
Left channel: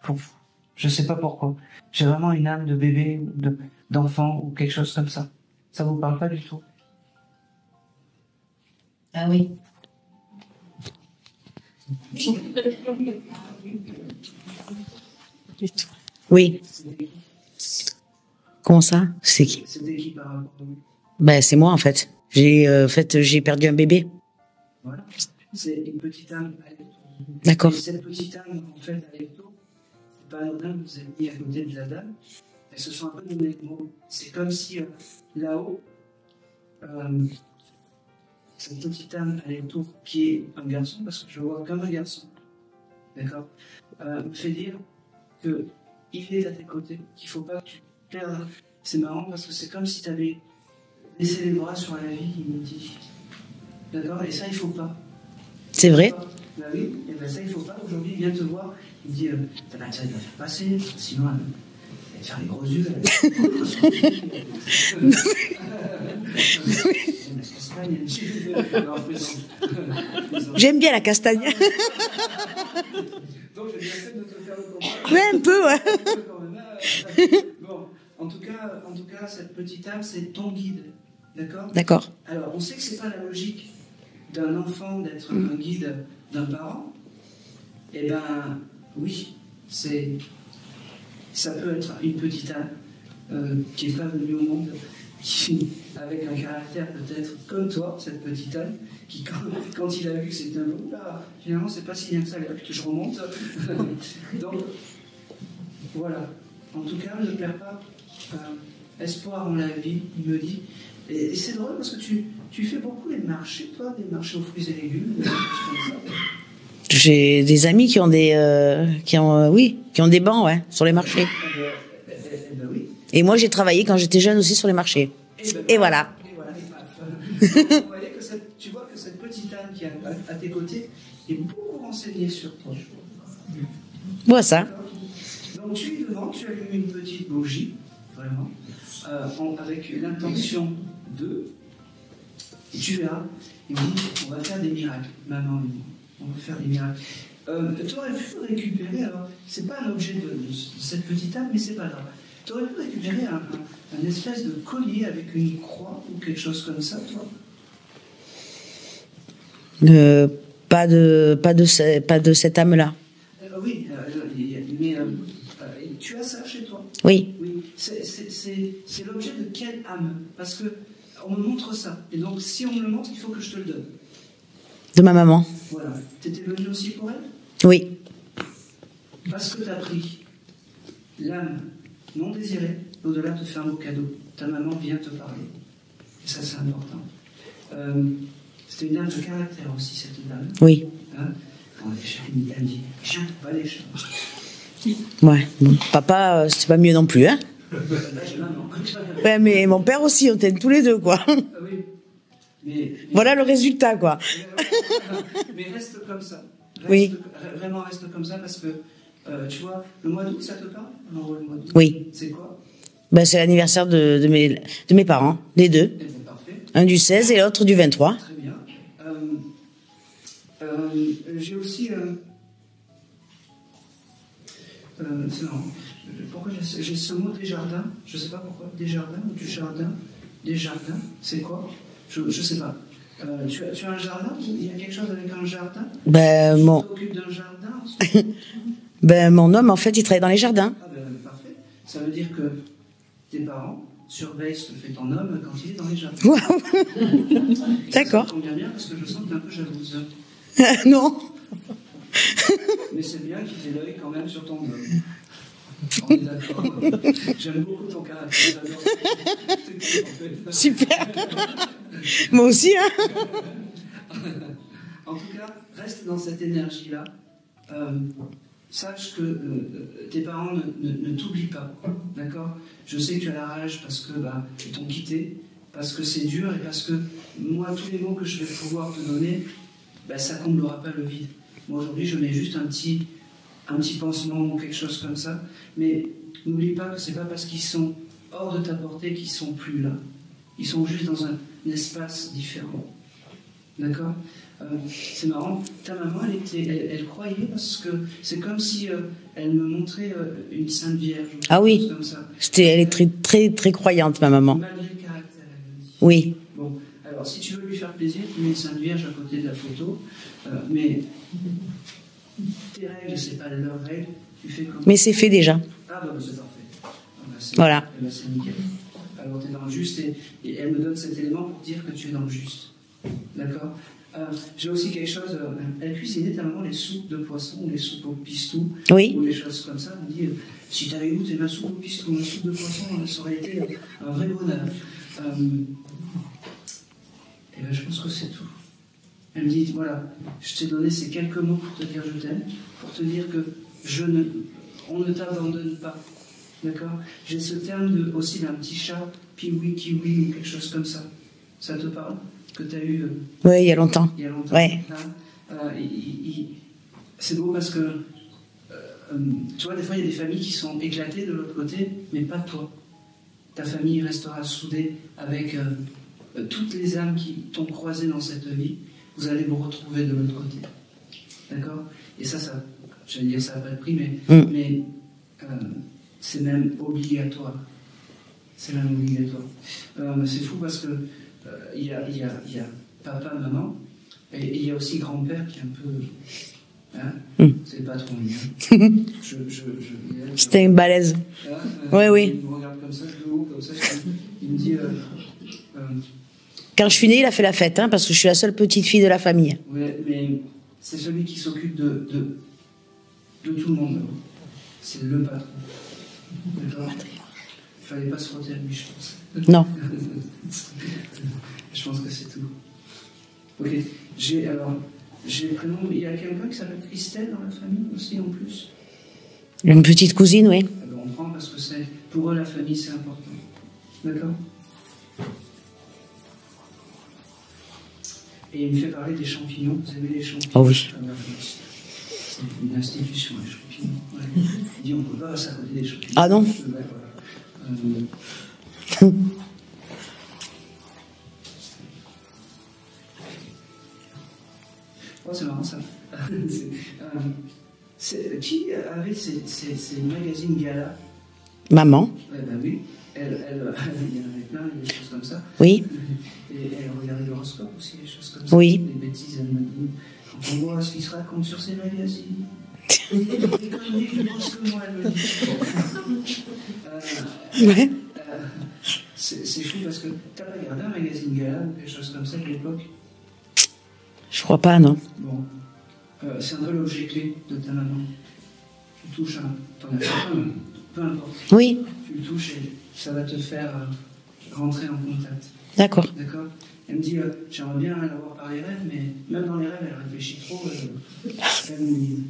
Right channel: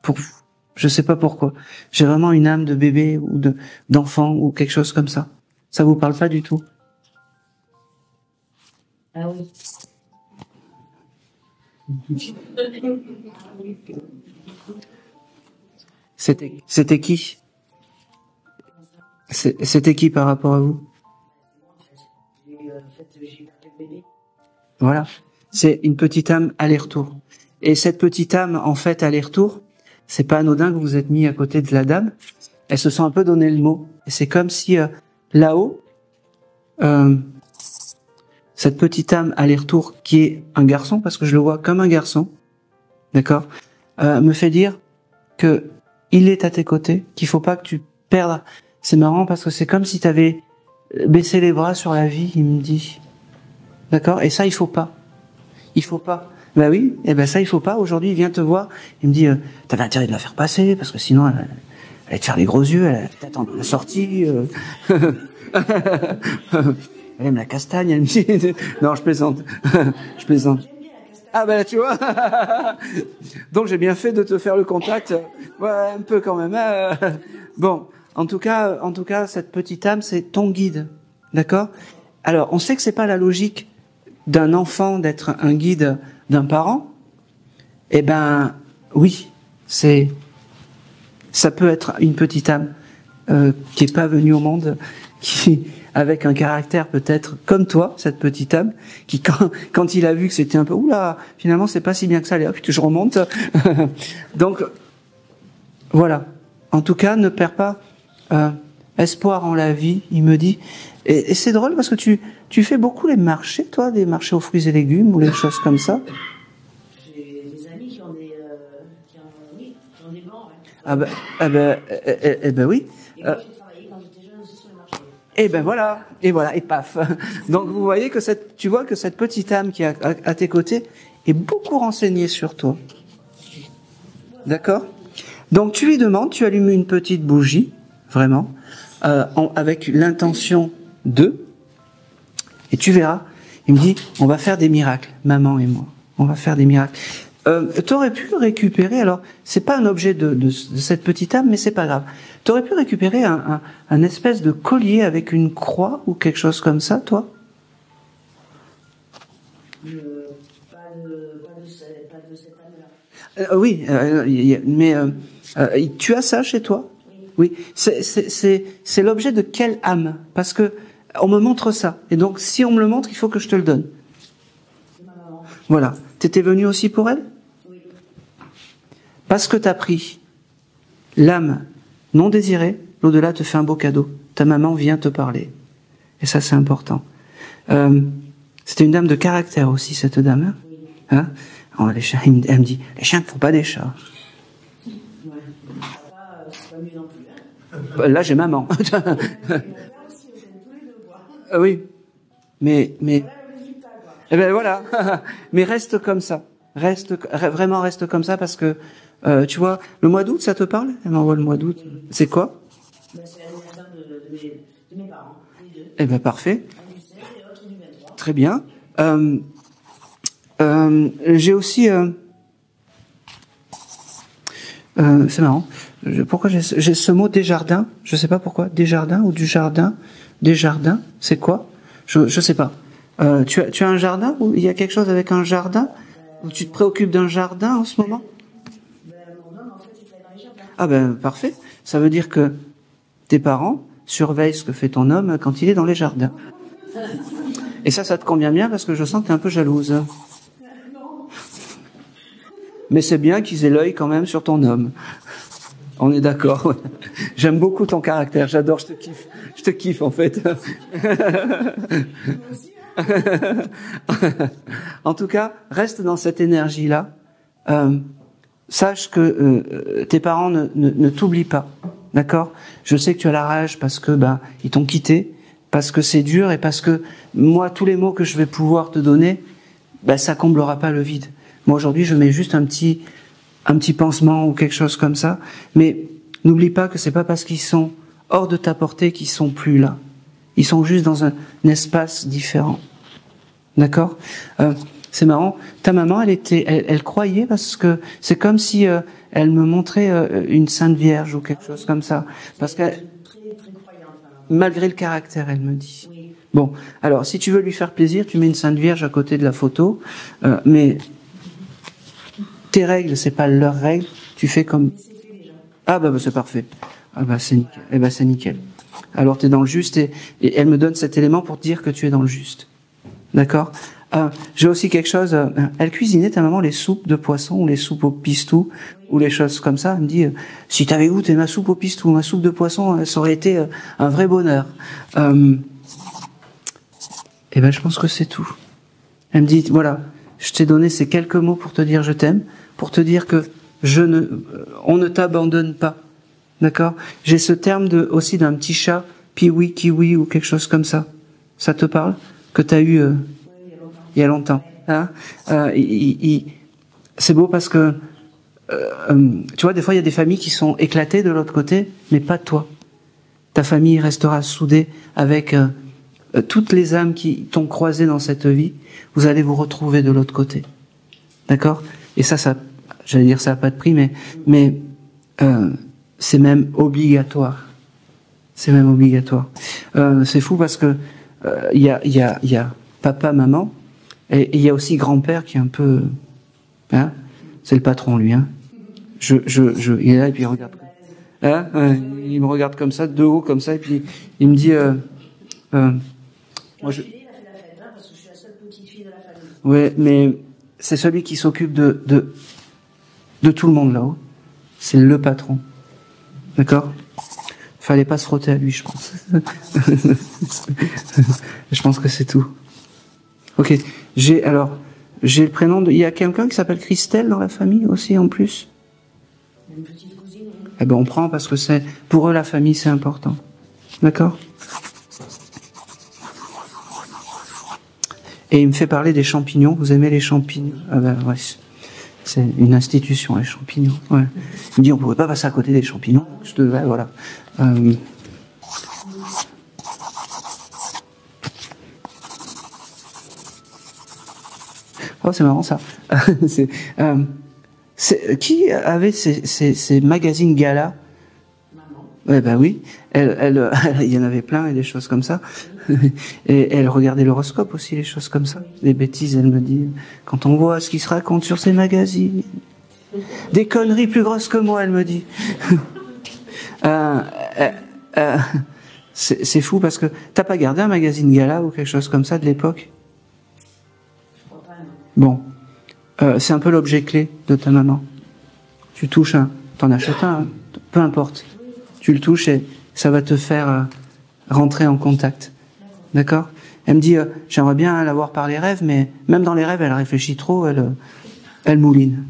Pour vous. Je sais pas pourquoi. J'ai vraiment une âme de bébé ou d'enfant ou quelque chose comme ça. Ça vous parle pas du tout? Ah oui. Oui. C'était qui? Comment ça? C'était qui par rapport à vous? Ben, c'est moi, en fait. J'ai perdu un bébé. Voilà. C'est une petite âme aller-retour. D'accord. Et cette petite âme, en fait, aller-retour, c'est pas anodin que vous êtes mis à côté de la dame. Elles se sont un peu donné le mot. Et c'est comme si, là-haut, cette petite âme aller-retour, qui est un garçon, parce que je le vois comme un garçon, d'accord, me fait dire que il est à tes côtés, qu'il faut pas que tu perdes. C'est marrant parce que c'est comme si tu avais baissé les bras sur la vie, il me dit. D'accord? Et ça, il faut pas. C'est vrai? Bah oui, et ben ça, il faut pas. Aujourd'hui, il vient te voir, il me dit, t'avais intérêt de la faire passer, parce que sinon, elle allait te faire les gros yeux, elle allait t'en sortir. Elle aime la castagne, elle me dit. Non, je plaisante. Je plaisante. J'aime bien la castagne. Ah ben, tu vois. Donc, j'ai bien fait de te faire le contact. Ouais, un peu, ouais. Un peu quand même. Bon, en tout cas, cette petite âme, c'est ton guide. D'accord? D'accord. Alors, on sait que c'est pas la logique d'un enfant d'être un guide d'un parent. Eh ben, oui, ça peut être une petite âme qui est pas venue au monde, qui avec un caractère peut-être comme toi, cette petite âme, qui quand il a vu que c'était un peu oula, finalement c'est pas si bien que ça, allez hop, je remonte. Donc voilà. En tout cas, ne perds pas espoir en la vie, il me dit. Et c'est drôle parce que tu fais beaucoup les marchés, toi, des marchés aux fruits et légumes ou les choses comme ça. J'ai des amis qui ont des bancs, ouais, sur les marchés. Oui. Et moi, j'ai travaillé quand j'étais jeune aussi sur les marchés. Et voilà. Et paf. Donc vous voyez que tu vois que cette petite âme qui est à tes côtés est beaucoup renseignée sur toi. Voilà ça. D'accord. Donc tu lui demandes, tu allumes une petite bougie, vraiment, avec l'intention de, et tu verras. Il me dit, on va faire des miracles, maman et moi. On va faire des miracles. T'aurais pu récupérer, alors, c'est pas un objet de cette petite âme, mais c'est pas grave. T'aurais pu récupérer un espèce de collier avec une croix ou quelque chose comme ça, toi? Pas de cette âme-là. Oui, mais tu as ça chez toi? Oui. Oui. C'est l'objet de quelle âme? Parce que on me montre ça. Et donc, si on me le montre, il faut que je te le donne. De ma maman. Voilà. T'étais venu aussi pour elle? Oui. Parce que t'as pris l'âme non désirée, l'au-delà te fait un beau cadeau. Ta maman vient te parler. Et ça, c'est important. C'était une dame de caractère aussi, cette dame. Hein? Oui. Hein? Oh, les chiens, elle me dit, les chiens ne font pas des chats. Ouais. Bon, papa, c'est pas mieux non plus, hein? Là, j'ai maman. Ouais, mais mon père aussi, on t'aime tous les deux, quoi. Oui. Mais... Voilà le résultat, quoi. Eh ben voilà. Mais reste comme ça. Vraiment reste comme ça parce que, tu vois, le mois d'août, ça te parle? Elle m'envoie le mois d'août. Oui. C'est quoi? Ben, c'est l'anniversaire de mes parents, les deux. Eh ben parfait. Un du 16 et l'autre du 23. Très bien. J'ai aussi... c'est marrant. Pourquoi j'ai ce mot Desjardins? Je sais pas pourquoi. Desjardins ou du jardin? Desjardins, c'est quoi? Je sais pas. Tu as un jardin? Ou il y a quelque chose avec un jardin? Tu te préoccupes d'un jardin en ce moment? Mon homme, en fait, il travaille dans les jardins. Ah ben, parfait. Ça veut dire que tes parents surveillent ce que fait ton homme quand il est dans les jardins. Et ça te convient bien parce que je sens que t'es un peu jalouse. Non. Mais c'est bien qu'ils aient l'œil quand même sur ton homme. On est d'accord. J'aime beaucoup ton caractère, j'adore, je te kiffe en fait. Super. Moi aussi, hein. En tout cas, reste dans cette énergie-là. Sache que tes parents ne t'oublient pas, d'accord? Je sais que tu as la rage parce que ils t'ont quitté, parce que c'est dur et parce que moi, tous les mots que je vais pouvoir te donner, ça comblera pas le vide. Moi aujourd'hui, je mets juste un petit pansement ou quelque chose comme ça, mais n'oublie pas que c'est pas parce qu'ils sont hors de ta portée qu'ils sont plus là. Ils sont juste dans un espace différent. D'accord? C'est marrant. Ta maman, elle croyait parce que c'est comme si elle me montrait une Sainte Vierge ou quelque chose comme ça. Elle est très, très, très croyante, ma maman. Malgré le caractère, elle me dit. Oui. Bon, alors si tu veux lui faire plaisir, tu mets une Sainte Vierge à côté de la photo, mais tes règles, c'est pas leurs règles. Tu fais comme. Mais c'est fait déjà. Ah c'est parfait. C'est voilà. C'est nickel. Alors tu es dans le juste et elle me donne cet élément pour te dire que tu es dans le juste. D'accord? J'ai aussi quelque chose. Elle cuisinait, ta maman, les soupes de poisson ou les soupes au pistou, ou les choses comme ça. Elle me dit, si t'avais goûté ma soupe au pistou, ma soupe de poisson, ça aurait été un vrai bonheur. Je pense que c'est tout. Elle me dit, voilà, je t'ai donné ces quelques mots pour te dire je t'aime, pour te dire que on ne t'abandonne pas. D'accord? J'ai ce terme aussi d'un petit chat, piwi, kiwi ou quelque chose comme ça. Ça te parle? Que tu as eu... Oui, il y a longtemps. Il y a longtemps. Ouais. Hein, c'est beau parce que, tu vois, des fois, il y a des familles qui sont éclatées de l'autre côté, mais pas toi. Ta famille restera soudée avec toutes les âmes qui t'ont croisé dans cette vie. Vous allez vous retrouver de l'autre côté. D'accord? Et ça, j'allais dire ça n'a pas de prix, mais c'est même obligatoire. C'est même obligatoire. C'est fou parce que il y a papa, maman, et il y a aussi grand-père qui est un peu... Hein, c'est le patron, lui. Hein. Il est là, et puis c'était une balèze. Hein, oui. Il me regarde comme ça, de haut, comme ça, et puis il me dit... Quand je suis née, il a fait la fête, hein, parce que je suis la seule petite fille de la famille. Oui, mais c'est celui qui s'occupe de tout le monde là-haut. C'est le patron. D'accord ? Fallait pas se frotter à lui, je pense. Non. Je pense que c'est tout. Ok. J'ai le prénom il y a quelqu'un qui s'appelle Christelle dans la famille aussi, en plus. Une petite cousine, oui. Eh ben, on prend parce que pour eux, la famille, c'est important. D'accord? Et il me fait parler des champignons. Vous aimez les champignons? Oh oui. Ah ben, ouais. C'est une institution, les champignons. Ouais. Il me dit, on ne pouvait pas passer à côté des champignons. Ah non? Voilà. Oh, c'est marrant ça. Qui avait ces magazines gala? Maman. Ouais, bah oui. Il y en avait plein et des choses comme ça. Oui. Et elle regardait l'horoscope aussi, les choses comme ça. Oui. Des bêtises, elle me dit. Quand on voit ce qui se raconte sur ces magazines, des conneries plus grosses que moi, elle me dit. C'est fou parce que t'as pas gardé un magazine gala ou quelque chose comme ça de l'époque? Je crois pas, non. Bon. C'est un peu l'objet clé de ta maman. Tu touches t'en achètes un, peu importe. Oui. Tu le touches et ça va te faire rentrer en contact. D'accord. D'accord? Elle me dit, j'aimerais bien la voir par les rêves, mais même dans les rêves, elle réfléchit trop, elle mouline.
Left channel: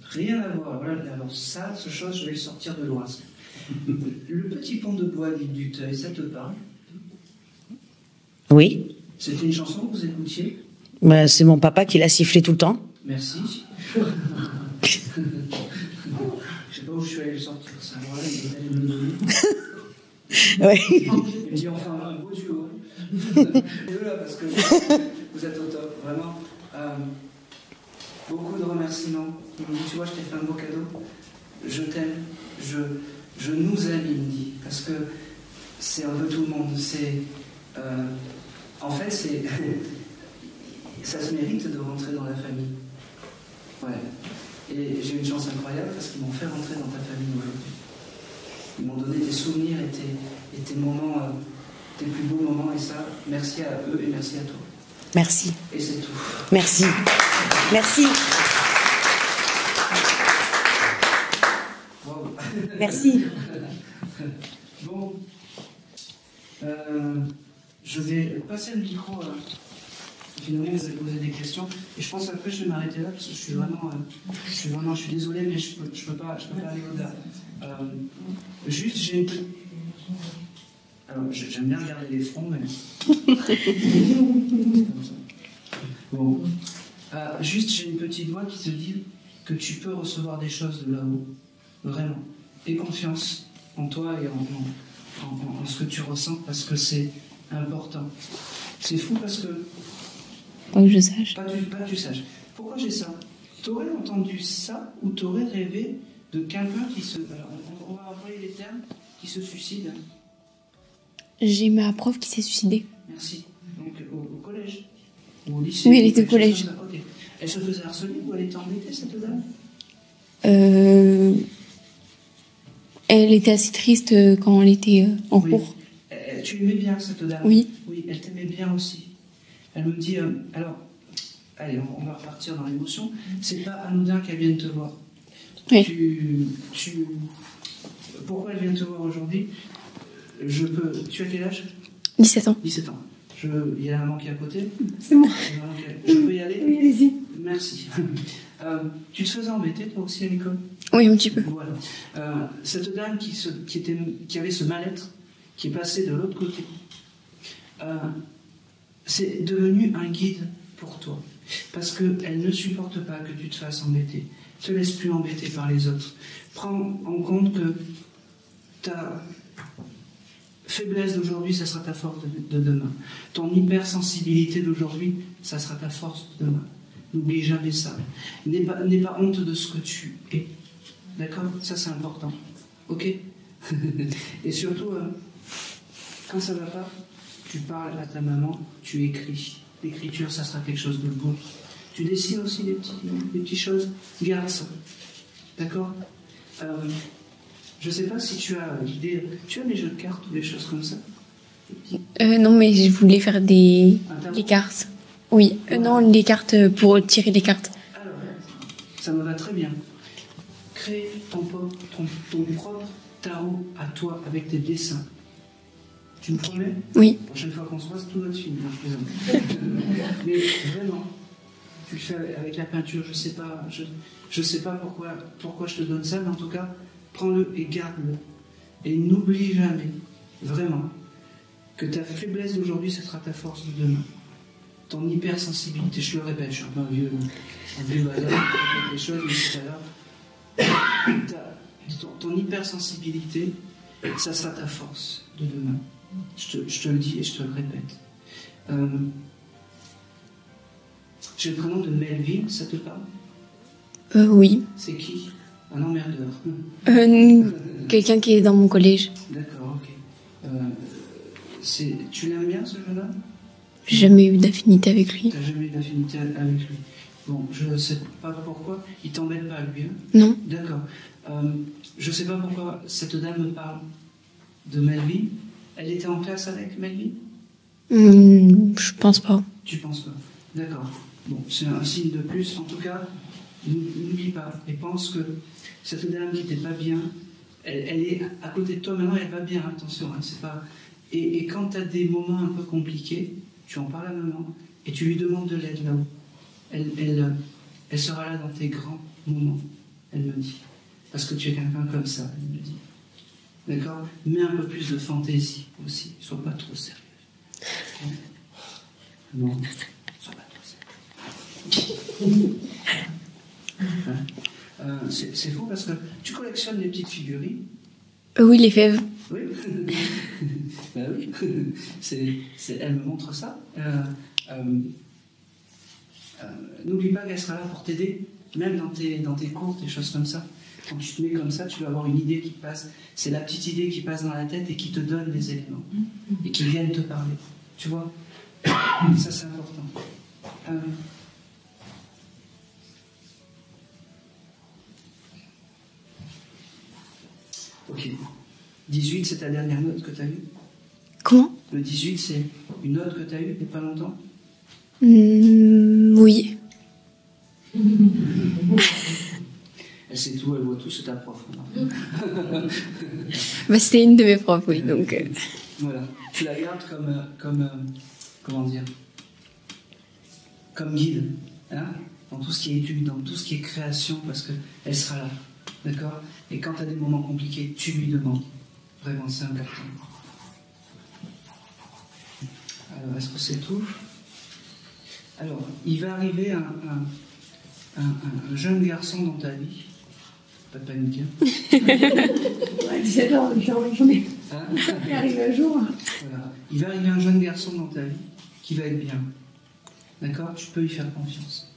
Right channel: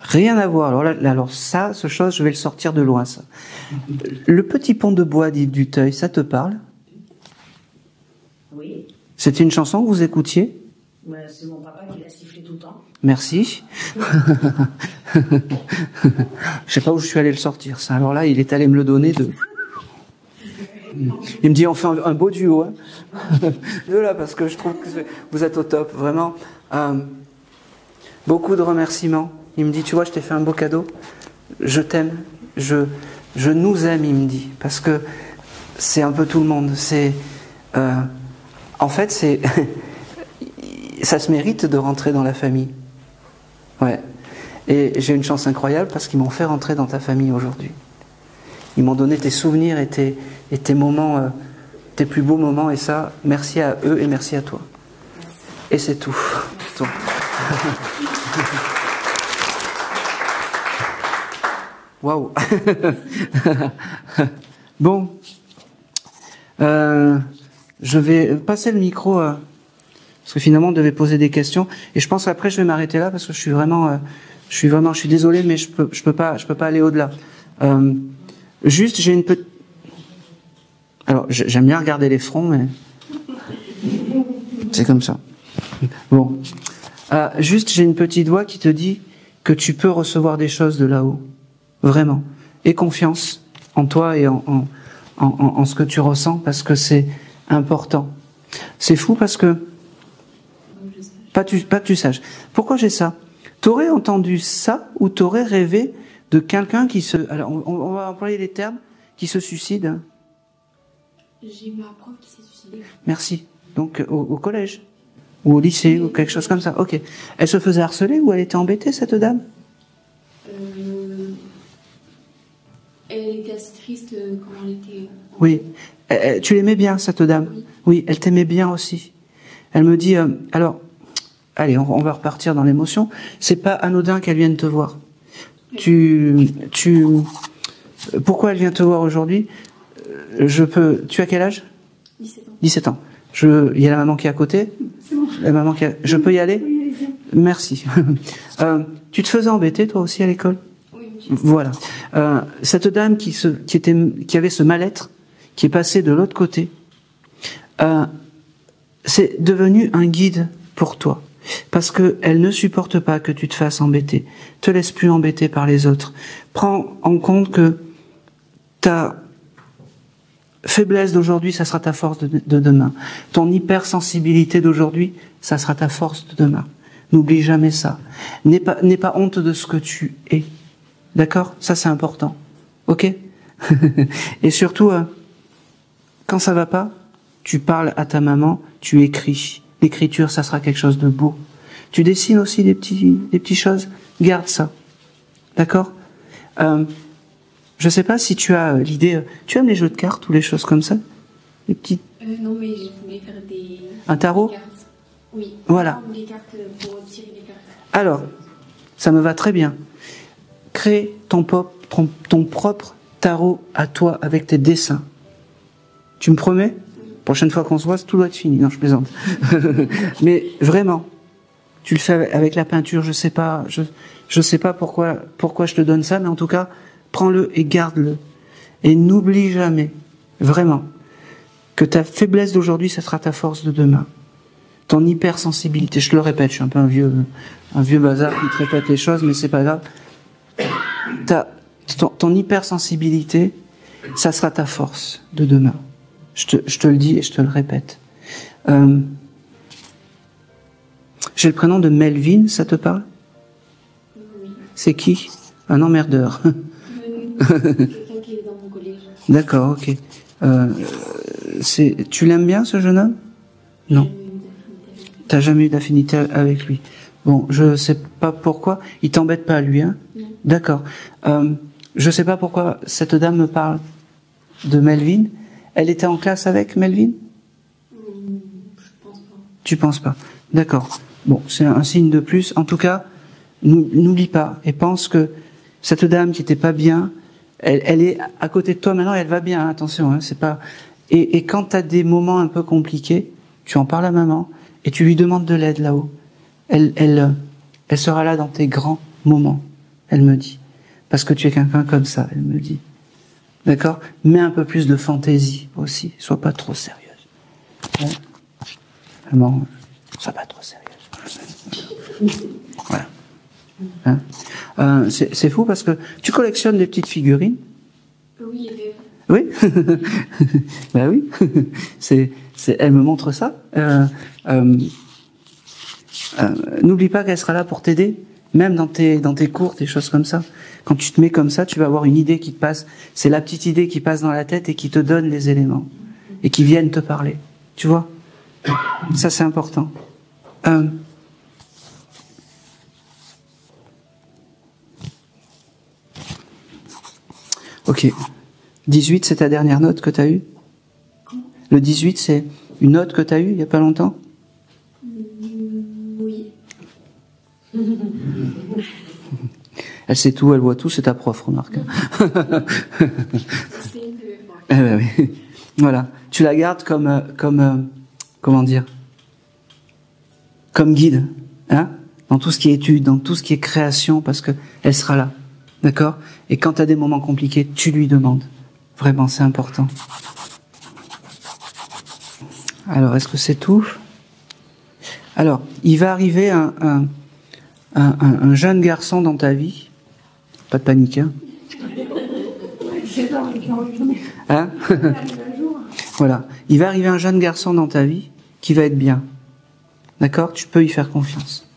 Rien à voir. Alors ça, ce chose, je vais le sortir de loin, ça. Le petit pont de bois d'Yves Duteuil, ça te parle? Oui. C'était une chanson que vous écoutiez? C'est mon papa qui l'a sifflé tout le temps. Merci. Je sais pas où je suis allé le sortir, ça. Alors là, il est allé me le donner de... Ouais. Il me dit, on fait un beau duo. Hein. Là, parce que je trouve que vous êtes au top, vraiment. Beaucoup de remerciements. Il me dit, tu vois, je t'ai fait un beau cadeau. Je t'aime. Je nous aime, il me dit. Parce que c'est un peu tout le monde. En fait, ça se mérite de rentrer dans la famille. Ouais. Et j'ai une chance incroyable parce qu'ils m'ont fait rentrer dans ta famille aujourd'hui. Ils m'ont donné tes souvenirs et tes moments tes plus beaux moments, et ça, merci à eux et merci à toi. Merci. Et c'est tout. Merci. Merci. Waouh. Merci. Bon. Je vais passer le micro, parce que finalement, on devait poser des questions. Et je pense qu'après, je vais m'arrêter là, parce que je suis désolé, mais je peux pas aller au-delà. Juste, j'ai une petite... Alors, j'aime bien regarder les fronts, mais... C'est comme ça. Bon. Juste, j'ai une petite voix qui te dit que tu peux recevoir des choses de là-haut. Vraiment. Aie confiance en toi et en ce que tu ressens, parce que c'est important. C'est fou parce que... Pas que je sache. Pas que tu saches. Pourquoi j'ai ça? T'aurais entendu ça ou t'aurais rêvé de quelqu'un qui se... Alors, on va employer les termes, qui se suicide. J'ai ma prof qui s'est suicidée. Merci. Donc, au collège? Ou au lycée, oui, ou quelque chose comme ça. Ok. Elle se faisait harceler ou elle était embêtée, cette dame? Elle était assez triste quand elle était en cours. Tu l'aimais bien, cette dame? Oui. Oui, elle t'aimait bien aussi. Elle me dit, alors, allez, on va repartir dans l'émotion. C'est pas anodin qu'elle vienne te voir. Oui. Pourquoi elle vient te voir aujourd'hui? Tu as quel âge? 17 ans. 17 ans. Il y a la maman qui est à côté. C'est moi. La maman je peux y aller? Oui, allez-y. Merci. Tu te faisais embêter, toi aussi, à l'école? Oui, un petit peu. Voilà. Cette dame qui avait ce mal-être, qui est passée de l'autre côté, c'est devenu un guide pour toi. Parce qu'elle ne supporte pas que tu te fasses embêter. Te laisse plus embêter par les autres. Prends en compte que ta faiblesse d'aujourd'hui, ça sera ta force de demain. Ton hypersensibilité d'aujourd'hui, ça sera ta force de demain. N'oublie jamais ça. N'aie pas honte de ce que tu es. D'accord? Ça, c'est important. Ok? Et surtout, quand ça va pas, tu parles à ta maman, tu écris. L'écriture, ça sera quelque chose de beau. Tu dessines aussi des petites choses. Garde ça. D'accord? Je sais pas si tu as l'idée... Tu aimes les jeux de cartes ou les choses comme ça? Les petits... Non, mais je voulais faire un tarot? Des cartes. Oui. Voilà. Non, les cartes pour tirer les cartes. Alors, ça me va très bien. Crée ton propre tarot à toi avec tes dessins. Tu me promets? Oui. Prochaine fois qu'on se voit, tout doit être fini. Non, je plaisante. Mais vraiment, tu le fais avec la peinture. Je sais pas pourquoi je te donne ça, mais en tout cas, prends-le et garde-le. Et n'oublie jamais, vraiment, que ta faiblesse d'aujourd'hui, ça sera ta force de demain. Ton hypersensibilité, je te le répète, je suis un peu un vieux bazar qui te répète les choses, mais c'est pas grave. Ton hypersensibilité, ça sera ta force de demain. Je te le dis et je te le répète. J'ai le prénom de Melvin, ça te parle? Oui. C'est qui? Un emmerdeur. Quelqu'un qui est dans mon collège. D'accord, ok. Tu l'aimes bien, ce jeune homme? J'ai jamais eu d'affinité avec lui. T'as jamais eu d'affinité avec lui. Bon, je sais pas pourquoi. Il t'embête pas, lui, hein? Non. D'accord. Je sais pas pourquoi cette dame me parle de Melvin. Elle était en classe avec Melvin? Je pense pas. Tu penses pas? D'accord. Bon, c'est un signe de plus. En tout cas, n'oublie pas et pense que cette dame qui était pas bien, elle est à côté de toi maintenant et elle va bien. Attention, hein, c'est pas. Et quand tu as des moments un peu compliqués, tu en parles à maman et tu lui demandes de l'aide là-haut. Elle sera là dans tes grands moments. Elle me dit, parce que tu es quelqu'un comme ça. Elle me dit. D'accord? Mets un peu plus de fantaisie aussi. Sois pas trop sérieuse. Ouais. Maman, sois pas trop sérieuse. Voilà. Hein? C'est fou parce que tu collectionnes des petites figurines. Oui, les fèves. Oui. Ben oui. Elle me montre ça. N'oublie pas qu'elle sera là pour t'aider, même dans tes cours, des choses comme ça. Quand tu te mets comme ça, tu vas avoir une idée qui te passe. C'est la petite idée qui passe dans la tête et qui te donne les éléments. Et qui viennent te parler. Tu vois? Ça, c'est important. Ok. 18, c'est ta dernière note que tu as eue? Comment? Le 18, c'est une note que tu as eue il n'y a pas longtemps? Oui. Elle sait tout, elle voit tout, c'est ta prof, remarque. Bah, c'était une de mes profs. Oui. Oui. Voilà. Tu la gardes comme comment dire? Comme guide, hein? Dans tout ce qui est étude, dans tout ce qui est création, parce qu'elle sera là. D'accord? Et quand tu as des moments compliqués, tu lui demandes. Vraiment, c'est important. Alors, est-ce que c'est tout? Alors, il va arriver un jeune garçon dans ta vie. Pas de panique, hein? Hein? Voilà. Il va arriver un jeune garçon dans ta vie qui va être bien. D'accord? Tu peux y faire confiance.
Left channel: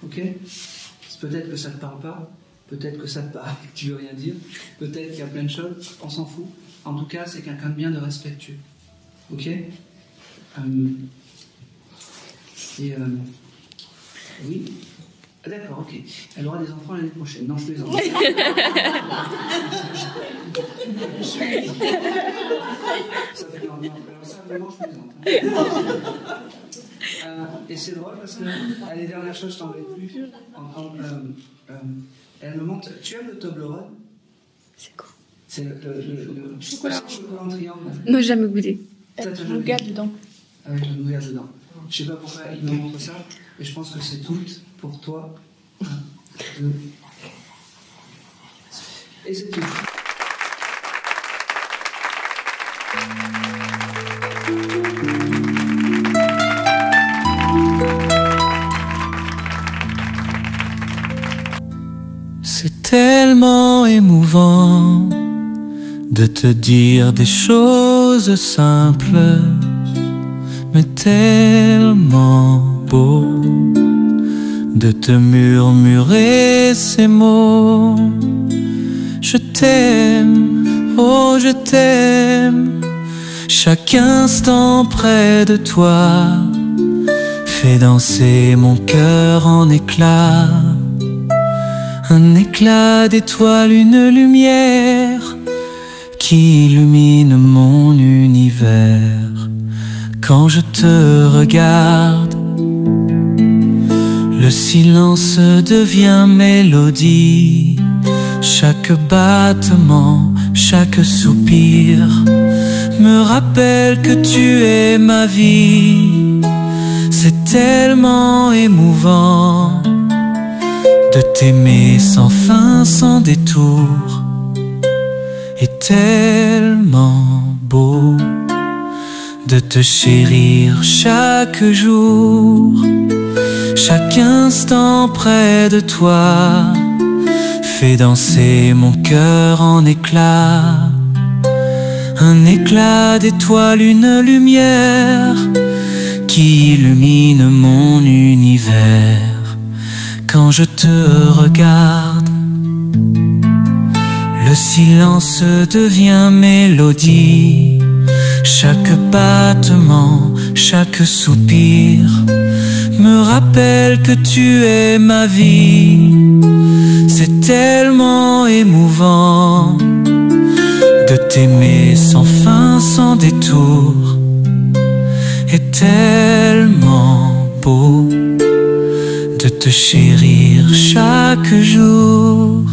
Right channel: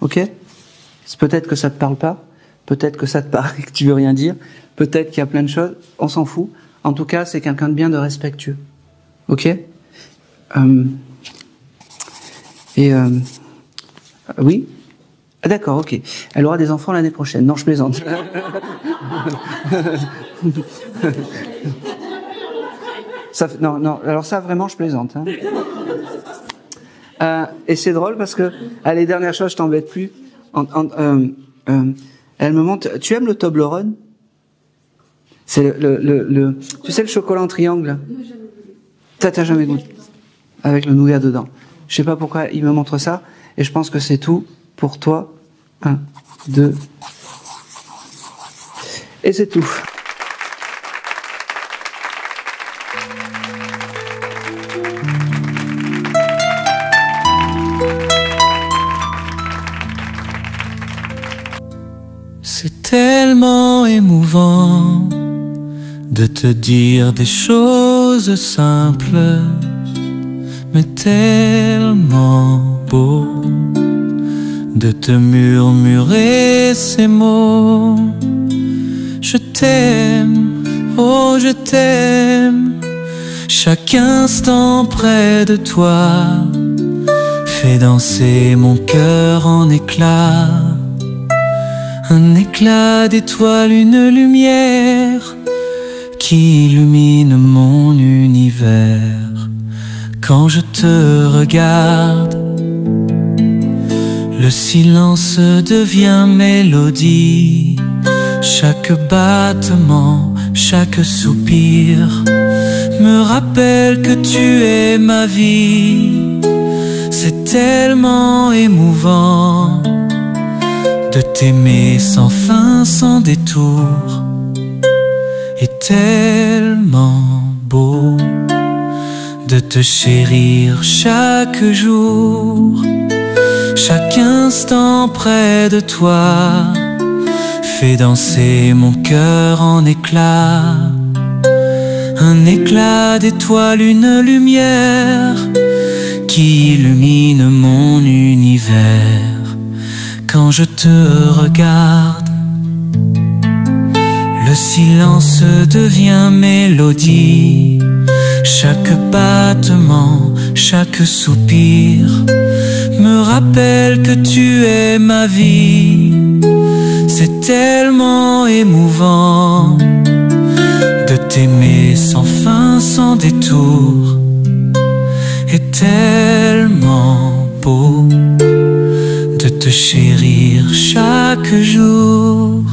Ok? Peut-être que ça te parle pas. Peut-être que ça te parle et que tu veux rien dire. Peut-être qu'il y a plein de choses. On s'en fout. En tout cas, c'est quelqu'un de bien, de respectueux. Ok? Oui? Ah, d'accord, ok. Elle aura des enfants l'année prochaine. Non, je plaisante. Non, alors ça, vraiment, je plaisante. Hein. Et c'est drôle parce que, les dernières choses, je t'embête plus. Elle me montre... Tu aimes le Toblerone? C'est quoi? C'est tu sais, le chocolat en triangle? Non, jamais goûté. T'as jamais goûté? Avec le nougat dedans. Je sais pas pourquoi il me montre ça. Et je pense que c'est tout pour toi. 1, 2. Et c'est tout. C'est tellement émouvant de te dire des choses simples, mais tellement beau de te murmurer ces mots. Je t'aime, oh je t'aime. Chaque instant près de toi fait danser mon cœur en éclats. Un éclat d'étoiles, une lumière qui illumine mon univers. Quand je te regarde, le silence devient mélodie. Chaque battement, chaque soupir me rappelle que tu es ma vie. C'est tellement émouvant de t'aimer sans fin, sans détour, et tellement beau de te chérir chaque jour. Chaque instant près de toi fait danser mon cœur en éclats. Un éclat d'étoiles, une lumière qui illumine mon univers. Quand je te regarde, le silence devient mélodie. Chaque battement, chaque soupir me rappelle que tu es ma vie. C'est tellement émouvant de t'aimer sans fin, sans détour, et tellement beau de te chérir chaque jour.